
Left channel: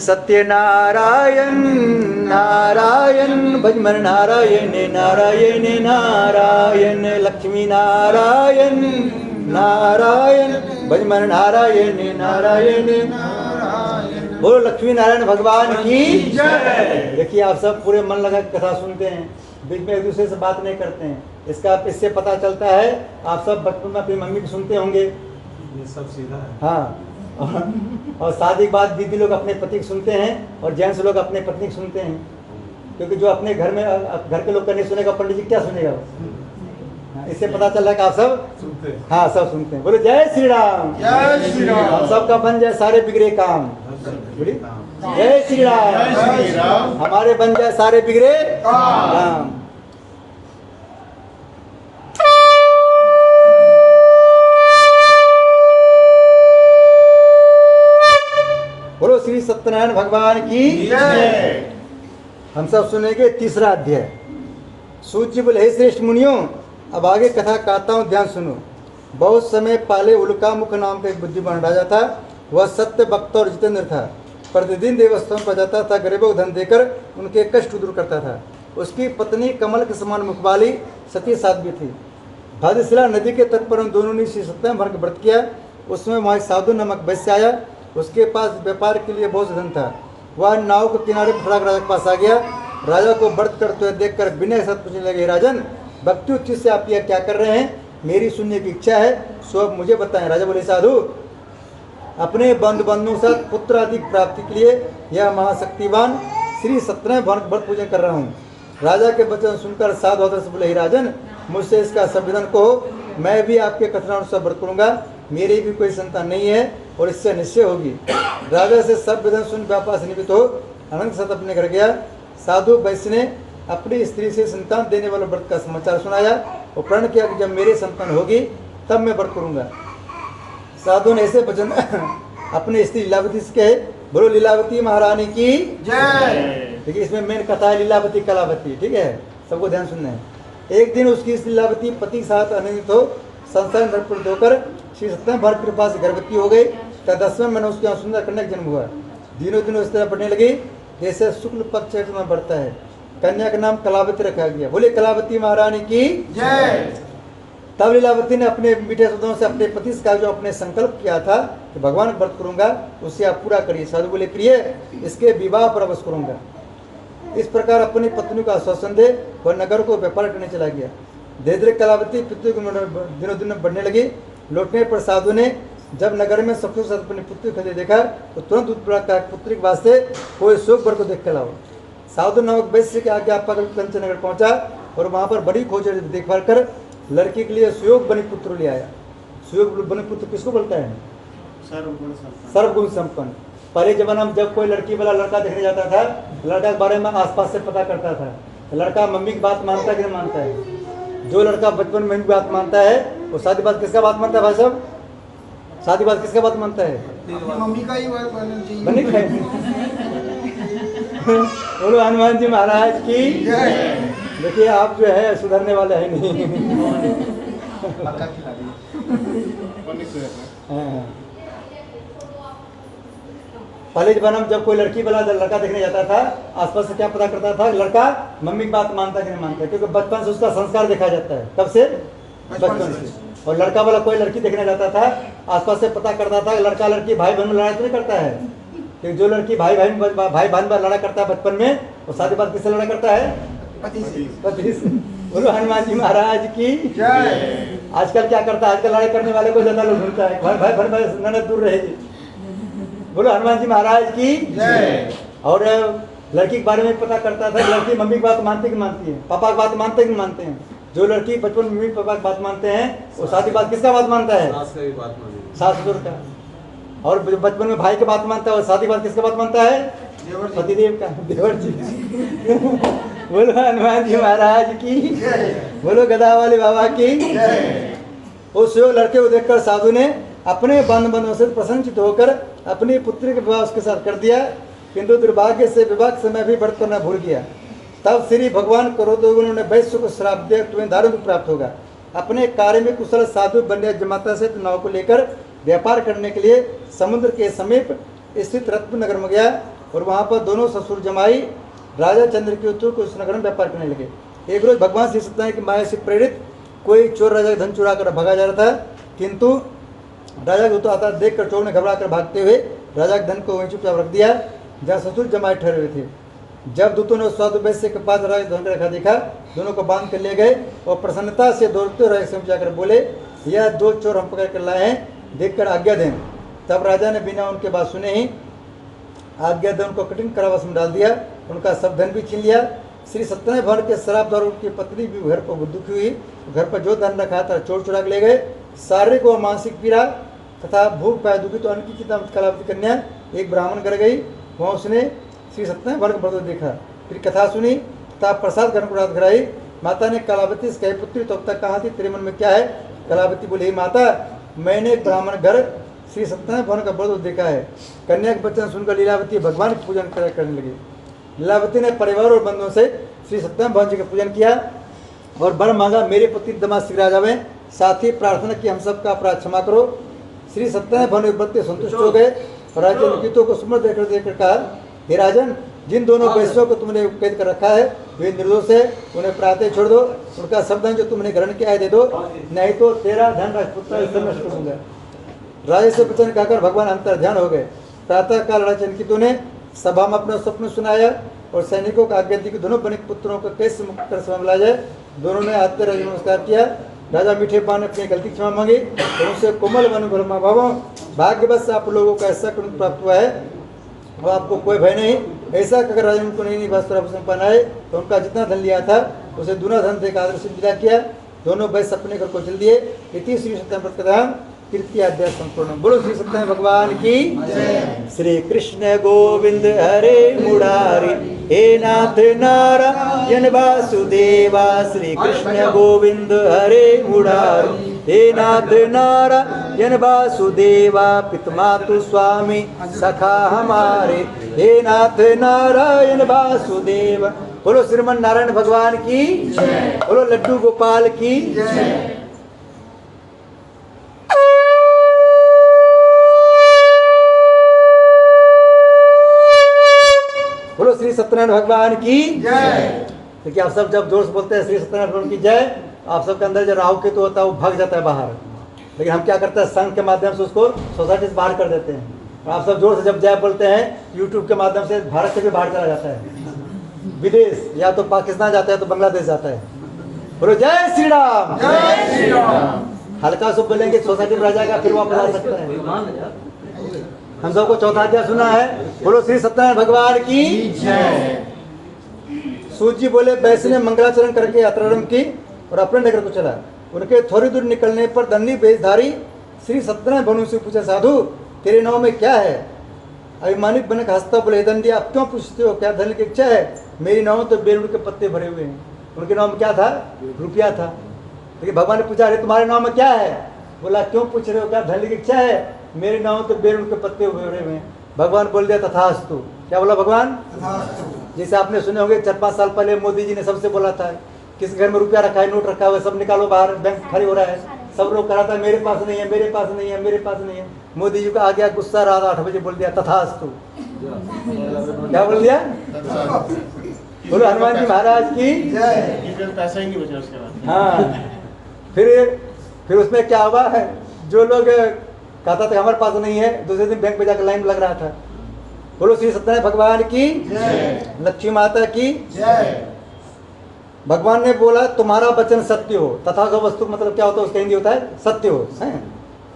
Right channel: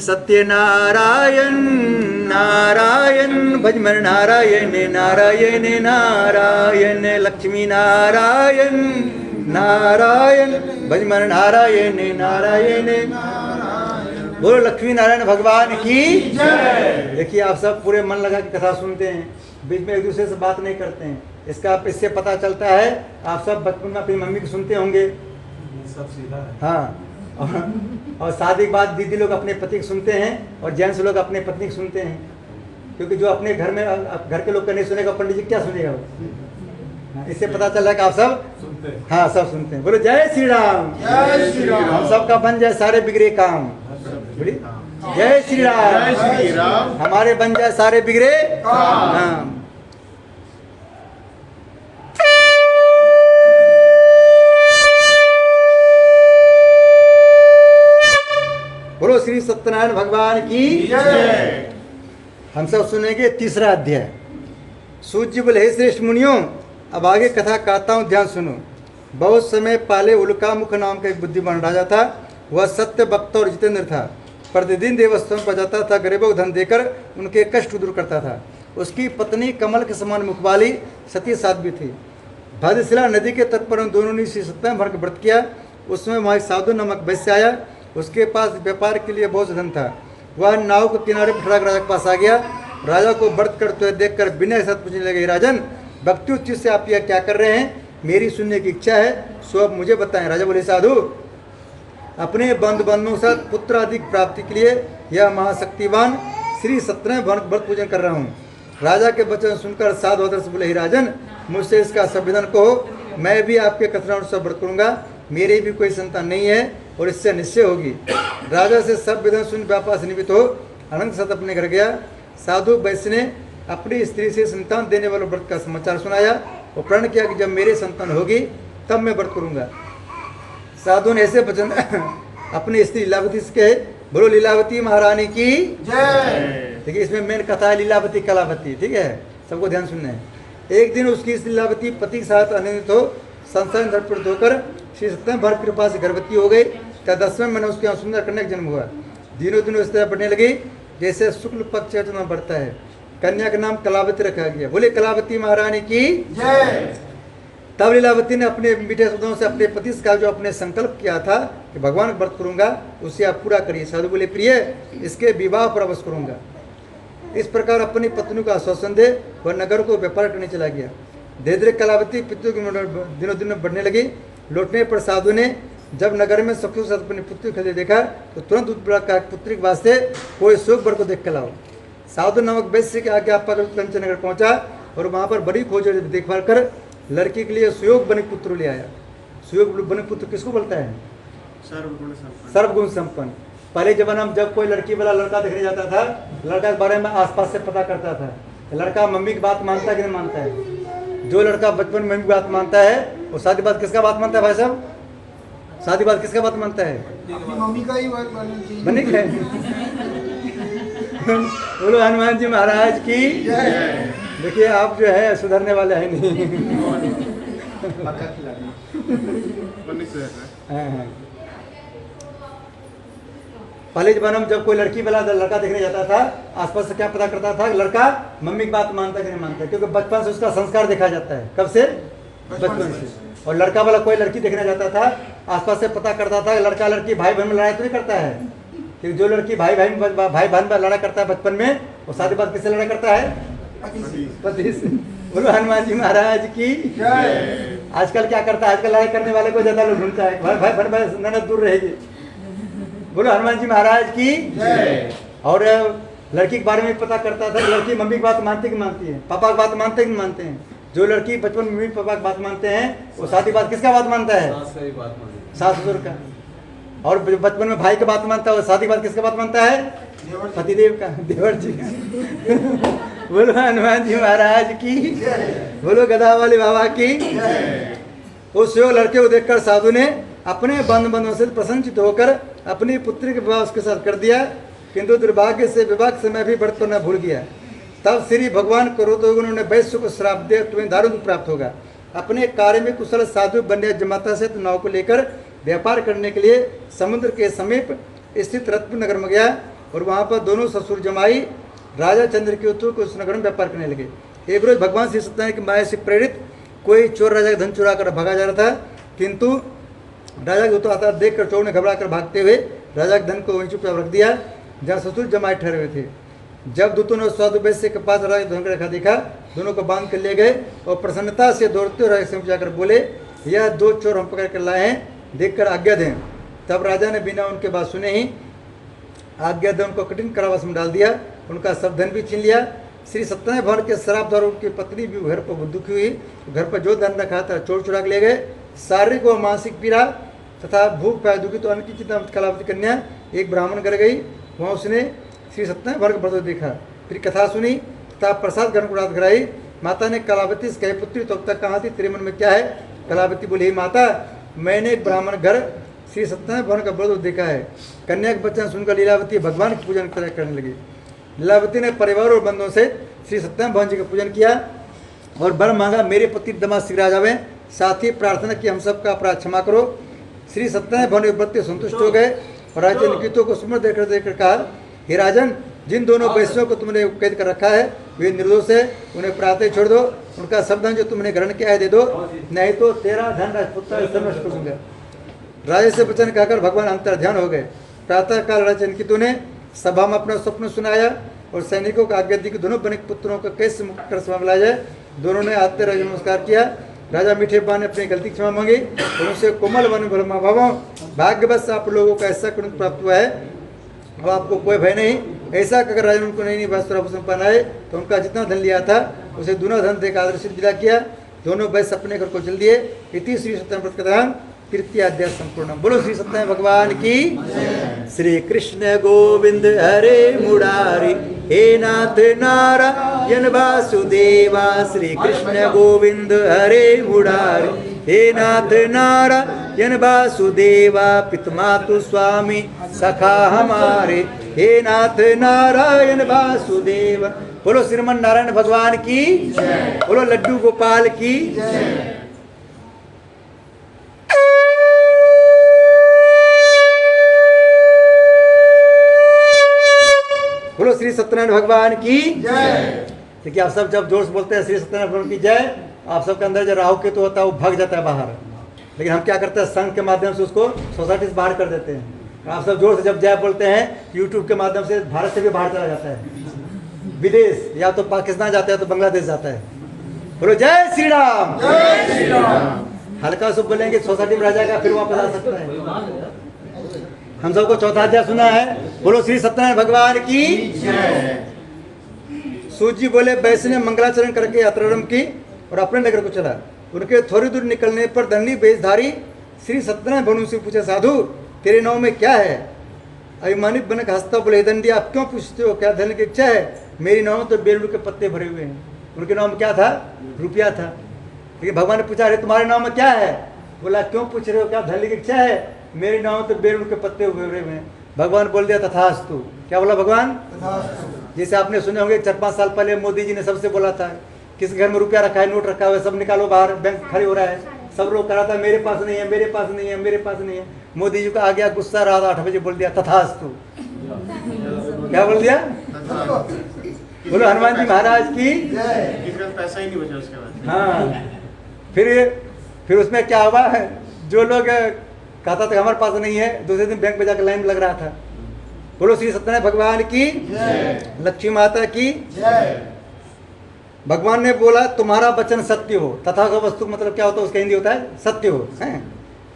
सत्यनारायण नारायण भजमन नारायण नारायण नारायण लक्ष्मी नारायण नारायण भजमन नारायण नारायण। बोलो लक्ष्मी नारायण भगवान की जय। देखिए आप सब पूरे मन लगा के कथा सुनते हैं, बीच में एक दूसरे से बात नहीं करते हैं। इससे पता चलता है आप सब बचपन में अपनी मम्मी को सुनते होंगे, ये सब सीधा है। हाँ। और शादी के बाद दीदी लोग अपने पति को सुनते हैं और जेंट्स लोग अपने पत्नी को सुनते हैं, क्योंकि जो अपने घर में घर के लोग का नहीं सुनेगा, पंडित जी क्या सुनेगा वो। इससे पता चल रहा है कि आप सब सुनते हैं। हाँ सब सुनते हैं। बोलो जय श्री राम। जय श्री राम। हम सबका बन जाए सारे बिगड़े काम। बोलिए जय श्री राम। जय श्री राम। हमारे बन जाए सारे बिगड़े काम। बोलो श्री सत्यनारायण भगवान की जय। हम सब सुनेंगे तीसरा अध्याय। सूर्य बोले, हे श्रेष्ठ मुनियों, अब आगे कथा कहता हूँ, ध्यान सुनो। बहुत समय पहले उल्कामुख नाम का एक बुद्धिमान राजा था। वह सत्य भक्त और जितेंद्र था। प्रतिदिन देवस्थान पर जाता था, गरीबों को धन देकर उनके कष्ट दूर करता था। उसकी पत्नी कमल के समान मुख वाली सती साध्वी थी। भाद्रशिला नदी के तट पर उन दोनों ने श्री सत्यनारायण भगवान का व्रत किया। उसमें वहाँ एक साधु नामक वैश्य आया। उसके पास व्यापार के लिए बहुत धन था। वह नाव के किनारे पर खड़ा राजा के पास आ गया। राजा को व्रत करते हुए देखकर विनय के साथ पूछने लगे, राजन, भक्ति उच्च से आप यह क्या कर रहे हैं? मेरी सुनने की इच्छा है, सो अब मुझे बताएं। राजा बोले, साधु अपने बंधु बंधुओं के साथ पुत्र आदि प्राप्ति के लिए यह महाशक्तिवान श्री सत्यनारायण भगवान का व्रत पूजन कर रहा हूँ। राजा के वचन सुनकर साधु आदर से बोले, हे राजन, मुझसे इसका संविधान कहो, मैं भी आपके कथनानुसार व्रत करूंगा। मेरी भी कोई संतान नहीं है और इससे निश्चय होगी। राजा से सब विधान सुन व्यापार से निमित्त हो अनंत सत अपने घर गया। साधु वैश्य ने अपनी स्त्री से संतान देने वाले व्रत का समाचार सुनाया और प्रण किया कि जब मेरी संतान होगी तब मैं व्रत करूंगा। साधु ने ऐसे वचन अपनी स्त्री लीलावती से कहे। बोलो लीलावती महारानी की जय। देखिए, इसमें मेन कथा है लीलावती कलावती, ठीक है, सबको ध्यान सुनना है। एक दिन उसकी लीलावती पति के साथ अनिंदित हो संसार दर्पण होकर श्री सत्यनारायण भर कृपा से गर्भवती हो गई। तब 10वें महीने उसके यहाँ सुंदर कन्या का जन्म हुआ। दिनों दिनों इस तरह बढ़ने लगी जैसे शुक्ल पक्ष में बढ़ता है। कन्या का नाम कलावती रखा गया। बोले कलावती महारानी की जय। तब लीलावती ने अपने मीठे शब्दों से अपने पति से कहा, जो अपने संकल्प किया था कि भगवान व्रत करूंगा उसे आप पूरा करिए। साधु बोले, प्रिय, इसके विवाह पर अवश्य करूंगा। इस प्रकार अपनी पत्नी को आश्वासन दे वह नगर को व्यापार करने चला गया। धीरे धीरे कलावती पितृ की दिनों दिन बढ़ने लगी। लौटने पर साधु ने जब नगर में सबके साथ अपनी पुत्री खरीदे देखा तो तुरंत उत्पीड़ा का पुत्री के वास्ते कोई शोक वर को देख कर लाओ। साधु नामक वैश्य के आज्ञा पाकर कंचन नगर पहुंचा और वहां पर बड़ी खोज देखभाल कर लड़की के लिए सुयोग बनी पुत्र ले आया। सुयोग बनी पुत्र किसको बोलता है? सर्वगुण संपन्न। पहले जमाना में जब कोई लड़की वाला लड़का देखने जाता था, लड़का के बारे में आसपास से पता करता था, लड़का मम्मी की बात मानता है कि नहीं मानता है। जो लड़का बचपन में मम्मी की बात मानता है वो शादी बात किसका बात मानता है? भाई साहब, शादी बात किसका बात मानता है? मम्मी का ही बात माननी चाहिए। बनी है। बोलो हनुमान जी महाराज की। देखिए, आप जो है सुधरने वाले हैं नहीं। मक्का खिला दी। हाँ। पहले जमाना में जब कोई लड़की वाला लड़का देखने जाता था, आसपास से क्या पता करता था, लड़का मम्मी की बात मानता कि नहीं मानता, क्योंकि बचपन से उसका संस्कार देखा जाता है। कब से? बचपन से। और लड़का वाला कोई लड़की देखने जाता था, आसपास से पता करता था, लड़का लड़की भाई बहन में लड़ाई तो नहीं करता है, कि जो लड़की भाई बहन में लड़ा करता है बचपन में, वो शादी बाद किससे लड़ा करता है? पति से। बोलो हनुमान जी महाराज की। आजकल क्या करता है? आजकल लड़ाई करने वाले को ज्यादा लोग ढूंढता है, भाई बहन ननद दूर रहेगी। बोलो हनुमान जी महाराज की। और लड़की के बारे में पता करता था, लड़की मम्मी की बात मानती कि मानती है, पापा की बात मानते कि मानते हैं। जो लड़की बचपन में मम्मी पापा की बात मानते हैं वो शादी बात किसका बात मानता है? सास ससुर का। और बचपन में भाई की बात मानता है वो शादी बात किसका बात मानता है? पतिदेव का, देवर जी का। बोलो हनुमान जी महाराज की। बोलो गदा वाले बाबा की। उस लड़के को देखकर साधु ने अपने बंधु से प्रसन्नचित होकर अपनी पुत्री के विवाह उसके साथ कर दिया, किंतु दुर्भाग्य से विवाह के समय भी व्रत करना भूल गया। तब श्री भगवान क्रोध हो उन्होंने वैश्य को श्राप दिया, तुम्हें दारू प्राप्त होगा। अपने कार्य में कुशल साधु बन्या जमाता से नाव को लेकर व्यापार करने के लिए समुद्र के समीप स्थित रत्न नगर में गया और वहाँ पर दोनों ससुर जमाई राजा चंद्रकेतु को उस नगर में व्यापार करने लगे। एक रोज भगवान श्री सत्यनारायण की माया से प्रेरित कोई चोर राजा का धन चुरा कर भागा जा रहा था, किंतु राजा को तो आता देख कर चोर ने घबरा कर भागते हुए राजा के धन को वहीं चुपचाप रख दिया जहाँ ससुर जमाए ठहरे हुए थे। जब दूतों ने साधु वैश्य के पास राजा धन का रखा देखा, दोनों को बांध कर ले गए और प्रसन्नता से दौड़ते हुए राजा से जाकर बोले, यह दो चोर हम पकड़ कर लाए हैं, देखकर आज्ञा दें। तब राजा ने बिना उनके बात सुने ही आज्ञा दें उनको कठिन कारावास में डाल दिया, उनका सब धन भी छीन लिया। श्री सत्यनारायण भगवान के शराब दारू की पत्नी भी घर पर दुखी हुई, घर पर जो धन रखा था चोर चुरा के ले गए। शारीरिक व मानसिक पीड़ा तथा भूख पाया दुखी तो अन्न की चिंता कलावती कन्या एक ब्राह्मण घर गई, वहाँ उसने श्री सत्यनारायण भगवान का व्रत देखा, फिर कथा सुनी तथा प्रसाद ग्रहण को रात कराई। माता ने कलावती से कही, पुत्री तो अब तक कहाँ थी, तेरे मन में क्या है? कलावती बोली, माता मैंने एक ब्राह्मण घर श्री सत्यनारायण भगवान का व्रत देखा है। कन्या के वचन सुनकर लीलावती भगवान की पूजन करने लगी। लीलावती ने परिवार और बंधुओं से श्री सत्यनारायण भगवान जी का पूजन किया और वर मांगा, मेरे पति दमाद शीघ्र आ जावे। साथ ही प्रार्थना की, हम सबका अपराध क्षमा करो। श्री सत्यनारायण भगवान के व्रत से संतुष्ट हो गए और राजा निकितों को सुमर देकर कहा, हे राजन, जिन दोनों वैश्यों को तुमने कैद कर रखा है वे निर्दोष है, उन्हें प्रातः छोड़ दो, उनका सब धन जो तुमने ग्रहण किया है दे दो, नहीं तो तेरा धन राजपुत्र नष्ट कर दूंगा। राजा से वचन कहकर भगवान अंतर ध्यान हो गए। प्रातः काल राजा निकितों ने सभा में अपना स्वप्न सुनाया और सैनिकों को आज्ञा दी कि दोनों बनिक पुत्रों को कैसे मुक्त कर समय मिलाया जाए। दोनों ने आते राज नमस्कार किया राजा मीठे पान ने अपनी गलती क्षमा मांगी और उनसे कोमल वन ब्रह्मा भावों भाग्यवश आप लोगों को ऐसा गुण प्राप्त हुआ है और आपको कोई भय नहीं। ऐसा अगर राजा उनको नहीं वस्त्र पहनाए तो उनका जितना धन लिया था उसे दोनों धन देकर आदर्शित विदा किया। दोनों वैश्य अपने घर को चल दिए। इति श्री सत्यनारायण कथाम तृतीय अध्याय संपूर्ण। बोलो श्री सत्यनारायण भगवान की। श्री कृष्ण गोविंद हरे मुरारी हे नाथ नारायण वासुदेवा। श्री कृष्ण गोविंद हरे मुरारी हे नाथ नारायण वासुदेवा। पितमातु स्वामी सखा हमारे हे नाथ नारायण वासुदेवा। बोलो श्रीमन नारायण भगवान की। बोलो लड्डू गोपाल की। बोलो श्री सत्यनारायण भगवान की जय। देखिए आप सब जब जोर से बोलते हैं श्री सत्यनारायण भगवान की जय, आप सबके अंदर जो राहु केतु होता है वो भाग जाता है बाहर। लेकिन हम क्या करते हैं, संघ के माध्यम से उसको सोसाइटी से बाहर कर देते हैं। आप सब जोर से जब जय बोलते हैं यूट्यूब के माध्यम से भारत से भी बाहर चला जाता है, विदेश या तो पाकिस्तान जाता है तो बांग्लादेश जाता है। बोलो जय श्री राम। जय श्री राम। हल्का से बोलेंगे सोसाइटी में रह जाएगा, फिर वापस आ सकता है। हम सबको चौथा अध्याय सुना है। बोलो श्री सत्यनारायण भगवान की जय। सूत जी बोले वैश्य ने मंगलाचरण करके यात्रारंभ की और अपने नगर को चला। उनके थोड़ी दूर निकलने पर दंडी वेशधारी श्री सत्यनारायण भनु से पूछा, साधु तेरे नाव में क्या है? अभिमानित बनक हंसता बोले, दंडी आप क्यों पूछते हो, क्या धन की इच्छा है? मेरी नाव में तो बेलूड़ के पत्ते भरे हुए हैं। उनके नाव में क्या था? रुपया था। लेकिन भगवान ने पूछा, अरे तुम्हारे नाव में क्या है? बोला क्यों पूछ रहे हो, क्या धन की इच्छा है? मेरे नाव तो बेलूड़ के पत्ते भरे हुए हैं। भगवान बोल दिया तथास्तु। क्या बोला भगवान? जैसे आपने सुने होंगे 4-5 साल पहले मोदी जी ने सबसे बोला था, किस घर में रुपया रखा है, नोट रखा है, सब निकालो बाहर, बैंक खाली हो रहा है। सब लोग करा था मेरे पास नहीं है, मेरे पास नहीं है, मेरे पास नहीं है। मोदी जी का आ गया गुस्सा, रात 8 बजे बोल दिया तथास्तु। क्या बोल दिया? बोलो हनुमान जी महाराज की जय। पैसा ही नहीं बचा उसके बाद। हाँ, फिर उसमें क्या हुआ है, जो लोग कहता था हमारे पास नहीं है, दूसरे दिन बैंक में जाकर लाइन में लग रहा था। बोलो श्री सत्यनारायण भगवान की जय। लक्ष्मी माता की जय। भगवान ने बोला तुम्हारा वचन सत्य हो। तथा का वस्तु मतलब क्या होता है, उसका हिंदी होता है सत्य हो।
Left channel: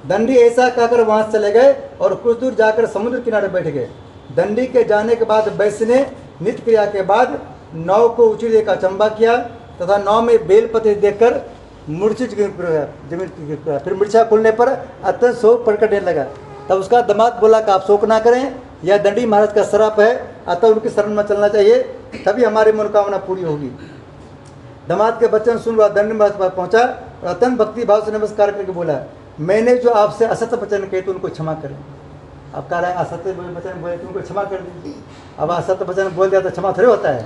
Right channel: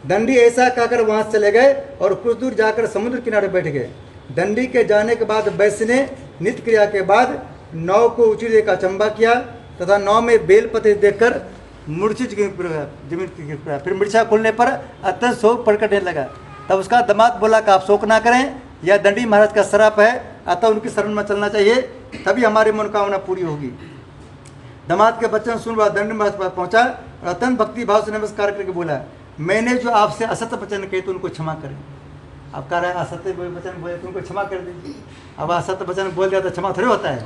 दंडी ऐसा कहकर वहां से चले गए और कुछ दूर जाकर समुद्र किनारे बैठ गए। दंडी के जाने के बाद वैश्य ने नित्य क्रिया के बाद नाव को ऊंची देखा, अचंबा किया तथा नाव में बेलपत्र देखकर मूर्छित जमीन गिर पड़ा। फिर मूर्छा खुलने पर अत्यंत शोक प्रकटने लगा। तब उसका दामाद बोला कि आप शोक ना करें, यह दंडी महाराज का श्राप है, अतः उनकी शरण में चलना चाहिए, तभी हमारी मनोकामना पूरी होगी। दामाद के वचन सुन वह दंडी महाराज पास पहुंचा और अत्यंत भक्ति भाव से नमस्कार करके बोला, मैंने जो आपसे असत्य वचन कहे तो उनको क्षमा करें। अब कह रहा है असत्य वचन बोले तो उनको क्षमा कर दीजिए। अब असत्य वचन बोल दिया तो क्षमा थोड़े होता है।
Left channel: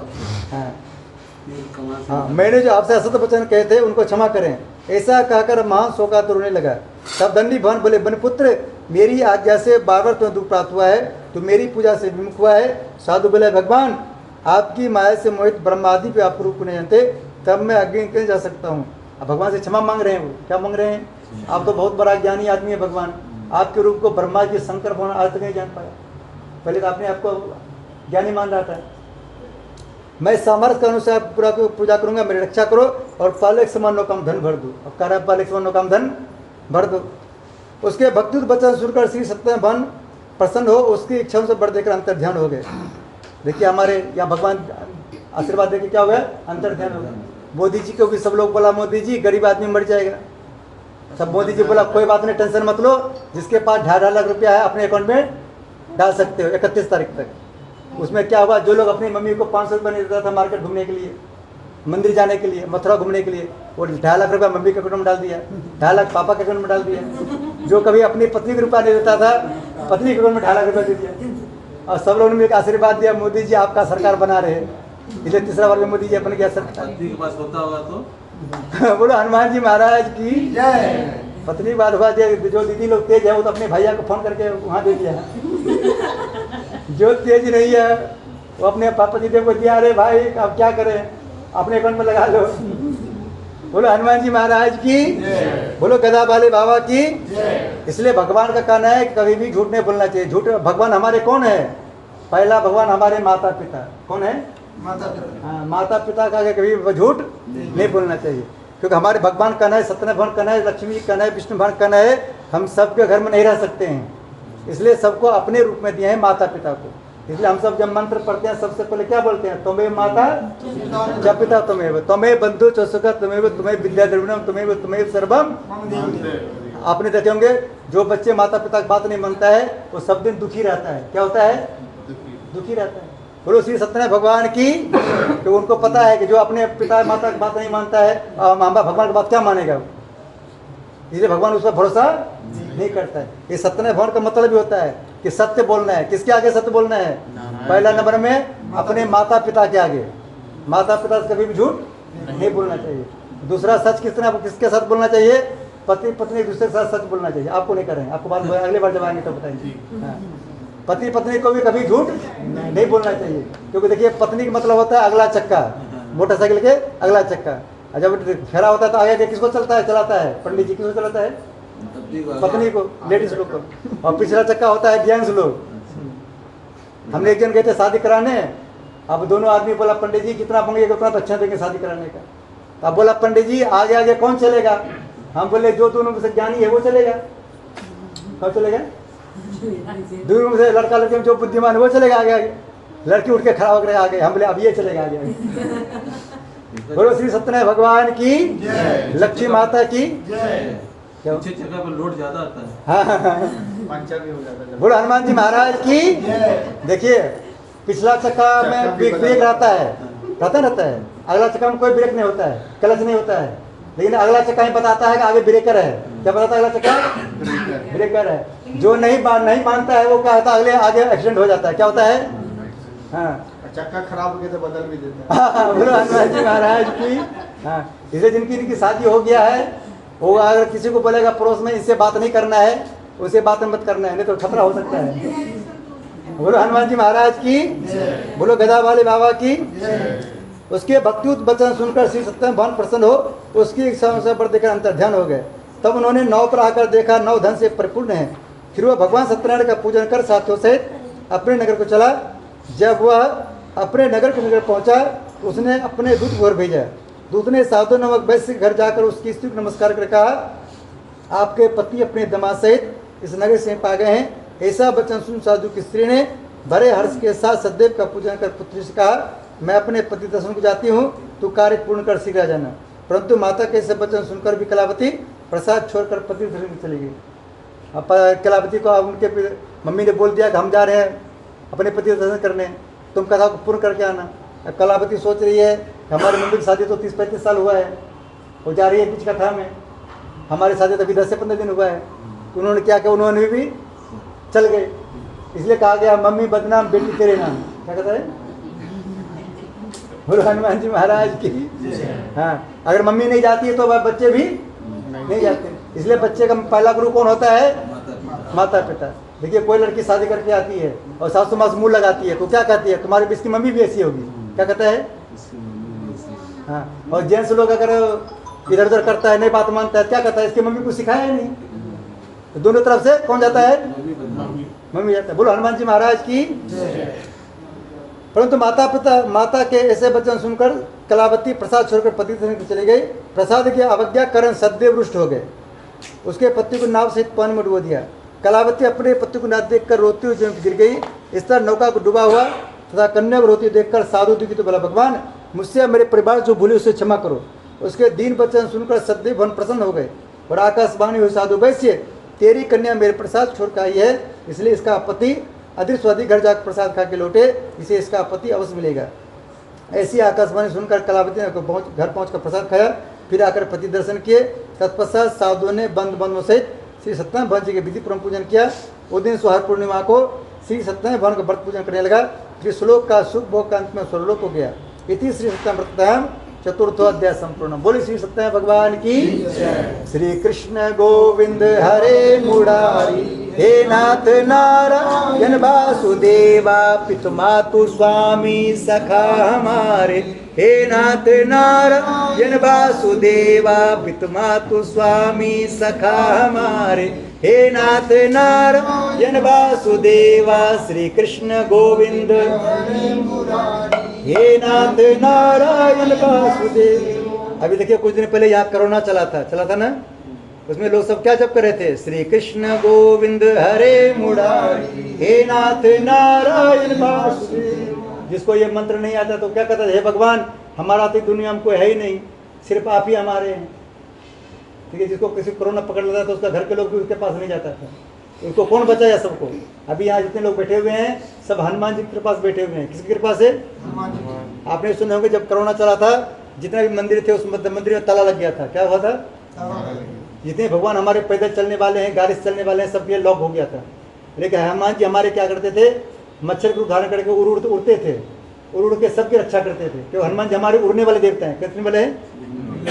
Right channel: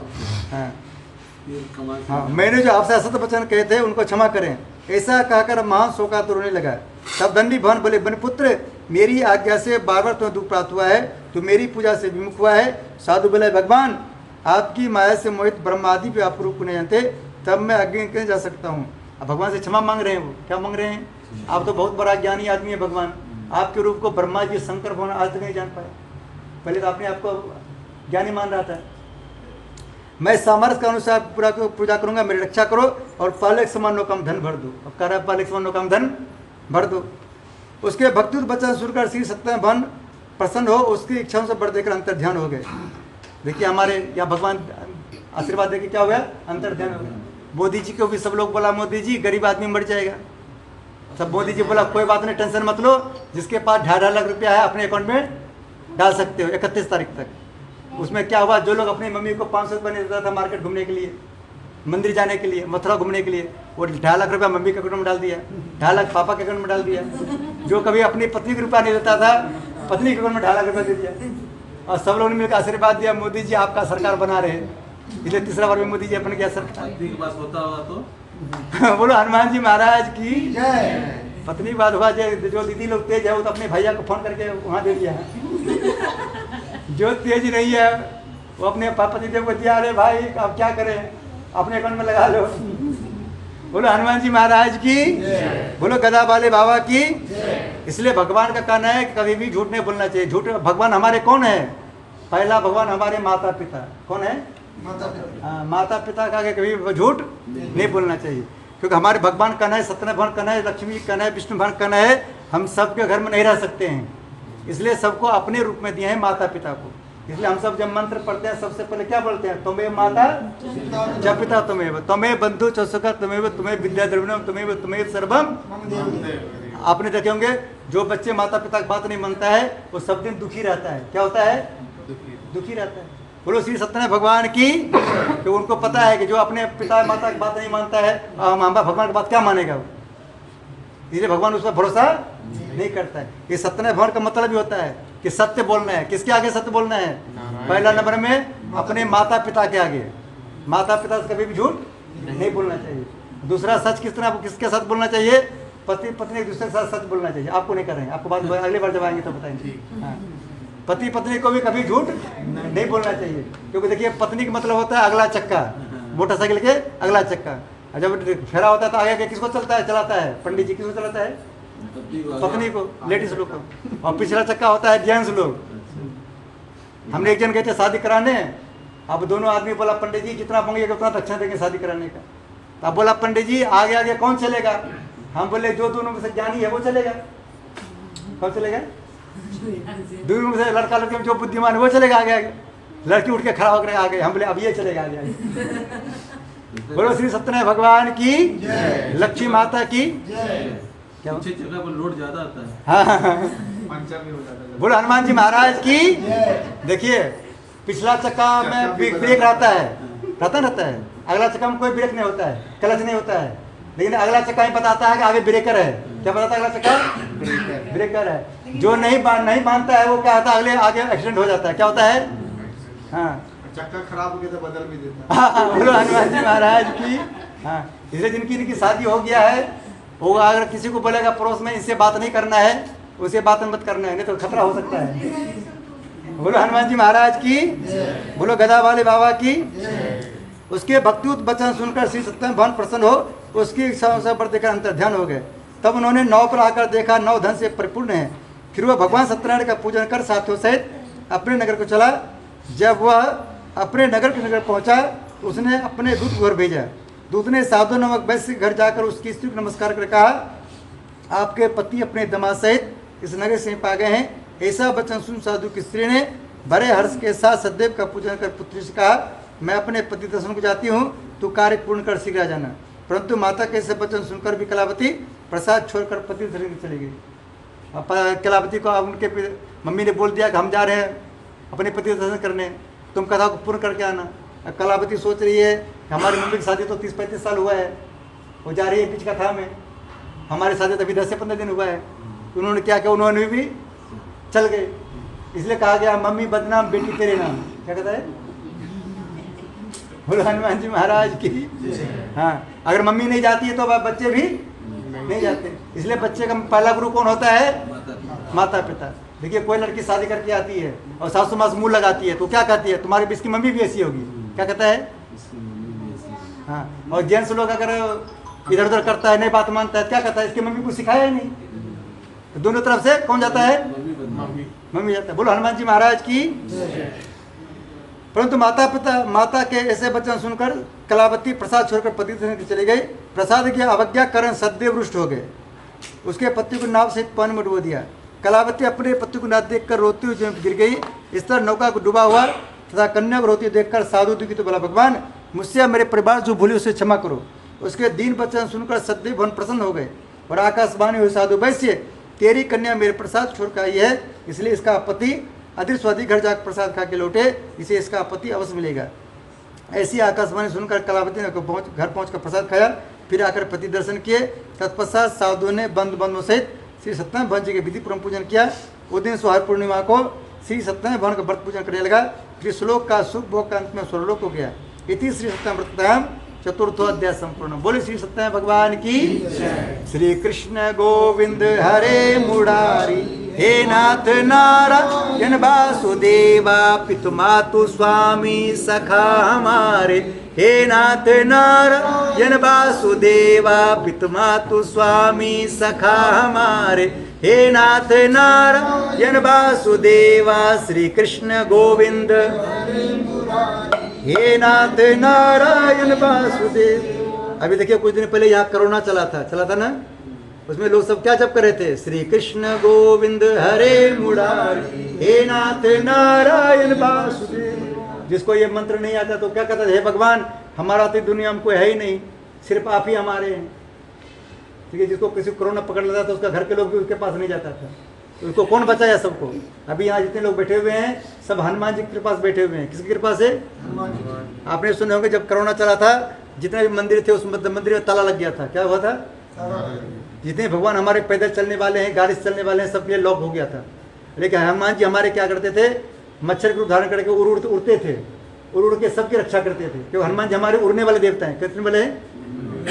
हाँ, मैंने जो आपसे असत्य वचन कहे थे उनको क्षमा करें। ऐसा कहकर महान शोकातुर रोने लगा। तब दंडी भवन बोले, बनिपुत्र मेरी आज्ञा से बार-बार तुम्हें दुख प्राप्त हुआ है, तो मेरी पूजा से विमुख हुआ है। साधु बोले, भगवान आपकी माया से मोहित ब्रह्मादि पे आप रूप नहीं जानते, तब मैं आगे कैसे जा सकता हूँ। अब भगवान से क्षमा मांग रहे हैं। वो क्या मांग रहे हैं? आप तो बहुत बड़ा ज्ञानी आदमी है भगवान, आपके रूप को ब्रह्मा जी शंकर भगवान आज तक नहीं जान पाया। पहले तो आपने आपको ज्ञानी मान रहा था। मैं सामर्थ्य के अनुसार पूरा पूजा करूंगा, मेरी रक्षा करो और पाले के समान काम धन भर दो। अब कह रहा है पाले के समान काम धन भर दो। उसके भक्ति वचन सुनकर श्री सत्यनारायण भगवान प्रसन्न हो, उसकी इच्छाओं से बढ़ देकर अंतर ध्यान हो गए। देखिए हमारे यहाँ भगवान आशीर्वाद देके क्या हो गया, अंतर ध्यान हो गया। मोदी जी को भी सब लोग बोला, मोदी जी गरीब आदमी मर जाएगा। सब मोदी जी बोला कोई बात नहीं, टेंशन मत लो, जिसके पास 2.5 लाख रुपया है अपने अकाउंट में डाल सकते हो 31 तारीख तक। उसमें क्या हुआ, जो लोग अपनी मम्मी को 500 रुपये नहीं देता था मार्केट घूमने के लिए, मंदिर जाने के लिए, मथुरा घूमने के लिए, वो 2.5 लाख रुपया मम्मी के अकाउंट में डाल दिया, 2.5 लाख पापा के अकाउंट में डाल दिया। जो कभी अपनी पत्नी को रुपया नहीं देता था, पत्नी के अकाउंट में 2.5 लाख रुपया दे दिया। और सब लोगों ने मिलकर आशीर्वाद दिया, मोदी जी आपका सरकार बना रहे हैं। इसलिए तीसरा बार में मोदी जी अपन क्या सरकार पत्नी के पास होता होगा तो बोलो हनुमान जी महाराज की जय। पत्नी की बात हुआ, जो दीदी लोग तेज है वो तो अपने भैया को फोन करके वहाँ दे दिया। जो तेज नहीं है वो अपने पापा जी को दिया, अरे भाई अब क्या करें, अपने अकाउंट में लगा लो। बोलो हनुमान जी महाराज की, बोलो गदा वाले बाबा की। इसलिए भगवान का कहना है कि कभी भी झूठ नहीं बोलना चाहिए। झूठ, भगवान हमारे कौन है? पहला भगवान हमारे माता पिता। कौन है? माता पिता। हाँ, माता पिता का कभी झूठ नहीं बोलना चाहिए। क्योंकि हमारे भगवान कन है, सत्यनारायण भगवान कन है, लक्ष्मी कन है, विष्णु भगवान कन है, हम सबके घर में नहीं रह सकते हैं, इसलिए सबको अपने रूप में दिए हैं माता पिता को। इसलिए हम सब जब मंत्र पढ़ते हैं सबसे पहले क्या बोलते हैं, तुम्हें माता जब पिता तुम्हें बंधु चौसुका तुम्हें विद्या द्रविणम तुम्हें सर्वम। आपने देखे होंगे जो बच्चे माता पिता की बात नहीं मानता है वो सब दिन दुखी रहता है। क्या होता है, दुखी रहता है। बोलो श्री सत्यनारायण भगवान की, तो उनको पता है कि जो अपने पिता माता की बात नहीं मानता है भगवान की बात क्या मानेगा, इसलिए भगवान उस पर भरोसा नहीं करता है। ये सत्यनारायण भगवान का मतलब भी होता है कि सत्य बोलना है। किसके आगे सत्य बोलना है, पहला नंबर में अपने माता पिता के आगे, माता पिता से कभी भी झूठ नहीं बोलना चाहिए। दूसरा सच किसके साथ बोलना चाहिए, पति पत्नी एक दूसरे के साथ सच बोलना चाहिए। आपको नहीं करेंगे, आपको बात अगली बार जब आएंगे तो बताएंगे। पति पत्नी को भी कभी झूठ नहीं बोलना चाहिए, क्योंकि देखिए पत्नी का मतलब होता है अगला चक्का, मोटरसाइकिल के अगला चक्का। जब फेरा होता है तो आगे किसको चलाता है, पंडित जी किसको चलाता है, पत्नी को, लेडीज लोग को, और पिछला चक्का होता है जेंट्स लोग। हमने एक जन गए थे शादी कराने, अब दोनों आदमी बोला पंडित जी जितना मांगेगा उतना तो अच्छा देंगे शादी कराने का। अब बोला पंडित जी आगे आगे कौन चलेगा, हम बोले जो दोनों में से ज्ञानी है वो चलेगा। कौन चलेगा, दोनों में से लड़का लड़के में जो बुद्धिमान है वो चलेगा आगे आगे। लड़की उठ के खड़ा होकर आगे, हम बोले अब ये चलेगा आगे आगे। बोलो श्री सत्यनारायण भगवान की, लक्ष्मी माता की। पीछे जगह पर लोड ज्यादा आता है, हाँ, पंचर भी हो जाता है। बोलो हनुमान जी महाराज की। देखिए पिछला चक्का में ब्रेक रहता है, रहता है। अगला चक्का में कोई ब्रेक नहीं होता है, क्लच नहीं होता है, लेकिन अगला चक्का ही बताता है कि आगे ब्रेकर है। क्या बताता है अगला चक्का, ब्रेकर है। जो नहीं बांधता है वो क्या होता है, अगले आगे एक्सीडेंट हो जाता है। क्या होता है, हाँ चक्का खराब हो गया तो बदल भी देता है। बोलो हनुमान जी महाराज की। हाँ, इसलिए जिनकी शादी हो गया है वो अगर किसी को बोलेगा पड़ोस में इससे बात नहीं करना है, उसे बात मत करना है, नहीं तो खतरा हो सकता है। बोलो हनुमान जी महाराज की, बोलो गदा वाले बाबा की। उसके भक्तियुत वचन सुनकर श्री सत्यनारायण भगवान प्रसन्न हो, उसकी इच्छा पर देखकर अंतर ध्यान हो गए। तब उन्होंने नौ पर आकर देखा नौ धन से परिपूर्ण है। फिर वह भगवान सत्यनारायण का पूजन कर साथियों सहित अपने नगर को चला। जब वह अपने नगर के नगर पहुंचा उसने अपने दूत को भेजा। दूत ने साधु नामक वैश्य के घर जाकर उसकी स्त्री को नमस्कार कर कहा, आपके पति अपने दामाद सहित इस नगर से पा गए हैं। ऐसा वचन सुन साधु की स्त्री ने बड़े हर्ष के साथ सदैव का पूजन कर पुत्री से कहा, मैं अपने पति दर्शन को जाती हूँ, तू कार्य पूर्ण कर शीघ्र आ जाना। परंतु माता के ऐसे वचन सुनकर भी कलावती प्रसाद छोड़कर पति दर्शन को चली गई। अब कलावती को उनके मम्मी ने बोल दिया कि हम जा रहे हैं अपने पति दर्शन करने, तुम कथा को पूर्ण करके आना। अब कलावती सोच रही है कि हमारी मम्मी की शादी तो 30-35 साल हुआ है, वो जा रही है बीच कथा में, हमारी शादी तो अभी 10 से 15 दिन हुआ है। तो उन्होंने क्या किया, उन्होंने भी चल गए। इसलिए कहा गया मम्मी बदनाम बेटी तेरे नाम। क्या कहता है, बोलो हनुमान जी महाराज की। हाँ, अगर मम्मी नहीं जाती है तो बच्चे भी नहीं जाते। इसलिए बच्चे का पहला गुरु कौन होता है, माता पिता। देखिए कोई लड़की शादी करके आती है और सासू माँ से मुंह लगाती है तो क्या कहती है, तुम्हारी इसकी मम्मी भी ऐसी होगी। क्या कहता है, हाँ। और जेंट्स लोग अगर इधर उधर करता है, नहीं बात मानता है, क्या कहता है, इसकी मम्मी को सिखाया है नहीं। तो दोनों तरफ से कौन जाता है, मम्मी जाता है। बोलो हनुमान जी महाराज की। परंतु माता के ऐसे वचन सुनकर कलावती प्रसाद छोड़कर पति से चली गई। प्रसाद की अवज्ञा कारण सदैव रुष्ट हो गए। उसके पति को नाव सहित पानी में डुबो दिया। कलावती अपने पति को न देखकर रोती हुई गिर गई। इस तरह नौका को डूबा हुआ तथा कन्या को रोती देखकर साधु दुखी तो बोला, भगवान मुझसे मेरे परिवार जो भूले उसे क्षमा करो। उसके दीन वचन सुनकर सदैव भगवान प्रसन्न हो गए और आकाशवाणी हुई, साधु वैश्य तेरी कन्या मेरे प्रसाद छोड़कर आई है, इसलिए इसका पति अधिस्वादी घर जाकर प्रसाद खा के लौटे, इसे इसका पति अवश्य मिलेगा। ऐसी आकाशवाणी सुनकर कलावती ने घर पहुंचकर प्रसाद खाया, फिर आकर पति दर्शन किए। तत्पश्चात साधुओं ने बंधु सहित श्री सत्यनारायण भगवान जी के विधि पूर्वक पूजन किया। उस दिन सोहार पूर्णिमा को श्री सत्यनारायण भगवान का व्रत पूजन करने लगा। फिर श्लोक का सुख भोग का अंत में स्वर्लोक हो गया। इति श्री सत्यनारायण व्रतायाम चतुर्थो अध्याय संपूर्ण। बोले श्री सत्यनारायण भगवान की। श्री कृष्ण गोविंद हरे मुरारी, हे नाथ नारायण वासुदेवा पितु मातु स्वामी सखा हमारे। हे नाथ नारायण वासुदेवा पितु मातु स्वामी सखा हमारे। हे नाथ नारायण वासुदेवा श्री कृष्ण गोविंद, हे नाथ नारायण वासुदेव। अभी देखिए कुछ दिन पहले यहाँ कोरोना चला था ना, उसमें लोग सब क्या जप कर रहे थे, श्री कृष्ण गोविंद हरे मुरारी हे नाथ नारायण वासुदेव। जिसको ये मंत्र नहीं आता तो क्या कहता है, हे भगवान हमारा तो दुनिया में कोई है ही नहीं, सिर्फ आप ही हमारे हैं। ठीक है, जिसको किसी कोरोना पकड़ लेता था उसका घर के लोग भी उसके पास नहीं जाता था, तो उसको कौन बचाया सबको। अभी यहाँ जितने लोग बैठे हुए हैं सब हनुमान जी के पास बैठे हुए हैं। किसकी कृपा से? आपने सुने होंगे जब कोरोना चला था जितने भी मंदिर थे उस मंदिर में ताला लग गया था। क्या हुआ था? जितने भगवान हमारे पैदल चलने वाले हैं, गाड़ी से चलने वाले हैं, सब ये लॉक हो गया था। लेकिन हनुमान जी हमारे क्या करते थे, मच्छर के रूप धारण करके उड़ते थे, उड़ के सबकी रक्षा करते थे। क्यों? हनुमान जी हमारे उड़ने वाले देवता हैं। कितने वाले हैं?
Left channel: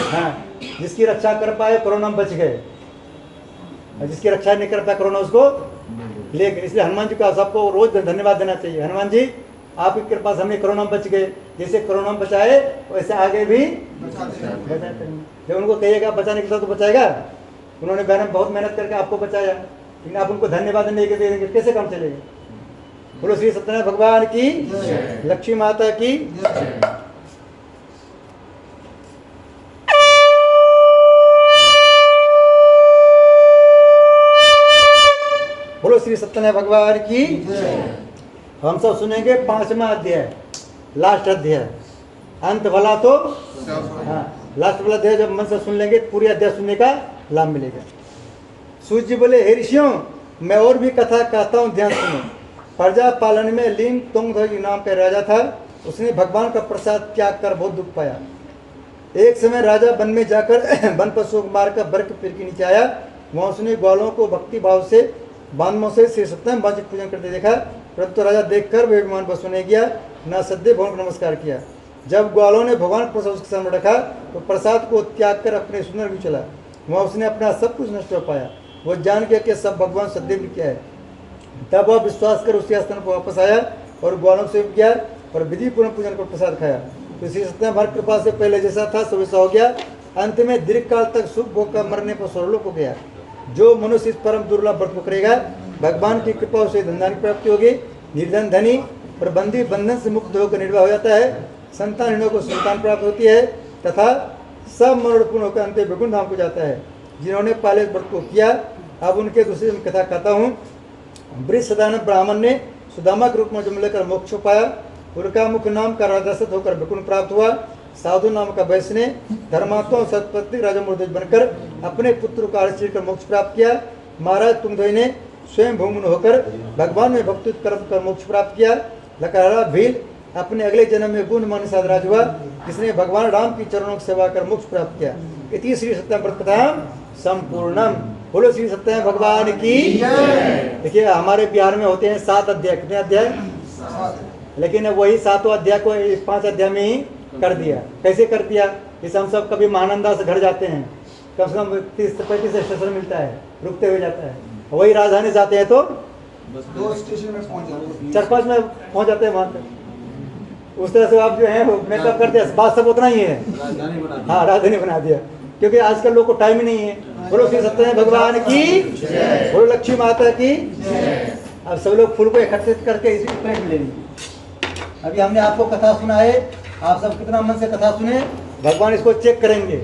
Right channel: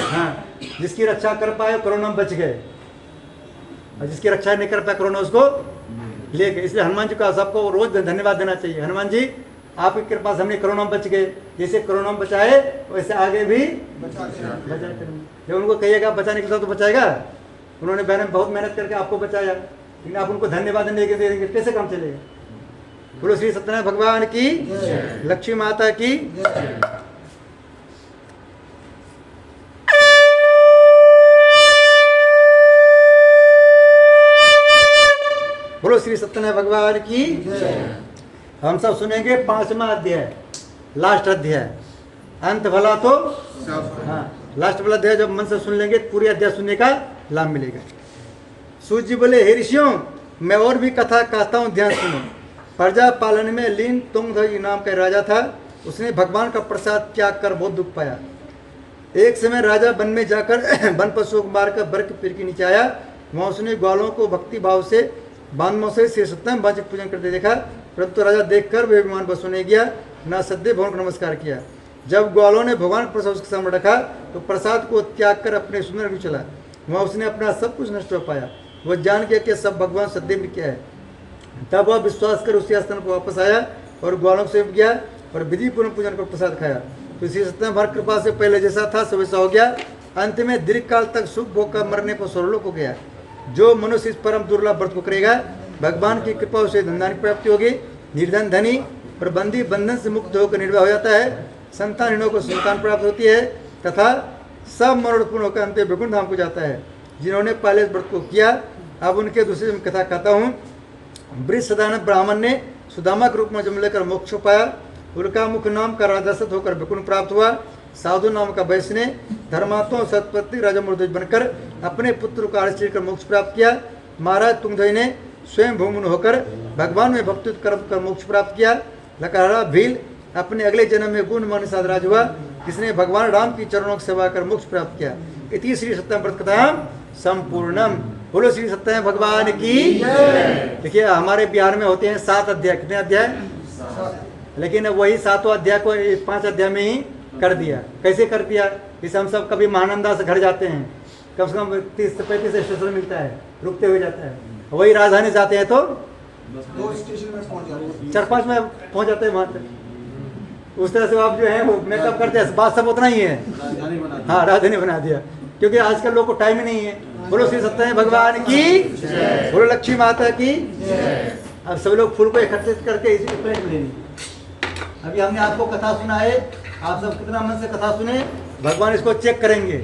हाँ, जिसकी रक्षा कर पाए कोरोना में बच गए, और जिसकी रक्षा नहीं कर पाए कोरोना उसको ले गए। इसलिए हनुमान जी का सबको रोज धन्यवाद देना चाहिए। हनुमान जी आपकी कृपा से हमने कोरोना में बच गए, जैसे कोरोना में बचाए वैसे आगे भी बचाए करेंगे। जब उनको कहिएगा बचाने के साथ तो बचाएगा, उन्होंने बहुत मेहनत करके आपको बचाया, लेकिन आप उनको धन्यवाद नहीं दे देंगे, कैसे काम चलेगा? बोलो श्री सत्यनारायण भगवान की, लक्ष्मी माता की। बोलो श्री सत्यनारायण भगवान की। हम सब सुनेंगे 5वां अध्याय, लास्ट अध्याय। अंत भला तो हाँ, लास्ट वाला अध्याय जब मन से सुन लेंगे पूरी अध्याय सुनने का लाभ मिलेगा। सूर्य जी बोले, हे ऋषियों मैं और भी कथा कहता हूँ, ध्यान सुनो। प्रजा पालन में लीन तुंगध्वज नाम का राजा था। उसने भगवान का प्रसाद त्याग कर बहुत दुख पाया। एक समय राजा वन में जाकर वन पशुओं को मारकर बर्फ पेड़ के नीचे आया। वहाँ उसने ग्वालों को भक्ति भाव से बांधों से श्री सत्यनारायण भगवान की पूजन करते देखा, परंतु राजा देखकर वे विमान बस होने गया, ना सद्य भगवान को नमस्कार किया। जब ग्वालों ने भगवान प्रसाद उसके सामने रखा तो प्रसाद को त्याग कर अपने सुंदर भी चला। वहाँ उसने अपना सब कुछ नष्ट हो पाया। वो जान गया कि सब भगवान सद्य भी क्या है। तब वह विश्वास कर उसी स्थान पर वापस आया और ग्वालों से गया और विधि पूर्ण पूजन कर प्रसाद खाया। तो श्री सत्यनारायण कृपा से पहले जैसा था सब वैसा हो गया। अंत में दीर्घ काल तक सुख भोग कर मरने पर स्वर्गलोक को गया। जो मनुष्य इस परम दुर्लभ व्रत को करेगा, भगवान की कृपा उसे धनदान की प्राप्ति होगी। निर्धन धनी और बंदी बंधन से मुक्त होकर निर्वाह हो जाता है। संतानहीनों को संतान प्राप्त होती है तथा सब मनोरथ होकर अंत वैकुंठ धाम को जाता है। जिन्होंने पहले व्रत को किया, अब उनके दूसरे कथा कहता हूँ। वृषधारण ब्राह्मण ने सुदामा के रूप में जन्म लेकर मोक्ष पाया। उनका मुख्य नाम का राजदशरथ होकर वैकुंठ प्राप्त हुआ। साधु नाम का वैश्य ने धर्मात्मा और सतपति राजा मृदुज बनकर अपने पुत्र को आश्रय कर मोक्ष प्राप्त किया। महाराज तुंगध्वज ने स्वयं भूमुन होकर भगवान में भक्ति कर्म कर मोक्ष प्राप्त किया। लकड़हारा भील अपने अगले जन्म में गुणमान साधराज हुआ, जिसने भगवान राम की चरणों की सेवा कर मोक्ष प्राप्त किया। इति श्री सत्यनारायण व्रत कथा संपूर्णम। बोलो श्री सत्यनारायण भगवान की। देखिए हमारे बिहार में होते हैं 7 अध्याय। कितने अध्याय? लेकिन वही 7 अध्याय को 5 अध्याय में ही कर दिया। कैसे कर दिया? जैसे हम सब कभी महानंदा से घर जाते हैं, कम से कम 30 से 35 स्टेशन मिलता है, रुकते हुए जाता है। वही राजधानी जाते हैं तो 2 स्टेशन में पहुंच जाओगे, 4-5 में पहुंच जाते हैं वहाँ पे। उस तरह से आप जो है वो मेकअप करते हैं, बात सब उतना ही है। हाँ, राजधानी बना दिया, क्योंकि आजकल लोग को टाइम ही नहीं है। बोलो श्री सत्यनारायण भगवान की, बोलो लक्ष्मी माता की। अब सब लोग फूल को एकत्रित करके इसी प्लेट में लेनी। अभी हमने आपको कथा सुनाए, आप सब कितना मन से कथा सुने, भगवान इसको चेक करेंगे।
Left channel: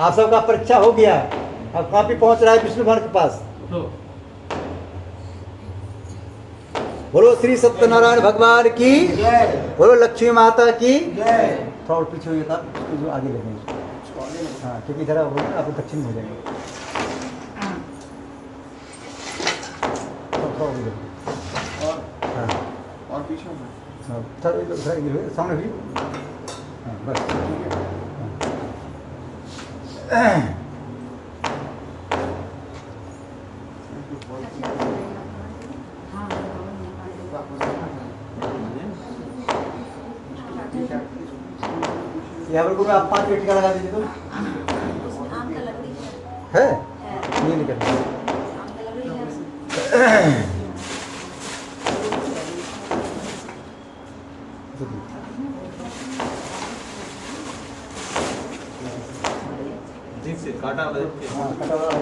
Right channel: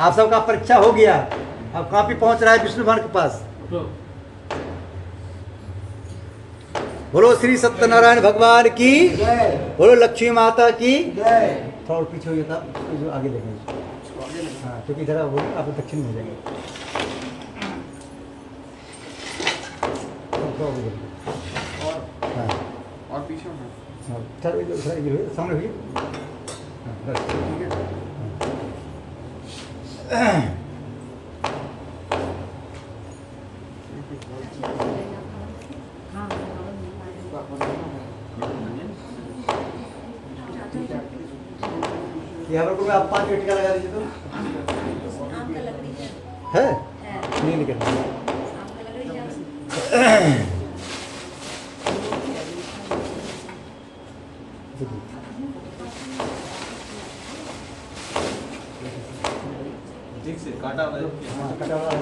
आप सबका परीक्षा हो गया, अब कॉपी पहुंच रहा है विष्णु भगवान के पास। बोलो श्री सत्यनारायण भगवान की, बोलो लक्ष्मी माता की। थोड़ा और पीछे हो जाता, उसको जो आगे लेंगे। हाँ, क्योंकि इधर आप दक्षिण हो जाएंगे। और पीछे में सामने हुई। हाँ, बस ठीक है। यहाँ पर कोई आप 5 पेटी का लगा दीजिए। तो आम का लकड़ी है है, नहीं निकल आम का लकड़ी है। ठीक से काटा हुआ है। हाँ, कटा हुआ है।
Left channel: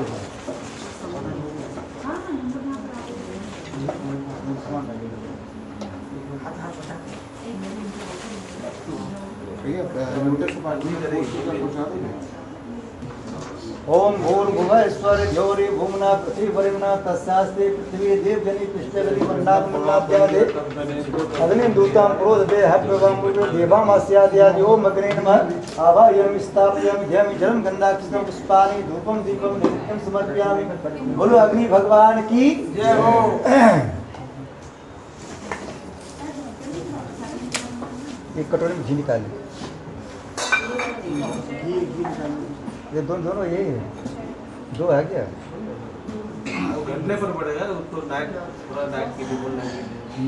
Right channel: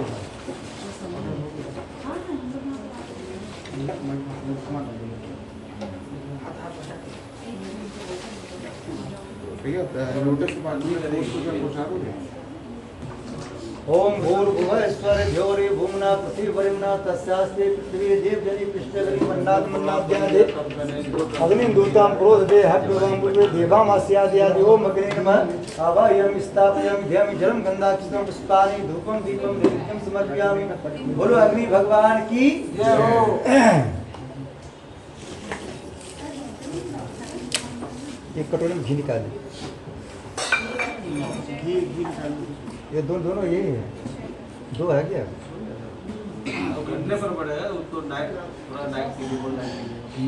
भैया नोटिस पार्टी में पहुंचा दोगे। ओम भूर्भुवः स्वः ज्योरि भूम्ना पृथ्वीपरिम्ना तस्यास्ते पृथ्वी देवजनि पृष्ठवरि मन्नाद मन्नाद्यादे अग्निं दूतां प्रोदते हव्यवाम्बुवे देवामास्याद्यादि ओम अग्ने नमः आवाहयामि स्थापयामि ध्यायामि जलं गन्धाक्षतं पुष्पाणि धूपं दीपं नैवेद्यं समर्पयामि। बोलो अग्नि भगवान की जय हो। एक कटोरी में घी निकालें। ये दोनों ये दो है क्या? घंटे पर पड़ेगा उसको नाइट पूरा नाइट के लिए बोलना है।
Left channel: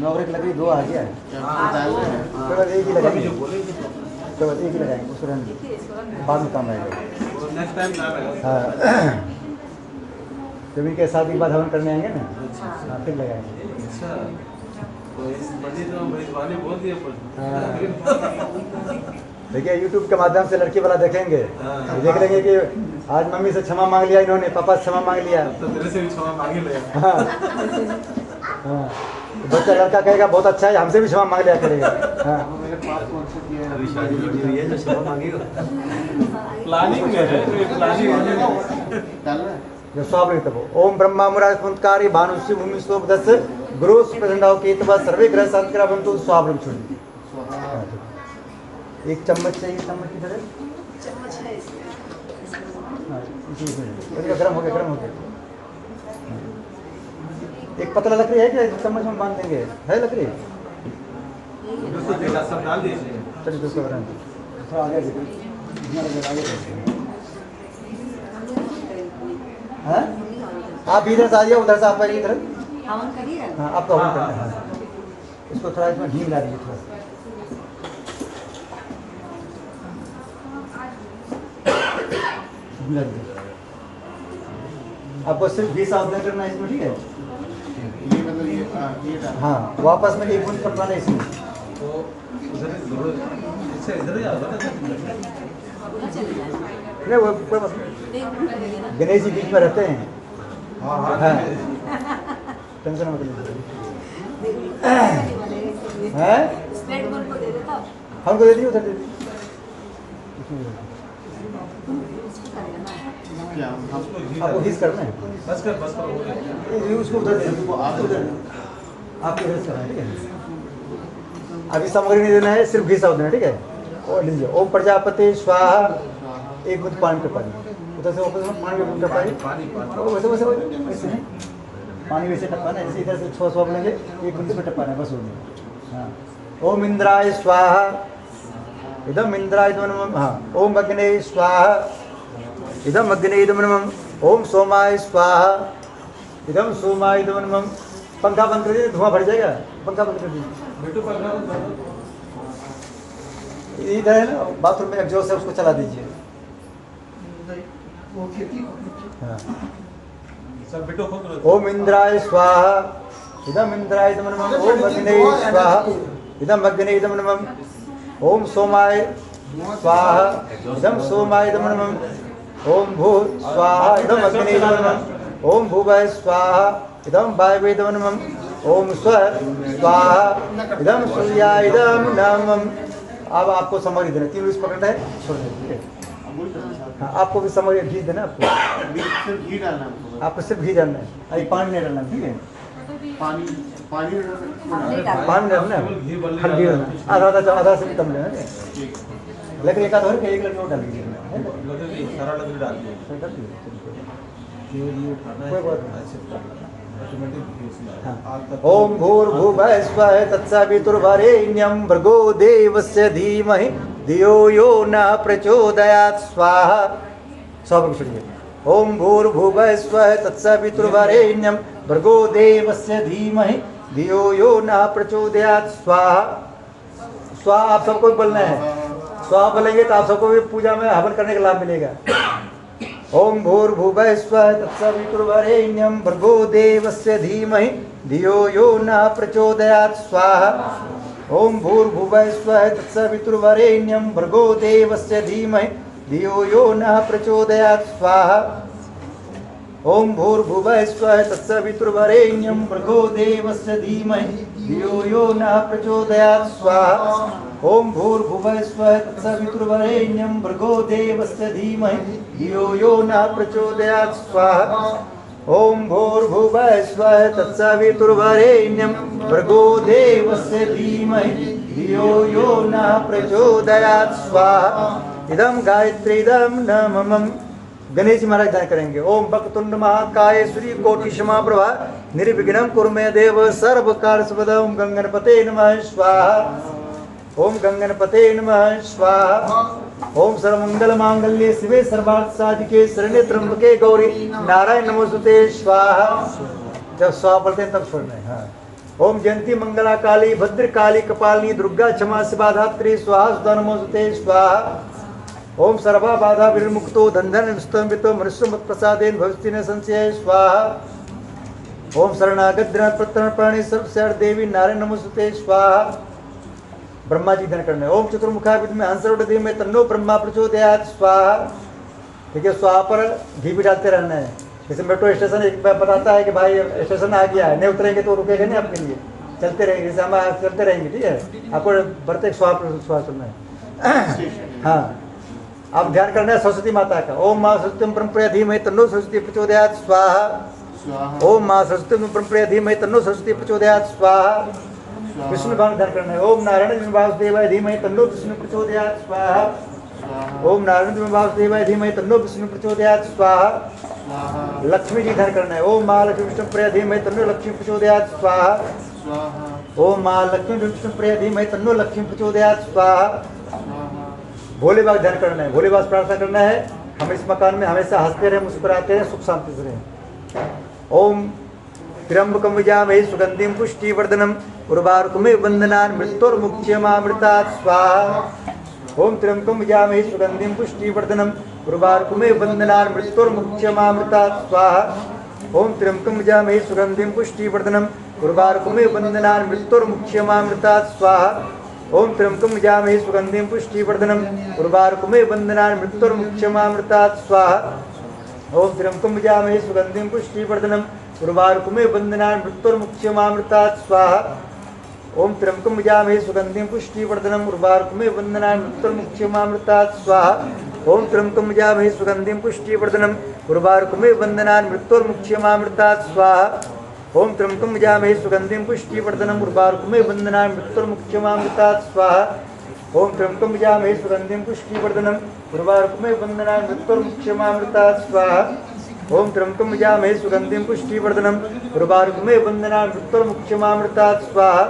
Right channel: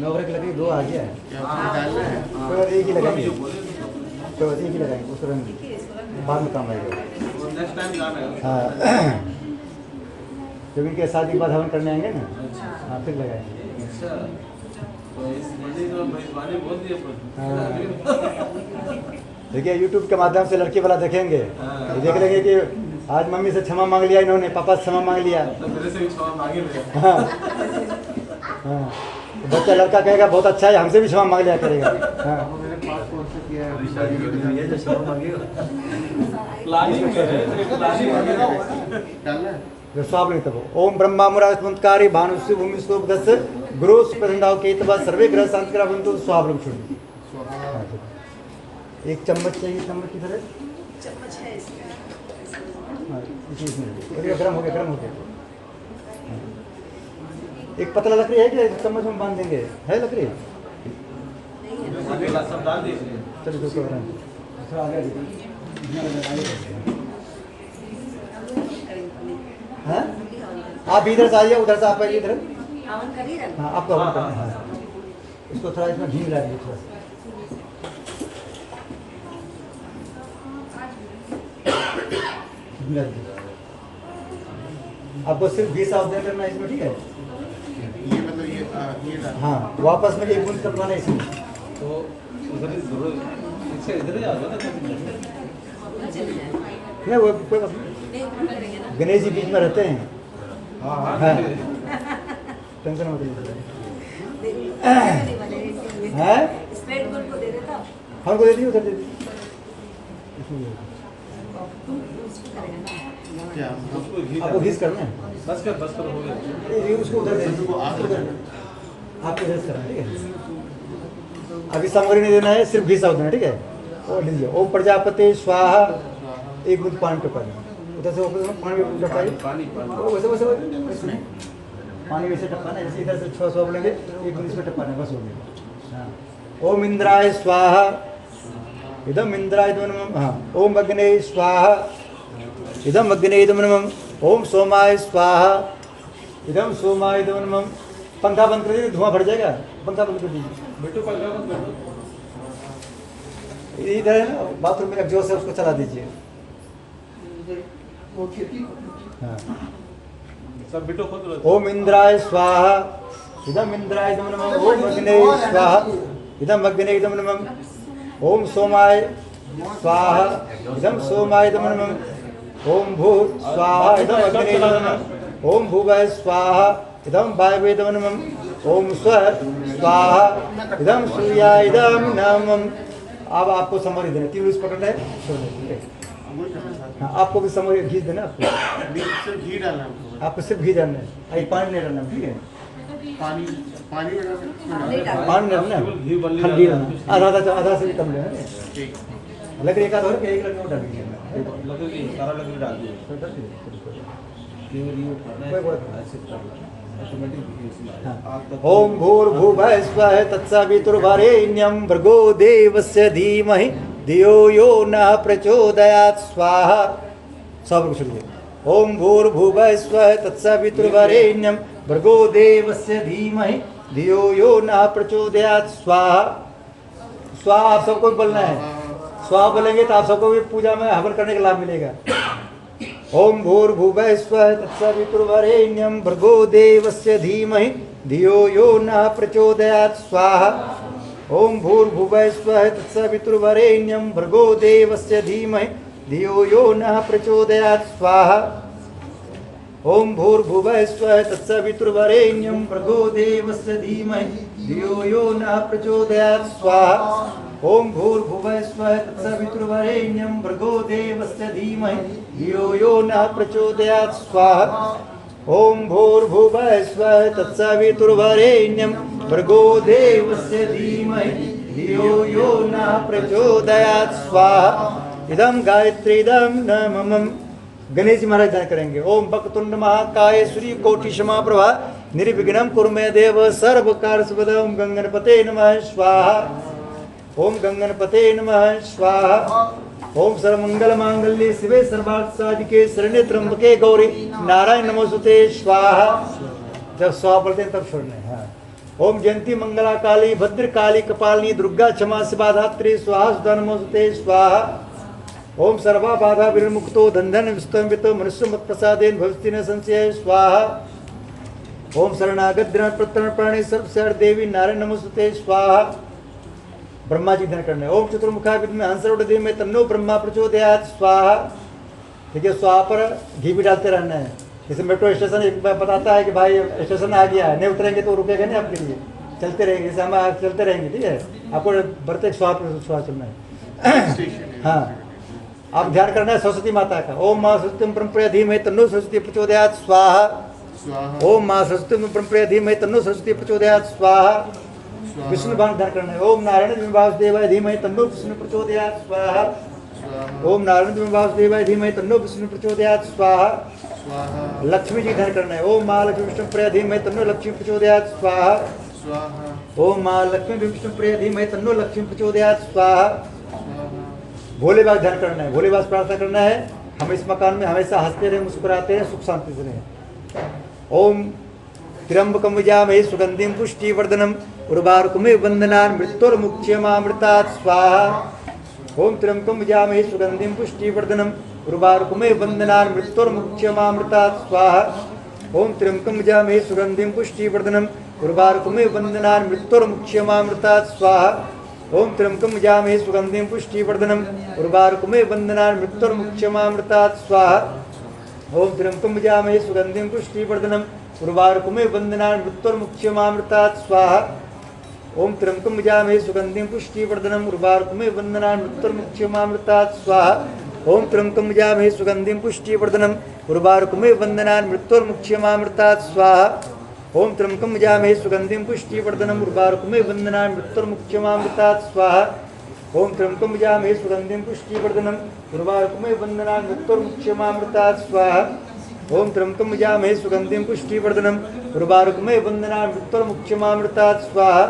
नौकरी की लकड़ी दो आ गया है, उसके बाद एक ही लगाएंगे, उसके बाद एक ही लगाएंगे, उसको रंग बाद में काम आएगा। नेक्स्ट टाइम ला रहे हैं। हाँ, जब इनके शादी के बाद हवन करने आएंगे ना, हाँ फिर लगाएंगे। अच्छा, तो इस मस्जिद में मेजबानी बोल दिए पर। हाँ। देखिए यूट्यूब के माध्यम से लड़की वाला देखेंगे, देख लेंगे कि आज मम्मी से क्षमा मांग लिया इन्होंने, पापा से क्षमा मांग लिया। तो तेरे से भी क्षमा मांगे ले। हाँ हाँ, तो बच्चा लड़का कहेगा बहुत अच्छा है, हमसे भी क्षमा मांग लिया करेगा। हाँ मेरे पास कौन किया है प्लानिंग में है, प्लानिंग डालना है। जो स्वाब नहीं तब ओम ब्रह्मा मुराज पुंतकारी भानुष्य भूमि सोपदस गुरु सुप्रसन्नाव केतवा सर्वे ग्रह शांतिकरा बंतु स्वाब छोड़। एक चम्मच चाहिए, चम्मच किधर है? चम्मच है इसमें। हाँ, इसी गर्म हो गया, गर्म हो गया। एक पतला लकड़ी है क्या? चम्मच में बांध देंगे, है लकड़ी? सब डाल दीजिए। चलिए उसके बाद थोड़ा आगे हाँ, आप इधर से आइए, उधर से आप आइए इधर। हवन करिएगा। हाँ आपको हवन करना है। हाँ। इसको थोड़ा इसमें घी मिला दीजिए थोड़ा सा। आपको सिर्फ 20 आउटलाइन करना है इसमें, ठीक है? ये मतलब ये डाल। हाँ, वापस में एक बूंद करवाना है इसमें। तो उधर इससे इधर ही आ जाओ ना। नहीं वो कोई बात नहीं, गणेश जी बीच में रहते हैं। हाँ टेंशन मत लीजिए। हैं? हमको दे दिए, उधर दे दिए। क्या हम आपको घिस करना है, बस कर हो गया। ये उसको उधर दे दीजिए। वो आगे उधर आपको घिस करना है, ठीक है? अभी सामग्री नहीं देना है, सिर्फ घिस देना है, ठीक है? और लीजिए ओम प्रजापति स्वाहा, एक बूंद पानी टपाई, उधर से पानी टपाई, पानी वैसे वैसे वैसे नहीं, पानी वैसे टपाना है, इसी तरह से 6 स्वाब लेंगे, एक बूंद इसमें टपाना है, बस हो गया। हाँ, ओम इंद्राय स्वाहा, इदम इंद्राय नमः। हाँ, ओम अग्ने स्वाहा, इदम अग्ने नमः। ओम सोमाय स्वाहा, इदम सोमाय नमः। पंखा बंद कर दीजिए, धुआं भर जाएगा, पंखा बंद कर दीजिए। बेटू पंखा बंद कर दो। इधर है ना बाथरूम में एग्जॉस्ट है, उसको चला दीजिए। वो खेती हाँ, सब बेटू खुद लो। ओम इंद्राय स्वाहा, इदम इंद्राय नमः। ओम अग्ने स्वाहा, इदम अग्ने नमः। ओम सोमाय स्वाहा, इदम सोमाय नमः। ओम भू स्वाहा, इदम अग्ने नमः। ओम भूवः स्वाहा, इदम वायवे नमः। ओम स्व स्वाहा, इदम सूर्याय नमः। अब आपको समझ देना, 3 पकड़ है, छोड़ देना। हाँ, आपको भी समझ घी देना, आपको घी डालना है। आपको सिर्फ घी डालना है, अभी पानी नहीं डालना, ठीक है? पानी पानी में डाल सकते हैं। पानी नहीं डालना, ठंडी होना, आधा से भी कम लेना है। ठीक। लकड़ी का धोर के एक लकड़ी और डाल दीजिए, है? लकड़ी सारा लकड़ी डाल दिए। कोई बात नहीं, ये उठाना है। कोई बात नहीं। ऐसे करना है। ऑटोमेटिक हाँ। ओम भूर्भुवः स्वः तत्सवितुर्वरेण्यं भर्गो देवस्य धीमहि धियो यो नः प्रचोदयात् स्वाहा। सब छोड़िए। ओम भूर्भुवः स्वः तत्सवितुर्वरेण्यं भर्गो देवस्य धीमहि धियो यो नः प्रचोदयात् स्वाहा। स्वाहा आप सबको बोलना है, स्वाहा बोलेंगे तो आप सबको भी पूजा में हवन करने का लाभ मिलेगा। ओम भूर्भुवः स्वः तत्सवितुर्वरेण्यं भर्गो देवस्य धीमहि धियो यो नः प्रचोदयात् स्वाहा। ओम भूर्भुवः स्वः तत्सवितुर्वरेण्यं भर्गो देवस्य धीमहि धियो यो नः प्रचोदयात् स्वाहा। ओम भूर्भुवः स्वः तत्सवितुर्वरेण्यं भर्गो देवस्य धीमहि धियो यो नः प्रचोदयात् स्वाहा। ओम भूर्भुवः स्वः तत्सवितुर्वरेण्यं भर्गो देवस्य धीमहि धियो यो नः प्रचोदयात् स्वाहा। ओम भूर्भुवः स्वः तत्सवितुर्वरेण्यं भर्गो देवस्य धीमहि धियो यो नः प्रचोदयात् स्वाहा। इदं गायत्री इदं न मम। गणेश जी महाराज ध्यान करेंगे। ओम वक्रतुंड महाकाय सूर्य कोटि समाप्रभा निर्विघ्नं कुरु मे देव सर्व कार्य सिद्धिं। ओम गंगणपते नमः स्वाहा। ओम गंगणपते नमः स्वाहा। ओम सर्वमंगल मांगल्ये शिवे सर्वार्थ साधिके शरण्ये त्र्यंबके गौरी नारायण नमोस्तुते स्वाहा। जब स्वाहा पढ़ते हैं तब छोड़ना है। हाँ। ओम जयंती मंगला काली भद्र काली कपालिनी दुर्गा क्षमा शिवा धात्री स्वाहा सुधा नमोस्तुते स्वाहा। ओम सर्वा बाधा विमुक्तो धन विस्तंभितो मनुष्य मत प्रसादेन भविष्य न संशय स्वाहा। ओम शरणागत द्रणात् प्रत्यर्पण प्राणी सर्वशर देवी नारायण नमोस्तुते स्वाहा। ब्रह्मा जी ध्यान करना है। ओम चतुर्मुखा विद्महे हंसरूढ़ में तन्नो ब्रह्मा प्रचोदयात् स्वाहा। ठीक है, स्वाहा पर घी भी डालते रहना है। जैसे मेट्रो स्टेशन एक बार बताता है कि भाई स्टेशन आ गया है, नहीं उतरेंगे तो रुकेगा नहीं आपके लिए, चलते रहेंगे। जैसे हम चलते रहेंगे, ठीक है, आपको बढ़ते स्वाहा पर स्वाहा सुनना है। हाँ, आप ध्यान करना है सरस्वती माता का। ओम माँ सरस्वती परम्परा धीमहि तन्नो सरस्वती प्रचोदयात् स्वाहा। ओम माँ सरस्वती परम्परा धीमहि तन्नो सरस्वती प्रचोदयात् स्वाहा। विष्णु भगवान ध्यान करना है। ओम नारायण वासुदेवाय धीमहि तन्नो विष्णु प्रचोदयात् स्वाहा। ओम नारायण वासुदेवाय धीमहि तन्नो विष्णु प्रचोदयात् स्वाहा। लक्ष्मी जी ध्यान करना है। ओम माँ लक्ष्मी विष्णु प्रिय धीमहि तन्नो लक्ष्मी प्रचोदयात् स्वाहा। ओम माँ लक्ष्मी विष्णु प्रिय धीमहि तन्नो लक्ष्मी प्रचोदयात् स्वाहा। भोले बाबा ध्यान करना है। भोले बाबा से प्रार्थना करना है हम इस मकान में हमेशा हंसते रहे, मुस्कुराते रहे, सुख शांति से रहे। ओम त्र्यंबकं यजामहे सुगंधिं पुष्टिवर्धनम् उर्वारुकमिव बन्धनान् मृत्युर्मुक्षयमामृतात् स्वाहा। ओम त्र्यंबकं यजामहे सुगंधिं पुष्टिवर्धनम् उर्वारुकमिव बन्धनान् मृत्युर्मुक्षयमामृतात् स्वाहा। ओम त्र्यंबकं यजामहे सुगंधिं पुष्टिवर्धनम् उर्वारुकमिव बन्धनान् मृत्युर्मुक्षयमामृतात् स्वाहा। ओम त्र्यंबकं यजामहे सुगंधिं पुष्टिवर्धनम् उर्वारुकमिव बन्धनान् मृत्युर्मुक्षयमामृतात् स्वाहा। ओम त्र्यंबकं यजामहे सुगंधिं पुष्टिवर्धनम् उर्वारुकमिव बन्धनान् मृत्युर्मुक्षयमामृतात् स्वाहा। ओम त्र्यंबकं यजामहे सुगंधिं पुष्टिवर्धनम् उर्वारुकमिव बन्धनान् मृत्युर्मुक्षयमामृतात् स्वाहा। ओम त्र्यंबकं यजामहे सुगंधिं पुष्टिवर्धनम् उर्वारुकमिव बन्धनान् मृत्युर्मुक्षयमामृतात् स्वाहा। ओम त्र्यंबकं यजामहे सुगंधिं पुष्टिवर्धनम् उर्वारुकमिव बन्धनान् मृत्युर्मुक्षयमामृतात् स्वाहा। ओम त्र्यंबकं यजामहे सुगंधिं पुष्टिवर्धनम् उर्वारुकमिव बन्धनान् मृत्युर्मुक्षयमामृतात् स्वाहा। ओम त्र्यंबकं यजामहे सुगंधिं पुष्टिवर्धनम् उर्वारुकमिव बन्धनान् मृत्युर्मुक्षयमामृतात् स्वाहा।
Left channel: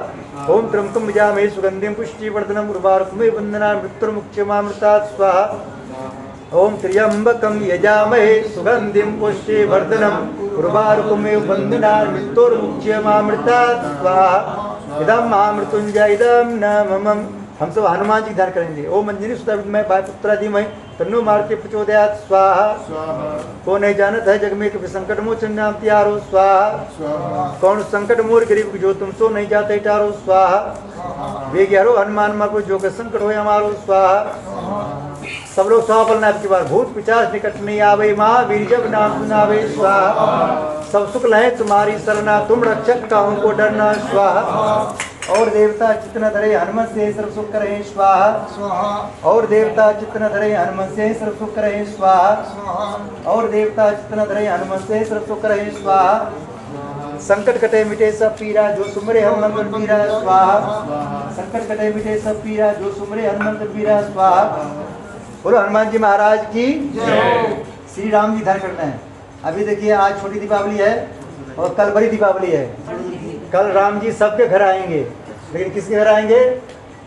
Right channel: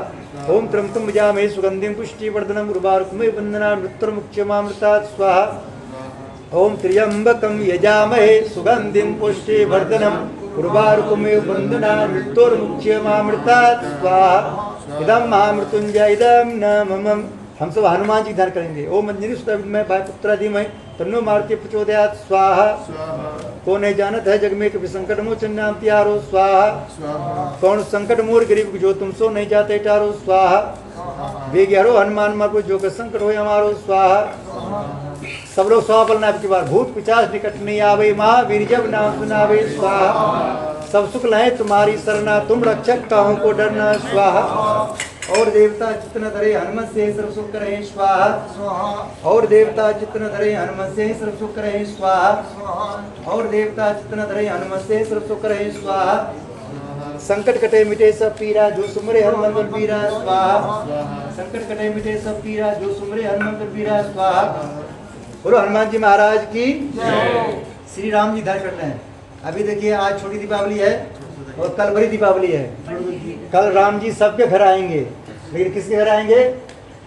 ओम त्र्यंबकं यजामहे सुगंधिं पुष्टिवर्धनम् उर्वारुकमिव बन्धनान् मृत्युर्मुक्षयमामृतात् स्वाहा। ओम त्र्यंबकं यजामहे सुगंधिं पुष्टिवर्धनम् उर्वारुकमिव बन्धनान् मृत्युर्मुक्षयमामृतात् स्वाहा। इदं महामृत्युंजय इदं न मम। हम सब हनुमान जी ध्यान करेंगे। ओम अंजनी सुता विद्महे वायुपुत्रा धीमहि तन्नो मारुति प्रचोदयात् स्वाहा। को नहीं जानत है जग में कभी संकट मोचन नाम त्यारो स्वाहा। कौन संकट मोर गरीब जो तुम सो नहीं जाते टारो स्वाहा। वे ग्यारो हनुमान मार जो के संकट हो हमारो स्वाहा। सब लोग स्वाहा बोलना है आपकी बार। भूत पिशाच निकट नहीं आवे, महावीर जब नाम सुनावे स्वाहा। सब सुख लहे तुम्हारी सरना, तुम रक्षक काहू को डरना स्वाहा। और देवता चित्त न धरे हनुमत से सर्व सुख करे स्वाहा। और देवता चित्त न धरे हनुमत से सर्व सुख करे स्वाहा। और देवता चित्त न धरे हनुमत से सर्व सुख करे स्वाहा। संकट कटे मिटे सब पीरा जो सुमरे हनुमंत पीरा स्वाहा। संकट कटे मिटे सब पीरा जो सुमरे हनुमंत पीरा स्वाहा। बोलो हनुमान जी महाराज की जय। श्री राम जी ध्यान करते हैं। अभी देखिए आज छोटी दीपावली है और कल बड़ी दीपावली है। कल राम जी सबके घर आएंगे, लेकिन किसके घर आएंगे?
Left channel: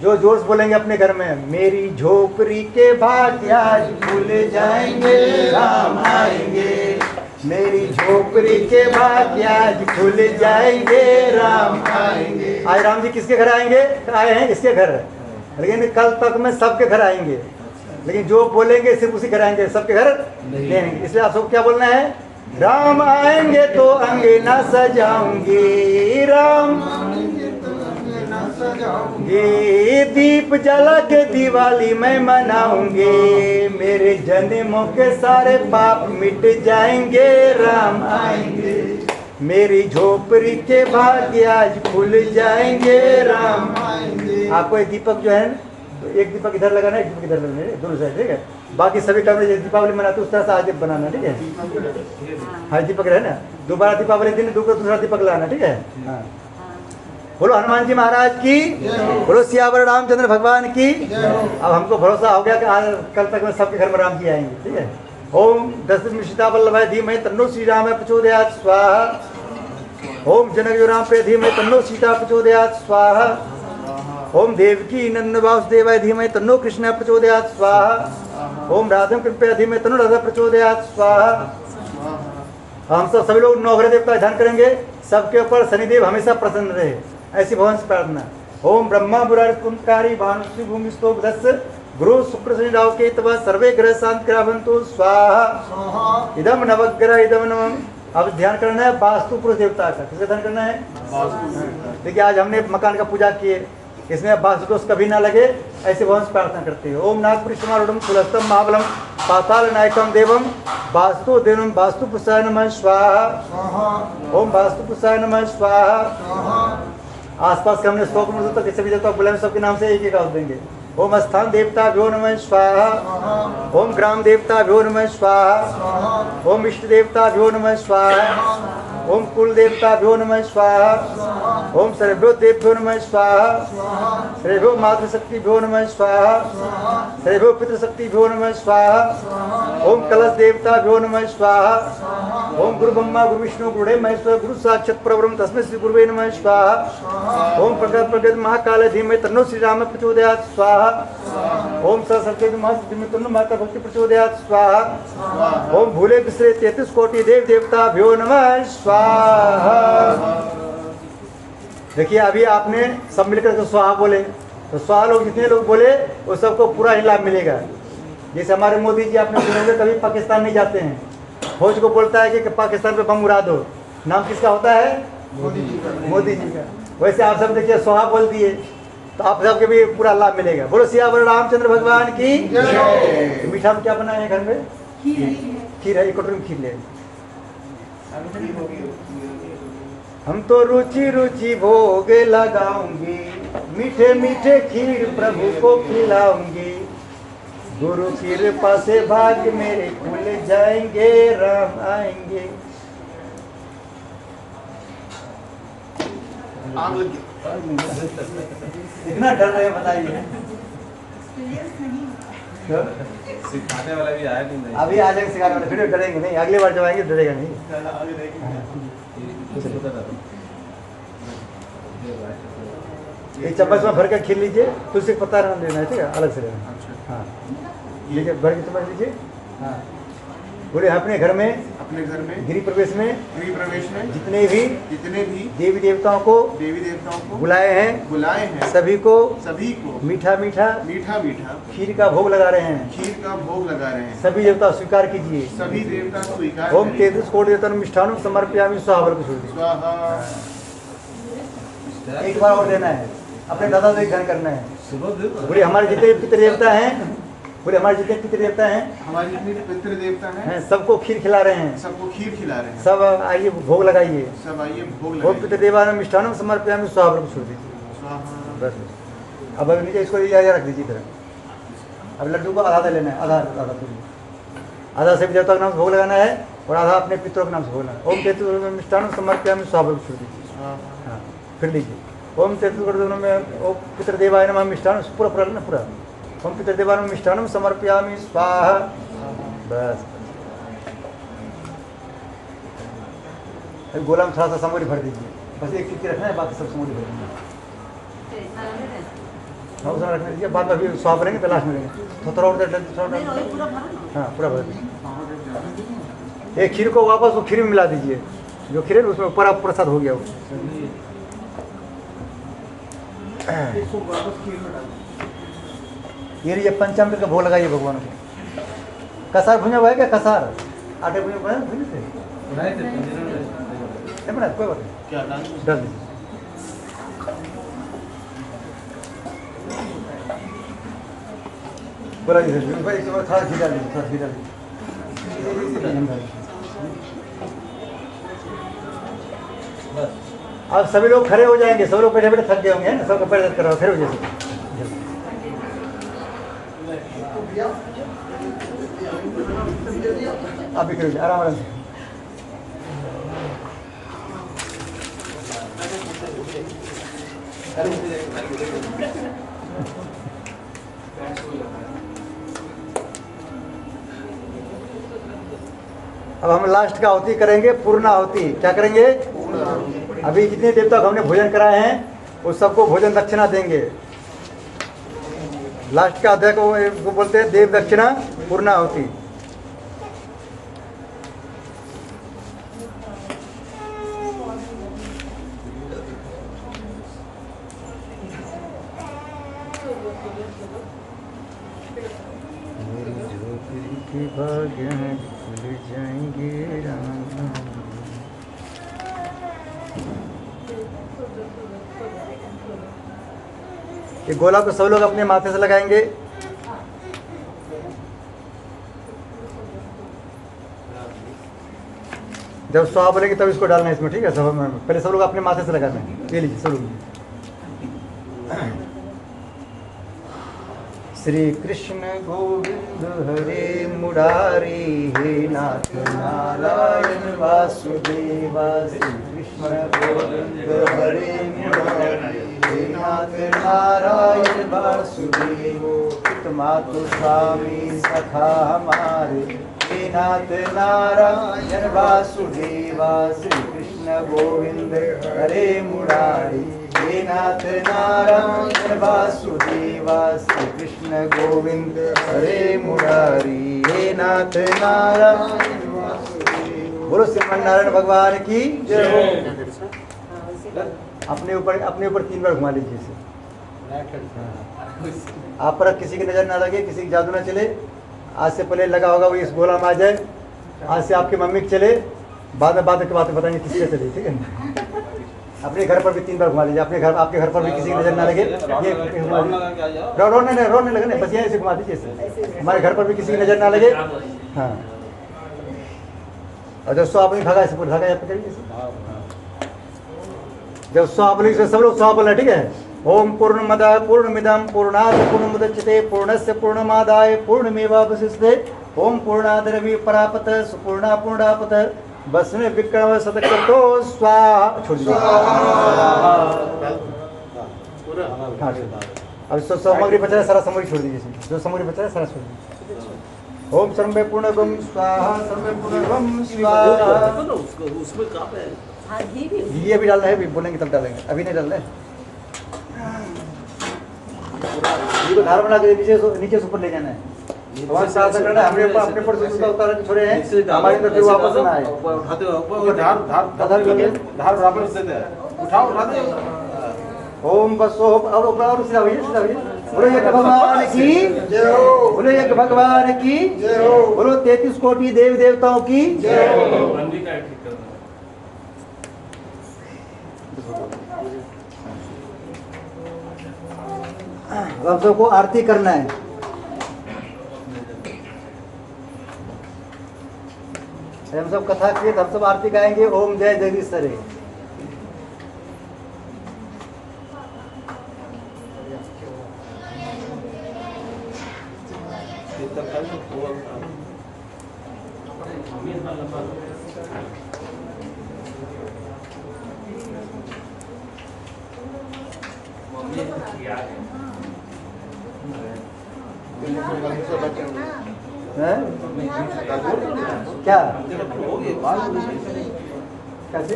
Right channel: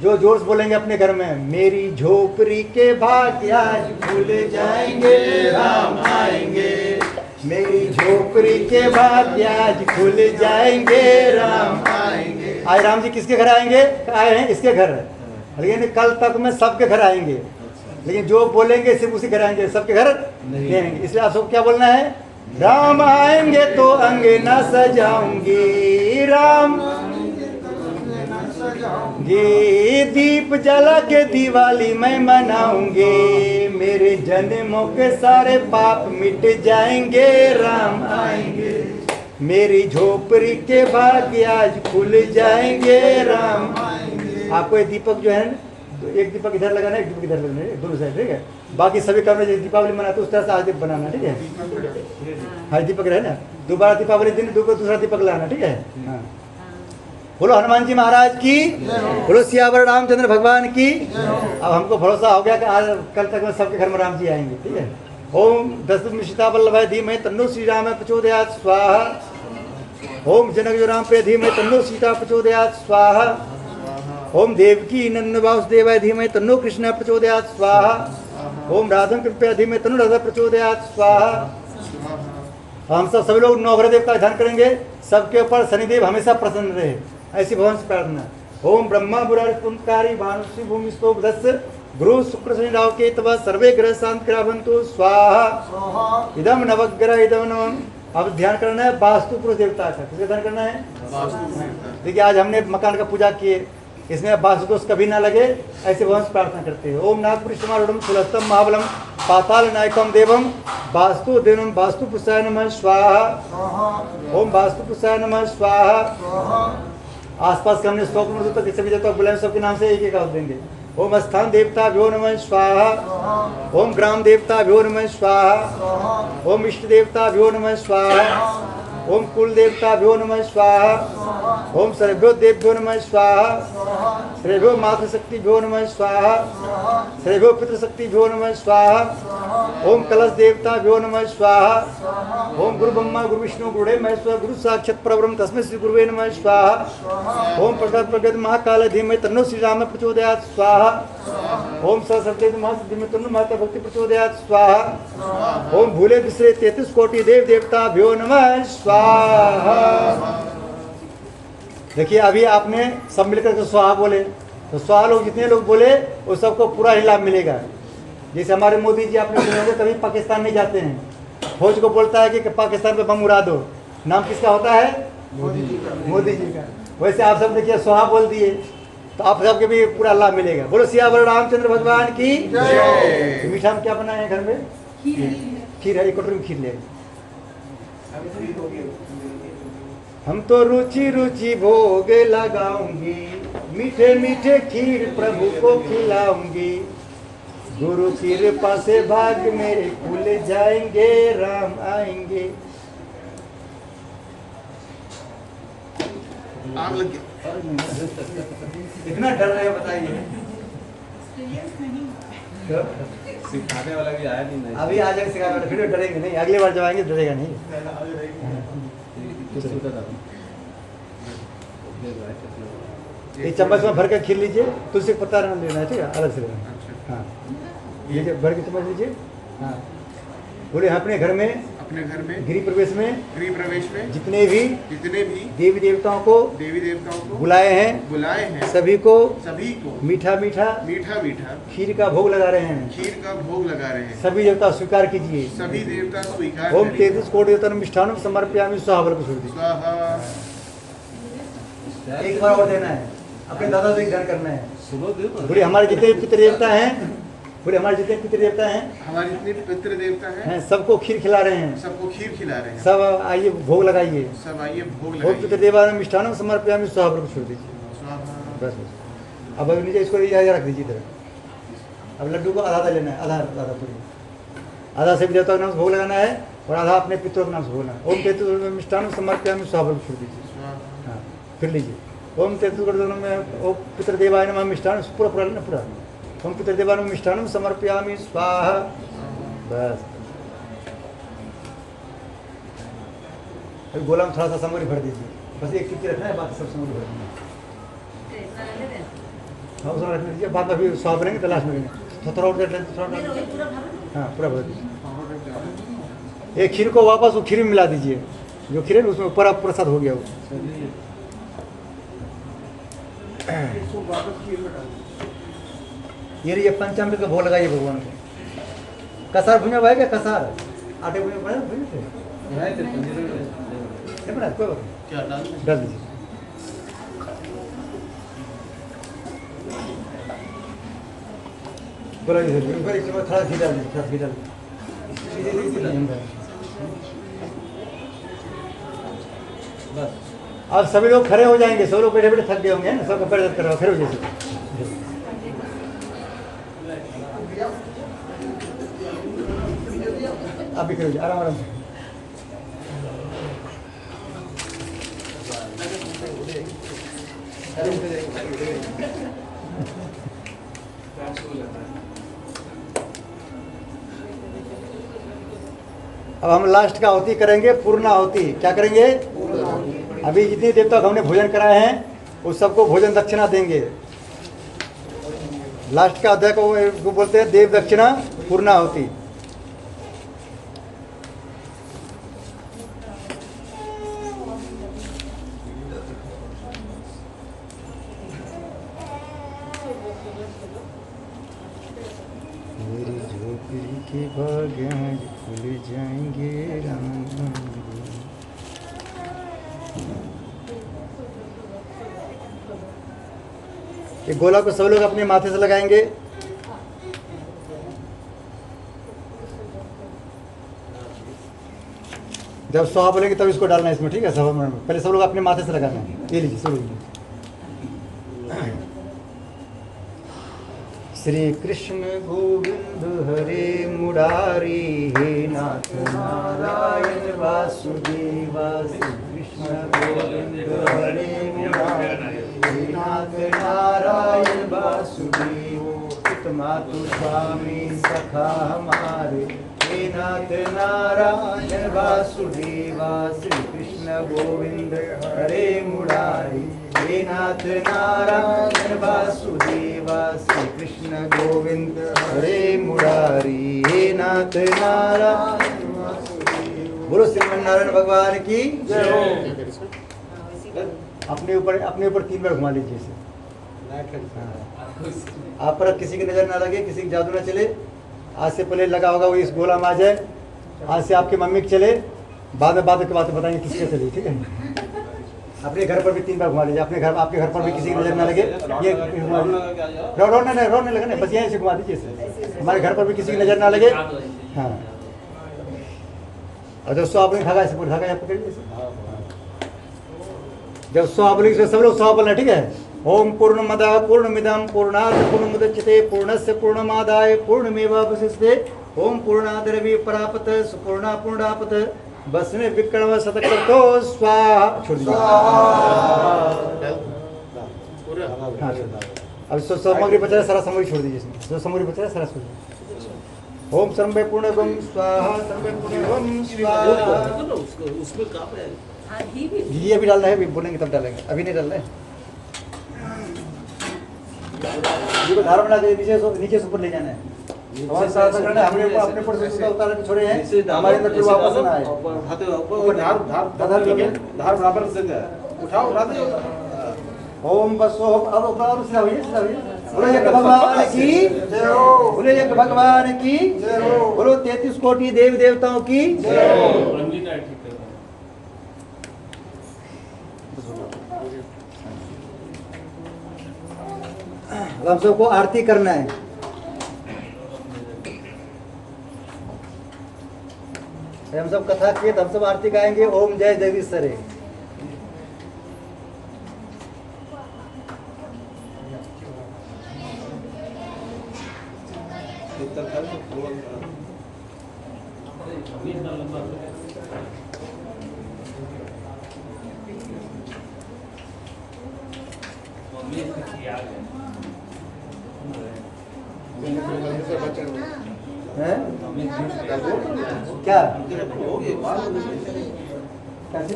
जो जोर से बोलेंगे अपने घर में, मेरी झोपड़ी के भाग्य आज खुल जाएंगे, राम आएंगे। मेरी झोपड़ी के भाग्य आज खुल जाएंगे, राम आएंगे। आज राम जी किसके घर आएंगे? आए हैं इसके घर, लेकिन कल तक में सबके घर आएंगे। लेकिन जो बोलेंगे सिर्फ उसी घर आएंगे, सबके घर नहीं आएंगे। इसलिए आप सबको क्या बोलना है? राम आएंगे तो अंगना सजाऊंगी, राम ये दीप जला के दिवाली मैं मनाऊंगी, मेरे जन्मों के सारे पाप मिट जाएंगे, राम आएंगे, मेरी झोपड़ी के भाग्य आज खुल जाएंगे, राम आएंगे। आपको ये दीपक जो है तो एक दीपक इधर लगाना, एक दीपक इधर लगाना है, दोनों साइड, ठीक है। बाकी सभी काम में दीपावली मनाते उस तरह से आज बनाना, ठीक है। हाँ दीपक रहे ना, दोबारा दीपावली दिन दूसरा दीपक लाना, ठीक है। हाँ बोलो हनुमान जी महाराज की, बोलो सियावर रामचंद्र भगवान की। अब हमको भरोसा हो गया कि आज कल तक में सबके घर में राम जी आएंगे, ठीक है। ओम दशरथ सीता वल्लभाय धीमहि तन्नो श्री राम प्रचोदयात् स्वाहा। ओम जनक राम पे धीमहि तन्नो सीता प्रचोदयात् स्वाहा। ओम देवकी नंदन वासुदेवाय धीमहि तन्नो कृष्ण प्रचोदयात् स्वाहा। ओम राधम कृपया धीमहि तन्नो राधा प्रचोदयात् स्वाहा। हम सब सभी लोग नवग्रह देव का ध्यान करेंगे, सबके ऊपर शनिदेव हमेशा प्रसन्न रहे, ऐसी भगवान से प्रार्थना। ओम ब्रह्मा मुरारी कुंभकारी भानुश्री भूमिस्तो बुधस्य गुरु शुक्र शनि राहु केतव सर्वे ग्रह शांत ग्रहवंतु स्वाहा। इदम नवग्रह इदम नवम। अब ध्यान करना है वास्तु पुरुष देवता का, किसका ध्यान करना है? देखिए आज हमने मकान का पूजा किए, इसमें वास्तु दोष कभी ना लगे, ऐसे भगवान से प्रार्थना करते हैं। ओम नागपुरुषमारूढ़ कुलस्थम महाबलम पाताल नायकम देवम वास्तु देवम वास्तु पुरुषाय नमः स्वाहा। ओम वास्तु पुरुषाय नमः स्वाहा। आसपास के हमने 100 किलोमीटर तक किसी भी देवता बुलाएं, सबके नाम से एक एक आवाज देंगे। ओम स्थान देवता भ्यो नमः स्वाहा। ओम ग्राम देवता भ्यो नमः स्वाहा। ओम इष्ट देवता भ्यो नमः स्वाहा। ओम कुल देवता भ्यो नमः स्वाहा। ओम सर्वभ्यो देवभ्यो नमः स्वाहा। सर्वभ्यो मातृशक्ति भ्यो नमः स्वाहा। सर्वभ्यो पितृशक्ति भ्यो नमः स्वाहा। ओम कलश देवता भ्यो नमः स्वाहा। ओम गुरु ब्रह्मा गुरु विष्णु गुरुदेव महेश्वर गुरु साक्षात् परब्रह्म तस्मै श्री गुरुवे नमः स्वाहा। ओम प्रगत प्रगत महाकाल धीमहि तन्नो श्री राम प्रचोदयात् स्वाहा। ओम सरस्वती नमः धीमहि तन्नो माता भक्ति प्रचोदयात् स्वाहा। ओम भूले बिसरे 33 कोटि देव देवता भ्यो नमः स्वाहा। देखिए अभी आपने सब मिलकर तो स्वाहा बोले, तो स्वाहा लोग जितने लोग बोले वो सबको पूरा ही लाभ मिलेगा। जैसे हमारे मोदी जी आपने सुने होंगे कभी पाकिस्तान नहीं जाते हैं, फौज को बोलता है कि पाकिस्तान पे बम उड़ा दो, नाम किसका होता है? मोदी जी का। वैसे आप सब देखिए स्वाहा बोल दिए तो आप सबके भी पूरा लाभ मिलेगा। बोलो सियावर रामचंद्र भगवान की जय। मीठा में क्या बनाए हैं घर में? खीर है, एक कटोरी में खीर ले। हम तो रुचि रुचि भोग लगाऊंगी, मीठे मीठे खीर प्रभु को खिलाऊंगी। गुरु कृपा से भाग्य मेरे खुल जाएंगे, राम आएंगे। इतना डर रहे बताइए। सिखाने वाला भी आया नहीं। अभी आ जाएंगे सिखाने वाले, फिर डरेंगे नहीं, अगली बार जब आएंगे डरेगा नहीं। ये चम्मच में भर के खीर लीजिए, तुलसी पत्ता रहने देना है, ठीक है, अलग से लेना। हाँ लीजिए, भर के चम्मच लीजिए। हाँ बोले अपने घर में गृह प्रवेश में जितने भी देवी देवताओं को बुलाए हैं सभी को मीठा मीठा खीर का भोग लगा रहे हैं। सभी देवता स्वीकार कीजिए। ओम 33 कोटि देवतान मिष्ठान समर्पयामि स्वाहा को छोड़ दीजिए। एक बार और देना है, अपने दादा से ध्यान करना है। बोले हमारे जितने पितृ देवता हैं, हमारे जितने पितृ देवता हैं सबको खीर खिला रहे हैं, सब आइए भोग लगाइए। ओम पितृदेवानां मिष्ठान्नं समर्पयामि स्वाहा को छोड़ दीजिए। बस अब नीचे इसको रख दीजिए इधर। अब लड्डू को आधा लेना है, आधा से भी देवता के नाम से भोग लगाना है और आधा अपने पितरों के नाम से भोग लगाना है। ओम 33 मिष्ठान्नं समर्पयामि स्वाहा को छोड़ दीजिए। हाँ फिर लीजिए। ओम 33 में ओम पितृदेवाय नमः मिष्ठान्नं पूरा लेना पूरा। ओम पितृदेवानां मिष्ठान्नं समर्पयामि स्वाहा। बस अभी गोला में थोड़ा सा समोरी भर दीजिए, बस एक चुटकी रखना है, बाकी सब समोरी भर दीजिए। उसमें रखने दीजिए, बाद में अभी स्वाहा भरेंगे तो लास्ट में देंगे। थोड़ा हाँ पूरा भर दीजिए। एक खीर को वापस वो खीर में मिला दीजिए, जो खीर है उसमें पूरा प्रसाद हो गया वो। ये पंचामृत का भोग लगाइए भगवान को। कसार भुजा हुआ है क्या? कसार आटे भुजा बनाए थे नहीं बनाए, कोई बात नहीं, डाल दीजिए। बोला जी सर, बिल्कुल एक बार थोड़ा खींचा लीजिए, थोड़ा खींचा लीजिए। बस अब सभी लोग खड़े हो जाएंगे, सब लोग बैठे बैठे थक गए होंगे ना, सबका पैर दर्द कर रहा हो, फिर हो जैसे आप भी खड़े आराम आराम से। अब हम लास्ट का आहुति करेंगे, पूर्ण आहुति। क्या करेंगे? अभी जितने देर तक हमने भोजन कराए हैं उस सबको भोजन दक्षिणा देंगे। लास्ट का अध्याय को बोलते हैं देव दक्षिणा पूर्ण आहुति। मेरी झोपड़ी के भाग्य खुल जाएंगे राम राम। ये गोला को सब लोग अपने माथे से लगाएंगे। जब स्वाहा बोलेंगे तब इसको डालना है इसमें, ठीक है? सब पहले सब लोग अपने माथे से लगाना है। ये लीजिए सब लोग। श्री कृष्ण गोविंद हरे मुरारी, हे नाथ नारायण वासुदेवा। श्री कृष्ण गोविंद हरे मुरारी, हे नाथ नारायण वासुदेवो। मातु स्वामी सखा हमारे, हे नाथ नारायण वासुदेवा। श्री कृष्ण गोविंद हरे मुरारी, हे नाथ नारायण वासुदेवा। श्री कृष्ण गोविंद हरे मुरारी, हे नाथ नारायण वासुदेवा। बोलो श्रीमन नारायण भगवान की जय हो। अपने ऊपर 3 बार घुमा लीजिए इसे। आप पर किसी की नजर ना लगे, किसी की जादू ना चले। आज से पहले लगा होगा वो इस गोला में आ जाए। आज से आपकी मम्मी के चले, बाद में बातें बताएंगे किसके चले, ठीक है? अपने घर पर भी 3 बार घुमा लीजिए। आपके घर पर भी किसी की नजर ना लगे। ये रोने लगे, बस यहीं से घुमा दीजिए। हमारे घर पर भी किसी की नजर ना लगे। हाँ, और जब स्वाहा बोलेंगे धागा ऐसे धागा पकड़िए। जब स्वाहा बोलेंगे सब लोग स्वाहा बोलना, ठीक है? ओम पूर्णमदः पूर्णमिदं पूर्णात् पूर्णमुदच्यते पूर्णस्य पूर्णमादाय पूर्णमेवावशिष्यते। ओम पूर्णाद्रव्य परापत सुपूर्णा पूर्णापत बस में विक्रम शतक्रतो स्वाहा। छोड़ दीजिए। अब जो सामग्री बचा है सारा सामग्री छोड़ दीजिए। जो सामग्री बचा है सारा छोड़ दीजिए। ओम सर्वे पूर्णगम स्वाहा, सर्वे पूर्णगम स्वाहा। उसमें कहाँ पे है? घी अभी डालना है, अभी बोलेंगे तब डालेंगे, अभी नहीं डालना है। घी को धार बना के नीचे से ऊपर ले जाना है। हमारे साथ करना है। हमने अपने पर से उतार के छोड़े हैं, हमारे अंदर फिर वापस ना आए। उठाते हो धार बराबर से दे, उठाओ उठा दो। ओम बस ओम। और सीधा होइए, सीधा होइए। बोलो यज्ञ भगवान की जय हो। बोलो यज्ञ भगवान की जय हो। बोलो 33 कोटि देवी देवताओं की जय हो। हम सबको आरती करना है। हम सब कथा किए, हम सब आरती गाएंगे। ओम जय जगदीश्वरे। क्या कैसे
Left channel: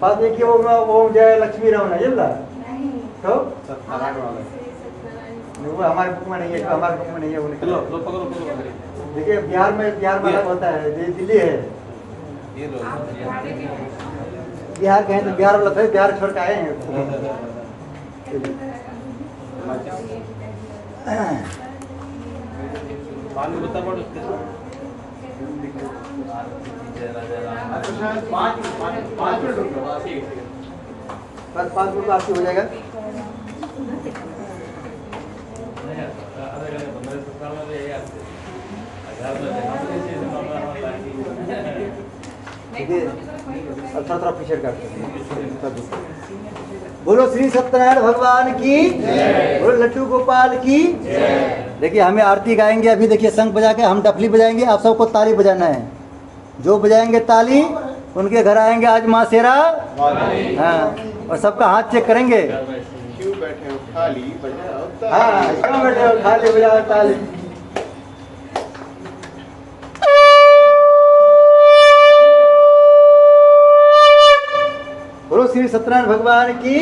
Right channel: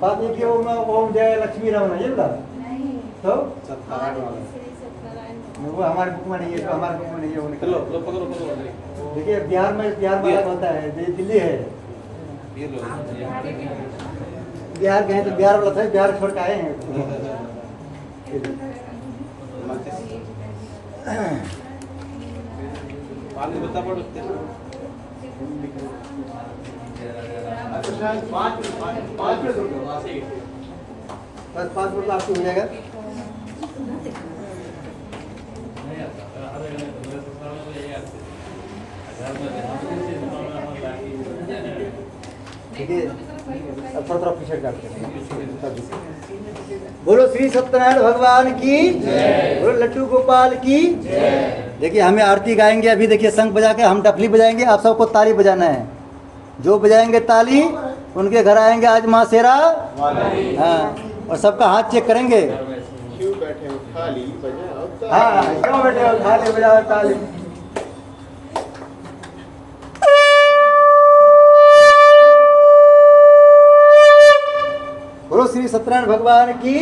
बात ये कि ओम जय लक्ष्मी रमन ये बोला तो वो हमारे बुक में नहीं है, हमारे बुक में नहीं है। वो देखिए बिहार में अलग होता है, दिल्ली है। बिहार गए तो बिहार वाला था, बिहार छोड़ के आए हैं। बस 5 मिनट में आपकी हो जाएगा। ठीक है, अब थोड़ा पीछे करते हैं। बोलो श्री सत्यनारायण भगवान की, बोलो लड्डू गोपाल की। देखिए हमें आरती गाएंगे अभी। देखिए शंख बजा के हम डफली बजाएंगे, आप सबको ताली बजाना है। जो बजाएंगे ताली उनके घर आएंगे आज माँ शेरा। हाँ, और सबका हाथ चेक करेंगे। क्यों बैठे हो खाली बजाओ हाँ, क्यों बैठे हो खाली बजाओ ताली। बोलो श्री सत्यनारायण भगवान की।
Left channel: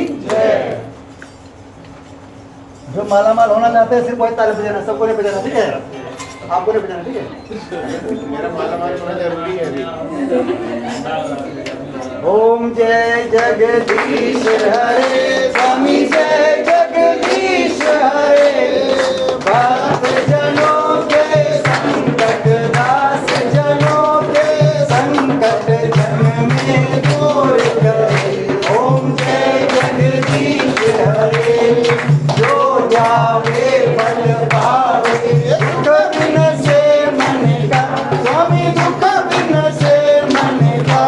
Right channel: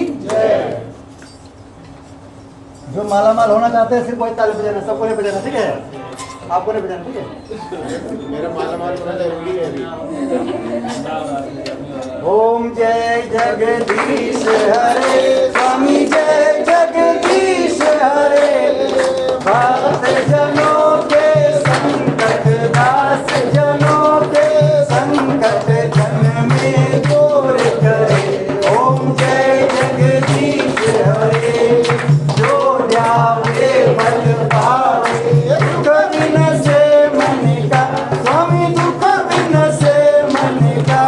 जो मालामाल होना चाहते हैं सिर्फ वही ताली बजाना, सबको नहीं बजाना, ठीक है? आपको नहीं बजाना, ठीक है? मेरा मालामाल होना जरूरी है अभी। ओम जय जगदीश हरे, स्वामी जय जगदीश हरे। भक्त जनों के संकट, दास जनों के संकट जन में दूर करे। ओम जय जगदीश हरे। जो जावे फल पावे, दुख बिन से मन का, स्वामी दुख बिन से मन का।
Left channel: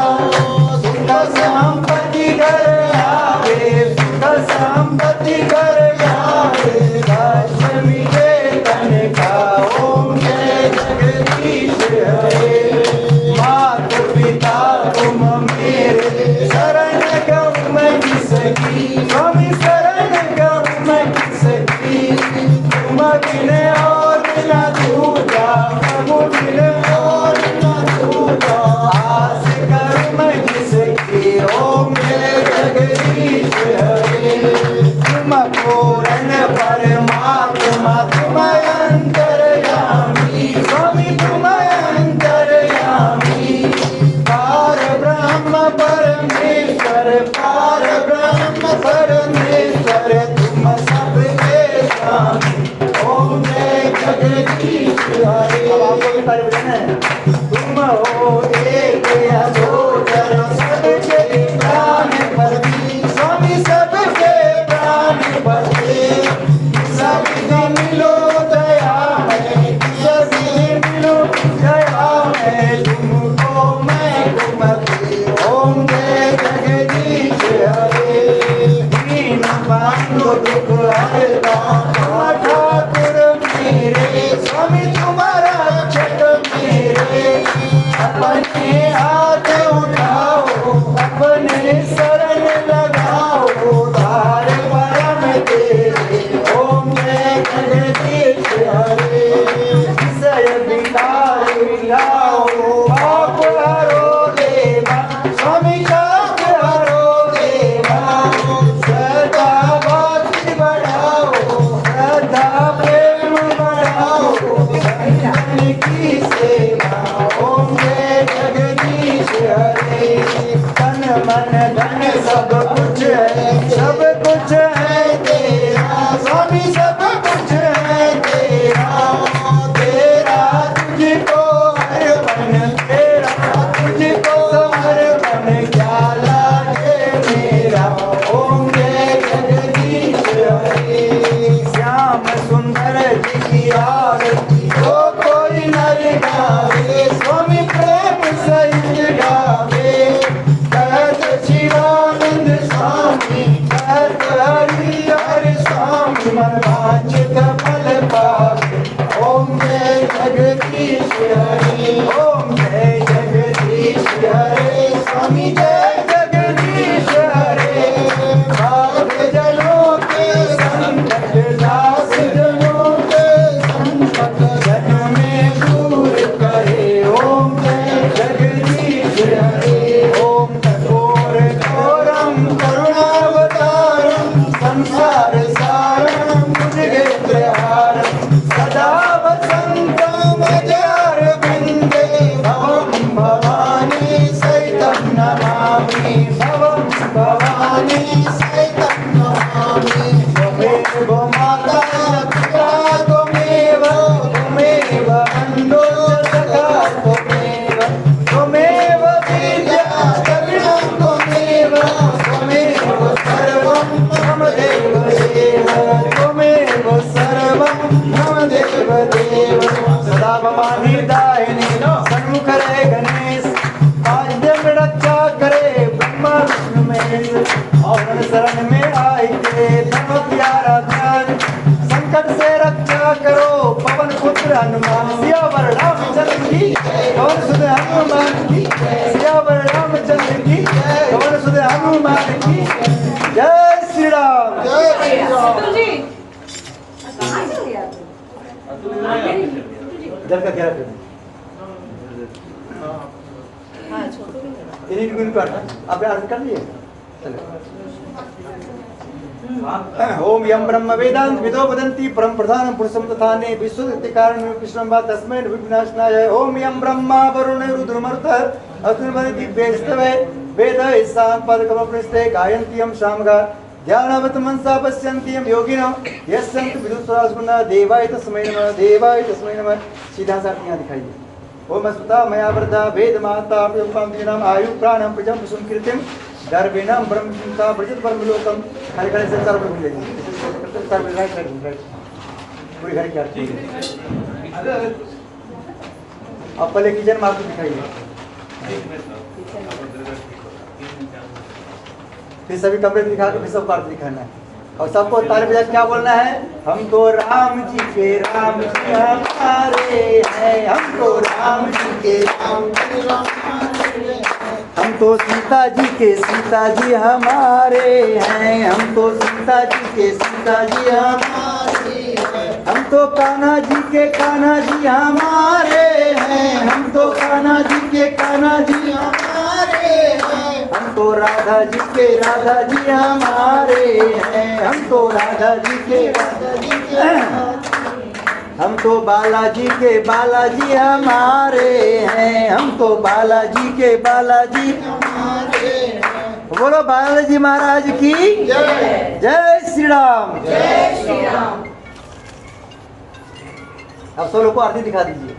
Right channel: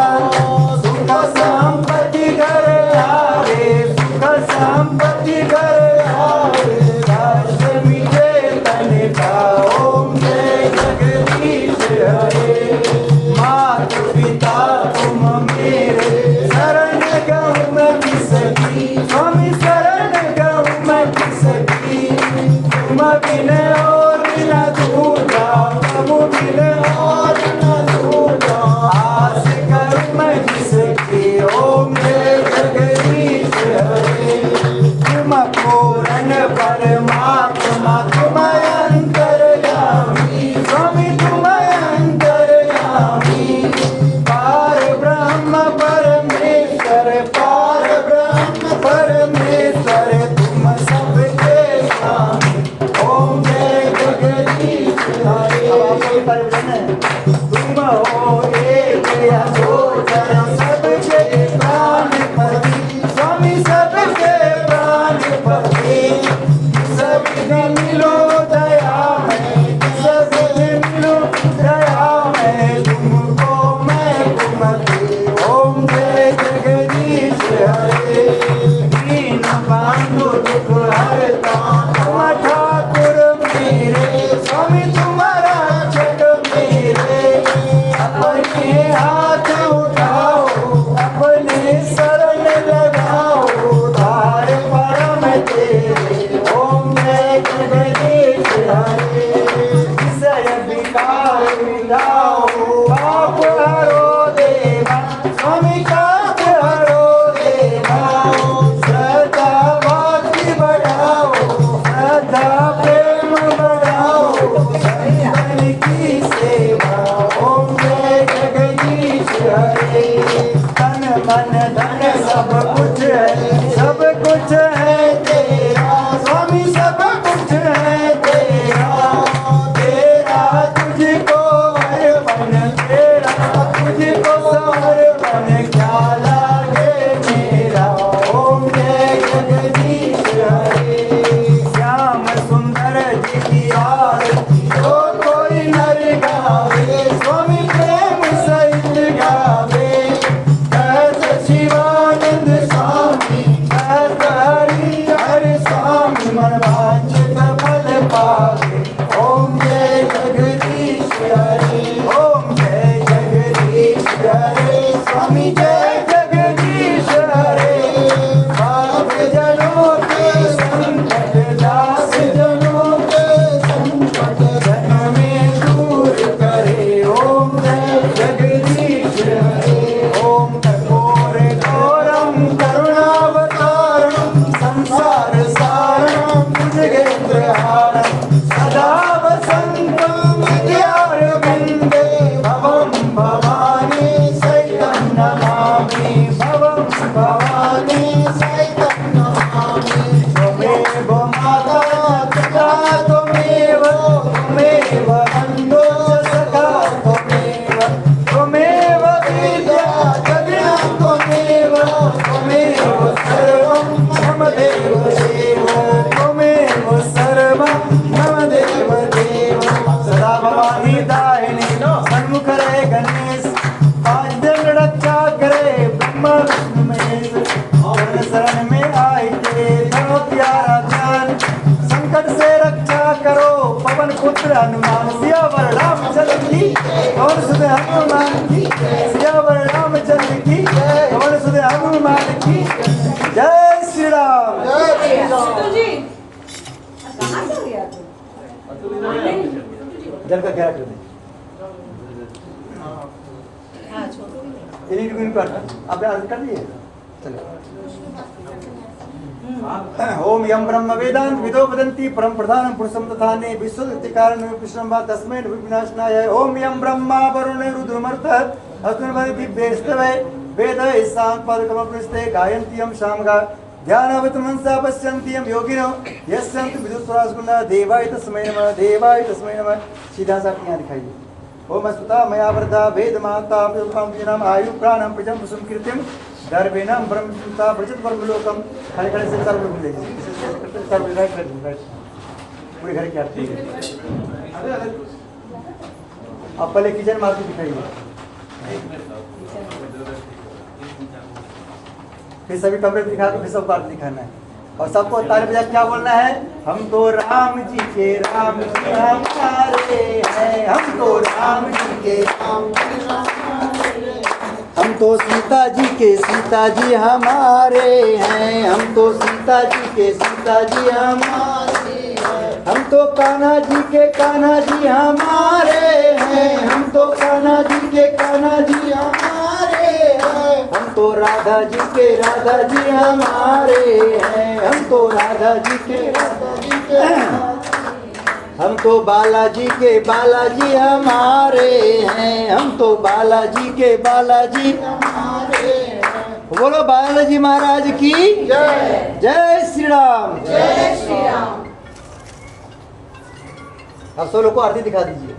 सुख संपत्ति घर आवे, सुख संपत्ति घर आवे। कष्ट मिटे तन का। ओम जय जगदीश हरे। मात पिता तुम मेरे, शरण गहूँ मैं किसकी, स्वामी शरण गहूँ मैं किसकी। तुम बिन और न दूजा, प्रभु बिन और न दूजा। आस कर मैं जिसकी। ओम जय जगदीश हरे। तुम पूर्ण परमात्मा, तुम अंतर्यामी, स्वामी तुम अंतर्यामी। पार ब्रह्म परमेश्वर, पार ब्रह्म परमेश्वर, तुम सबके स्वामी। ओम जय जगदीश हरे। अब आपको भी तारीफ करना है। तुम हो एक अजोकर, सबके प्राणपति, स्वामी सबके प्राणपति। सब दिन मिलो दया में, सब दिन मिलो दया में, तुमको मैं कुमति। ओम जय जगदीश हरे। दीन बंधु दुख हरता, तुम ठाकुर मेरे, स्वामी तुम रक्षक मेरे। अपने हाथ उठाओ, अपने शरण लगाओ, तार परम तेरे। ओम जय जगदीश हरे। विषय विकार मिटाओ, पाप हरो देवा, स्वामी पाप हरो देवा। श्रद्धा भक्ति बढ़ाओ, श्रद्धा प्रेम बढ़ाओ, संतन की सेवा। ओम जय जगदीश हरे। तन मन धन सब कुछ है, सब कुछ है तेरा, स्वामी सब कुछ है तेरा। तेरा तुझको अर्पण, तेरा तुझको समर्पण, क्या लागे मेरा। ओम जय जगदीश हरे। श्याम सुंदर जी की आरती जो कोई नर गावे, स्वामी प्रेम सहित गावे। कहत शिवानंद स्वामी, कहत हरि हरि स्वामी, मन वांछित फल पावे। ओम जय जगदीश हरे। ओम जय जगदीश हरे। स्वामी जय जगदीश हरे। भक्त जनों के संकट, दास जनों के संकट जन में दूर करे। ओम जय जगदीश हरे। ओम कठोर घोरम करुणावतारम, संसार सारम भुजगेन्द्रहारम, सदा वसंतम हृदयारविंदे। नारायणी सन्मुख रहे गणेश, पांच दिन रक्षा करे ब्रह्मा विष्णु महेश, और शरण में आई के धरो प्यारा ध्यान, संकट से रक्षा करो पवन पुत्र हनुमान, सियावर रामचंद्र की पवन सुत हनुमान की, सियावर रामचंद्र की पवन सुत हनुमान की। जय श्री राम। जल का क्या कर आपने अर्ज कर लिए। ओम यम ब्रह्म वेदांत विदो वदन्ति परम प्रधानम पुरुषम तथाने विश्वस्य कारणं कृष्णं वा तस्मै विनाशनाय। ओम यम ब्रह्मा वरुण रुद्रमरुतः अस्मिन् दिव्यैस्तवे वेदै सांपदकमपृष्ठे गायन्ति यं शामगा ध्यानावत मनसा पश्यन्ति यं योगिनो यस्यन्ति विदुषराजगुणा देवाय तस्मै नमः, देवाय तस्मै नमः। सीधा सा यहाँ दिखाई दे। ओम अस्मता मया वृद्धा वेद माता प्रयुक्ताम आयु प्राणम प्रजम सुम कीर्तिम गर्वेणम ब्रह्मता प्रजत ब्रह्मलोकम। खड़े खड़े से सर्व घूम लेंगे, सर्व राइट राइट पूरे घर की आरती। अब पहले किचन में आरती दिखाइए, फिर सभी कमरे दिखा के फिर सबको आरती दिखाना है, और सबको ताली बजा क्या बोलना है? हम तो राम जी के राम जी हमारे हैं, हम तो राम जी के राम जी, हम तो सीता जी के सीता जी हमारे हैं, हम तो सीता जी के सीता जी हमारे हैं, हम तो कान्हा जी के कान्हा जी हमारे हैं, हम तो कान्हा जी के कान्हा जी हमारे हैं, हम तो राधा जी के राधा जी हमारे हैं, हम तो राधा जी के राधा जी के, हम तो बालाजी के बालाजी हमारे हैं, हम तो बालाजी के बालाजी हमारे हैं। बोलो बालाजी महाराज की जय। जय श्री राम। जय श्री राम। अब सब लोग को आरती दिखा दीजिए।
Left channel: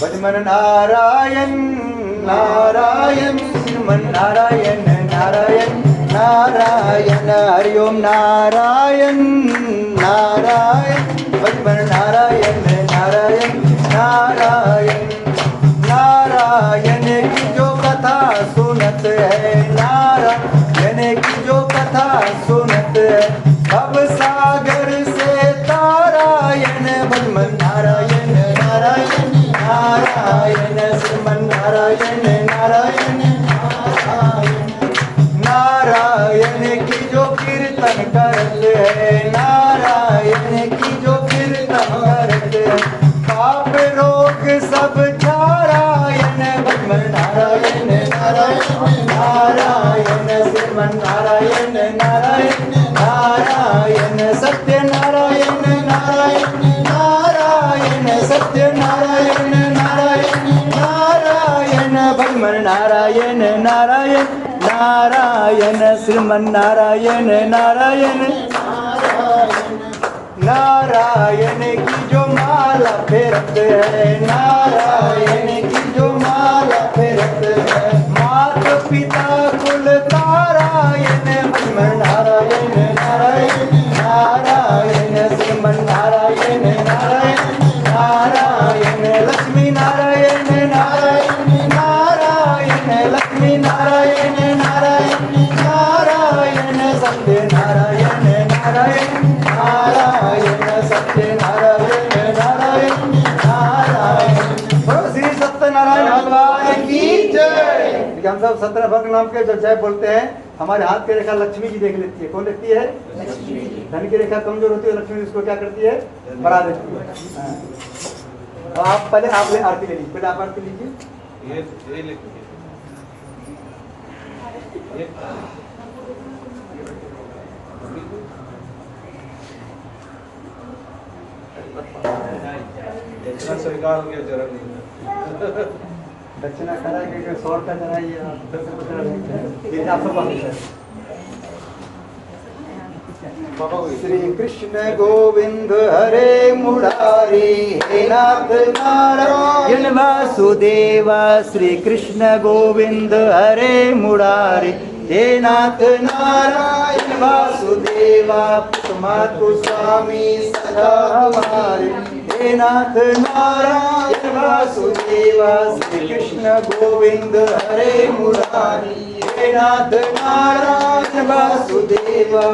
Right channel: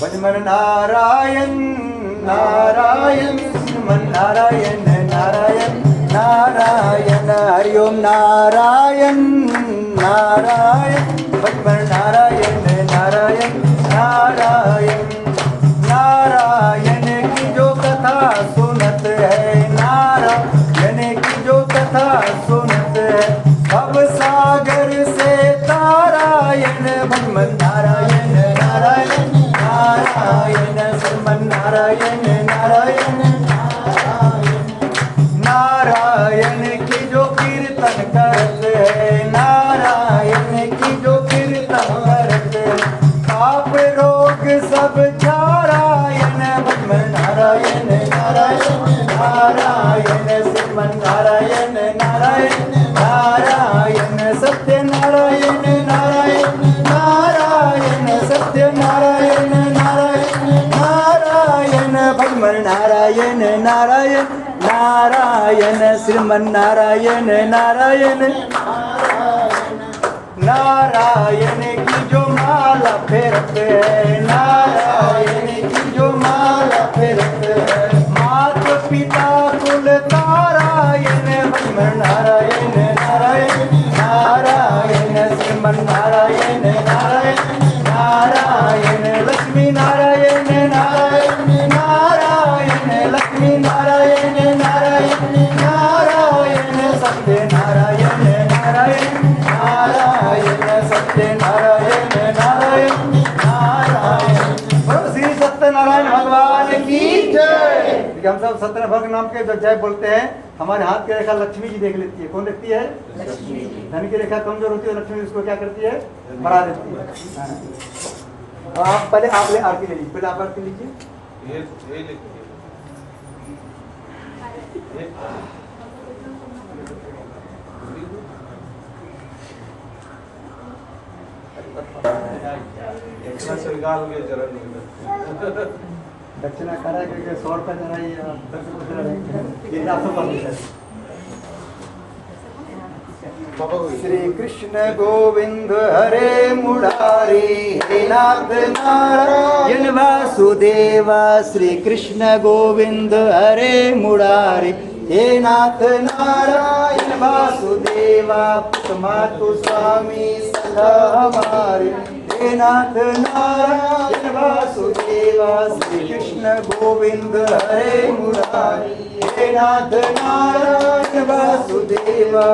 भजमन नारायण नारायण श्रीमन नारायण नारायण नारायण, हरिओम नारायण नारायण, भजमन नारायण नारायण नारायण, नारायण की जो कथा सुनत है, नारायण की जो कथा सुनत है, भव सागर से तारायण, भजमन नारायण नारायण नारायण, श्रीमन नारायण नारायण नारायण की जो कीर्तन करते हैं, नारायण की जो कीर्तन करते हैं, पाप रोग सब नारायण, भजमन नारायण नारायण नारायण, श्रीमन नारायण नारायण नारायण, सत्य नारायण नारायण नारायण, सत्य नारायण नारायण नारायण, भजमन नारायण नारायण नारायण, श्रीमन नारायण नारायण नारायण की जो माला फेरते हैं, नारायण की जो माला फेरते हैं, मात पिता कुल तारायण, भजमन नारायण नारायण नारायण, श्रीमन नारायण नारायण नारायण, लक्ष्मी नारायण नारायण नारायण, लक्ष्मी नारायण नारायण नारायण, सत्य नारायण नारायण नारायण, सत्य नारायण नारायण नारायण। बोलो श्री सत्यनारायण भगवान की जय। हम सब सत्यनारायण नाम के जब जय बोलते हैं, हमारे हाथ की रेखा लक्ष्मी जी देख लेती है। कौन देखती है? लक्ष्मी जी। धन की रेखा कमजोर होती है, लक्ष्मी उसको क्या करती है? बढ़ा देती है। हाँ। आप पहले आप ले आरती ले लीजिए, पहले आप आरती लीजिए। ये लेते दक्षिणा कराइए, 100 रुपये कराइए, आप श्री कृष्ण गोविंद हरे मुरारी, हे नाथ नारायण वासुदेवा, श्री कृष्ण गोविंद हरे मुरारी, हे नाथ नारायण वासुदेवा मातु स्वामी सदा हमारे। हे नाथ नारायण वासुदेवा श्री कृष्ण गोविंद हरे मुरारी। हे नाथ नारायण वासुदेवा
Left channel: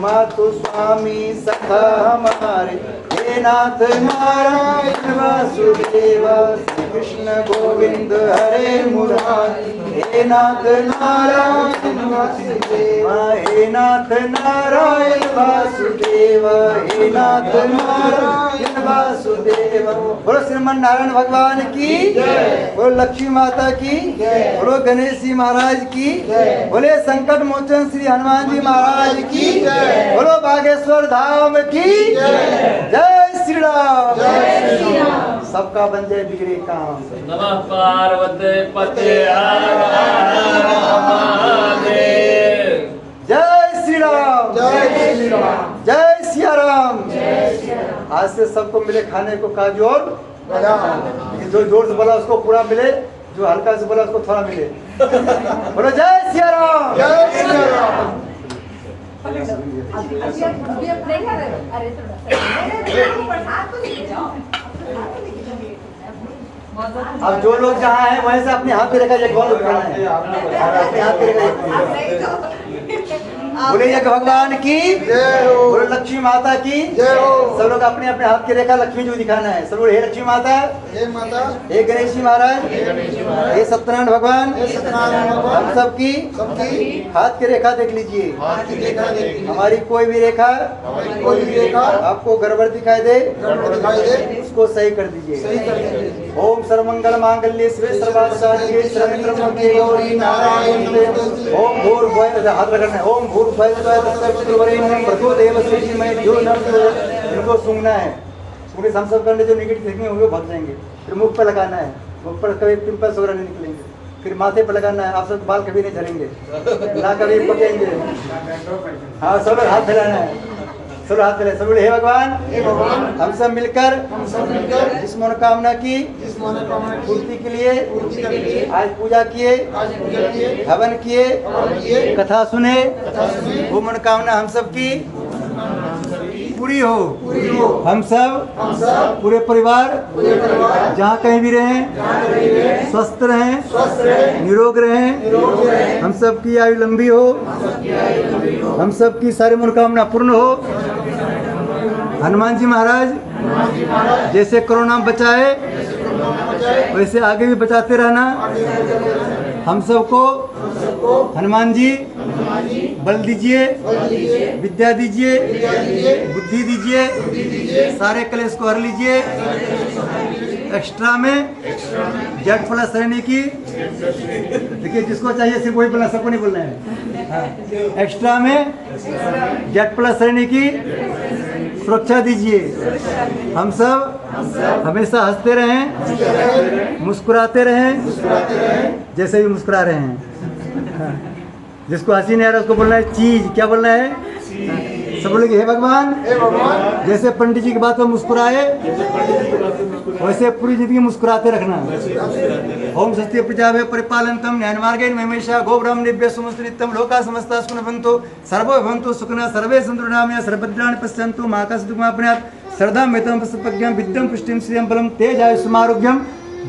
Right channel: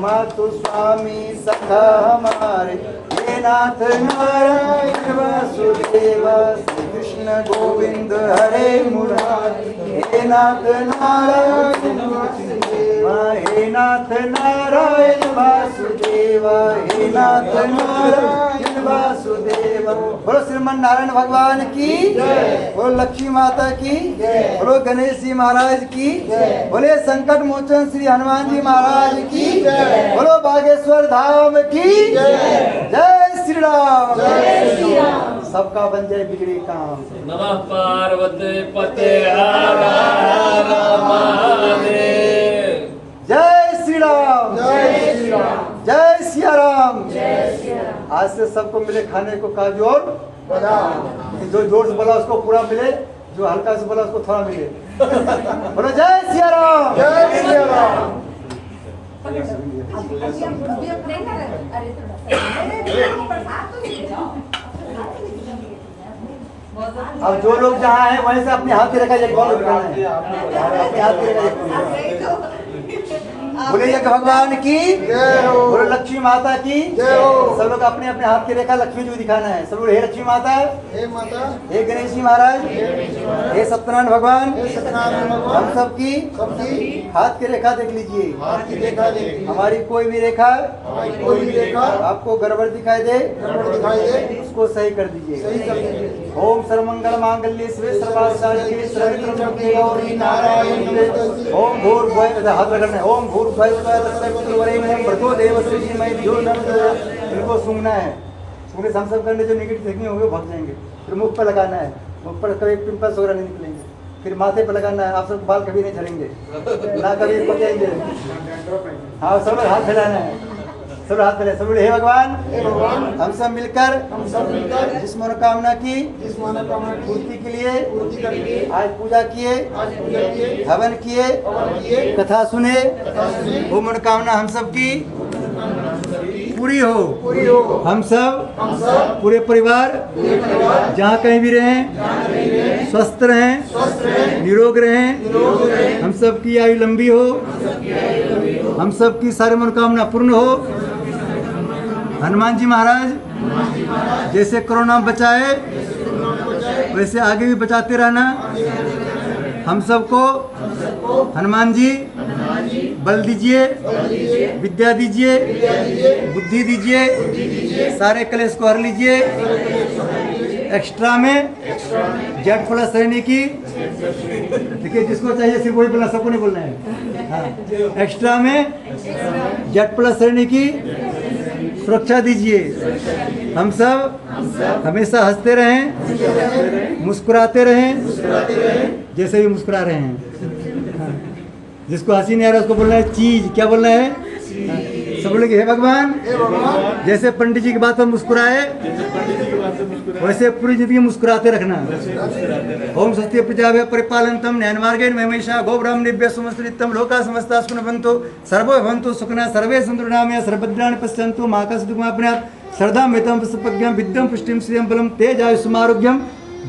मातु स्वामी सदा हमारे। हे नाथ नारायण वासुदेवा श्री कृष्ण गोविंद हरे मुरारी। हे नाथ नारायण वासुदेवा, हे नाथ नारायण वासुदेवा, हे नाथ नारायण वासुदेवा। बोलो श्रीमन नारायण भगवान की, बोलो लक्ष्मी माता की, बोलो गणेश जी महाराज की, बोले संकट मोचन श्री हनुमान जी महाराज की, बोलो बागेश्वर धाम की जय श्री राम। सबका बन जाए बिगड़े काम। नमः पार्वती पते हर हर महादेव। जय श्री राम, जय सिया राम। आज से सबको मिले खाने को काजू और जो जोर से बोला उसको पूरा मिले, जो हल्का से बोला उसको थोड़ा मिले। बोलो जय सिया राम। अब जो लोग जहाँ हैं वहीं से अपने हाथ की रेखा एक बार करना है, अपने हाथ की रेखा। बोले जय भगवान की, बोले लक्ष्मी माता की। सब लोग अपने अपने हाथ की रेखा लक्ष्मी जी को दिखाना है। सब लोग हे लक्ष्मी माता, हे गणेश जी महाराज, हे सत्यनारायण भगवान, हम सब की हाथ की रेखा देख लीजिए। हमारी कोई भी रेखा आपको गड़बड़ दिखाई दे उसको सही कर दीजिए। ओम सर्वमंगल मांगल्ये शिवे सर्वार्थसाधिके शरण्ये त्र्यंबके गौरी नारायणी। ओम भूर्भुवः, हाथ रखना है। ओम भूर्भुवः तत्सवितुर्वरेण्यं भर्गो देवस्य धीमहि धियो न प्रचोदयात्। इनको सूंघना है। सूंघने से हम सब करने जो नेगेटिव थिंकिंग होंगे वो भाग जाएंगे। फिर मुख पर लगाना है, मुख पर कभी पिंपल्स वगैरह नहीं निकलेंगे। फिर माथे पर लगाना है, आप सब बाल कभी नहीं झड़ेंगे, ना कभी पकेंगे। हाँ, सब लोग हाथ फैलाना है, सब हाथ फैलाए। सब लोग हे भगवान, हम सब मिलकर जिस मनोकामना की पूर्ति के लिए आज पूजा किए, हवन किए, कथा सुने, वो मनोकामना हम सब की पूरी हो। हम सब पूरे परिवार जहाँ कहीं भी रहें स्वस्थ रहें, निरोग रहें। हम सब की आयु लंबी हो, हम सब की सारी मनोकामना पूर्ण हो। हनुमान जी महाराज जैसे कोरोना बचाए वैसे आगे भी बचाते रहना। हम सबको हनुमान जी बल दीजिए, विद्या दीजिए, बुद्धि दीजिए, सारे कलेश को हर लीजिए। एक्स्ट्रा में जेड प्लस रहने की, देखिए जिसको चाहिए सिर्फ वही बोलना, सबको नहीं बोलना है। हाँ, एक्स्ट्रा में जेड प्लस रहने की सुरक्षा दीजिए। हम सब हमेशा हंसते रहें, मुस्कुराते रहें, जैसे भी मुस्कुरा रहे हैं। जिसको हंसी नहीं आ रहा उसको बोलना है चीज। क्या बोलना है? सब बोलेंगे हे भगवान। जैसे पंडित जी की बात पर मुस्कुराए वैसे पूरी जिंदगी मुस्कुराते रखना। ओम स्वस्ति प्रजाभ्यः परिपालयन्तं न्यायेन मार्गेण महीषा गोब्राह्मणेभ्यः सुमस्कृतं लोकाः समस्ताः सुखिनो भवन्तु सर्वे भवन्तु सुखिनः सर्वे सन्तु निरामया सर्वभद्राणि पश्यन्तु मा कश्चित् दुःखमाप्नुयात् श्रद्धामेतं पुष्पज्ञं विद्यं पुष्टिं श्रियं बलं तेजायुष्यमारोग्यं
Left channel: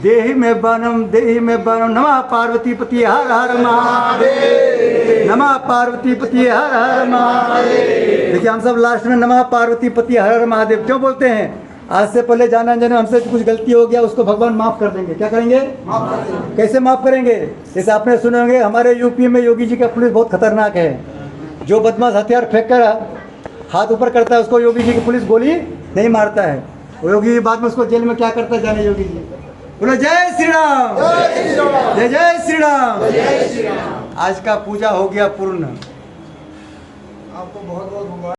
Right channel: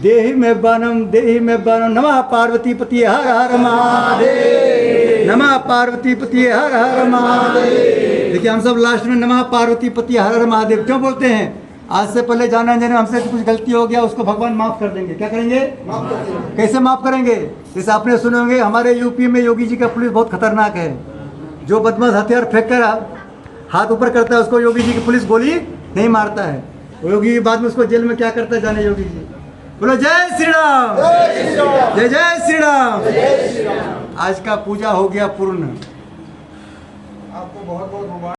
देहि मे बाणं। नमः पार्वतीपति हर हर महादेव। नमः पार्वतीपति हर हर महादेव। देखिए हम सब लास्ट में नमः पार्वतीपति हर हर महादेव क्यों बोलते हैं? आज से पहले जाने अनजाने हमसे कुछ गलती हो गया उसको भगवान माफ कर देंगे। क्या करेंगे? कैसे माफ करेंगे? जैसे आपने सुने होंगे हमारे यूपी में योगी जी का पुलिस बहुत खतरनाक है। जो बदमाश हथियार फेंक कर हाथ ऊपर करता है उसको योगी जी की पुलिस गोली नहीं मारता है। वो योगी बाद में उसको जेल में क्या करता है जाने योगी जी। बोलो जय श्री राम, जय जय श्री राम। आज का पूजा हो गया पूर्ण। आपको बहुत बहुत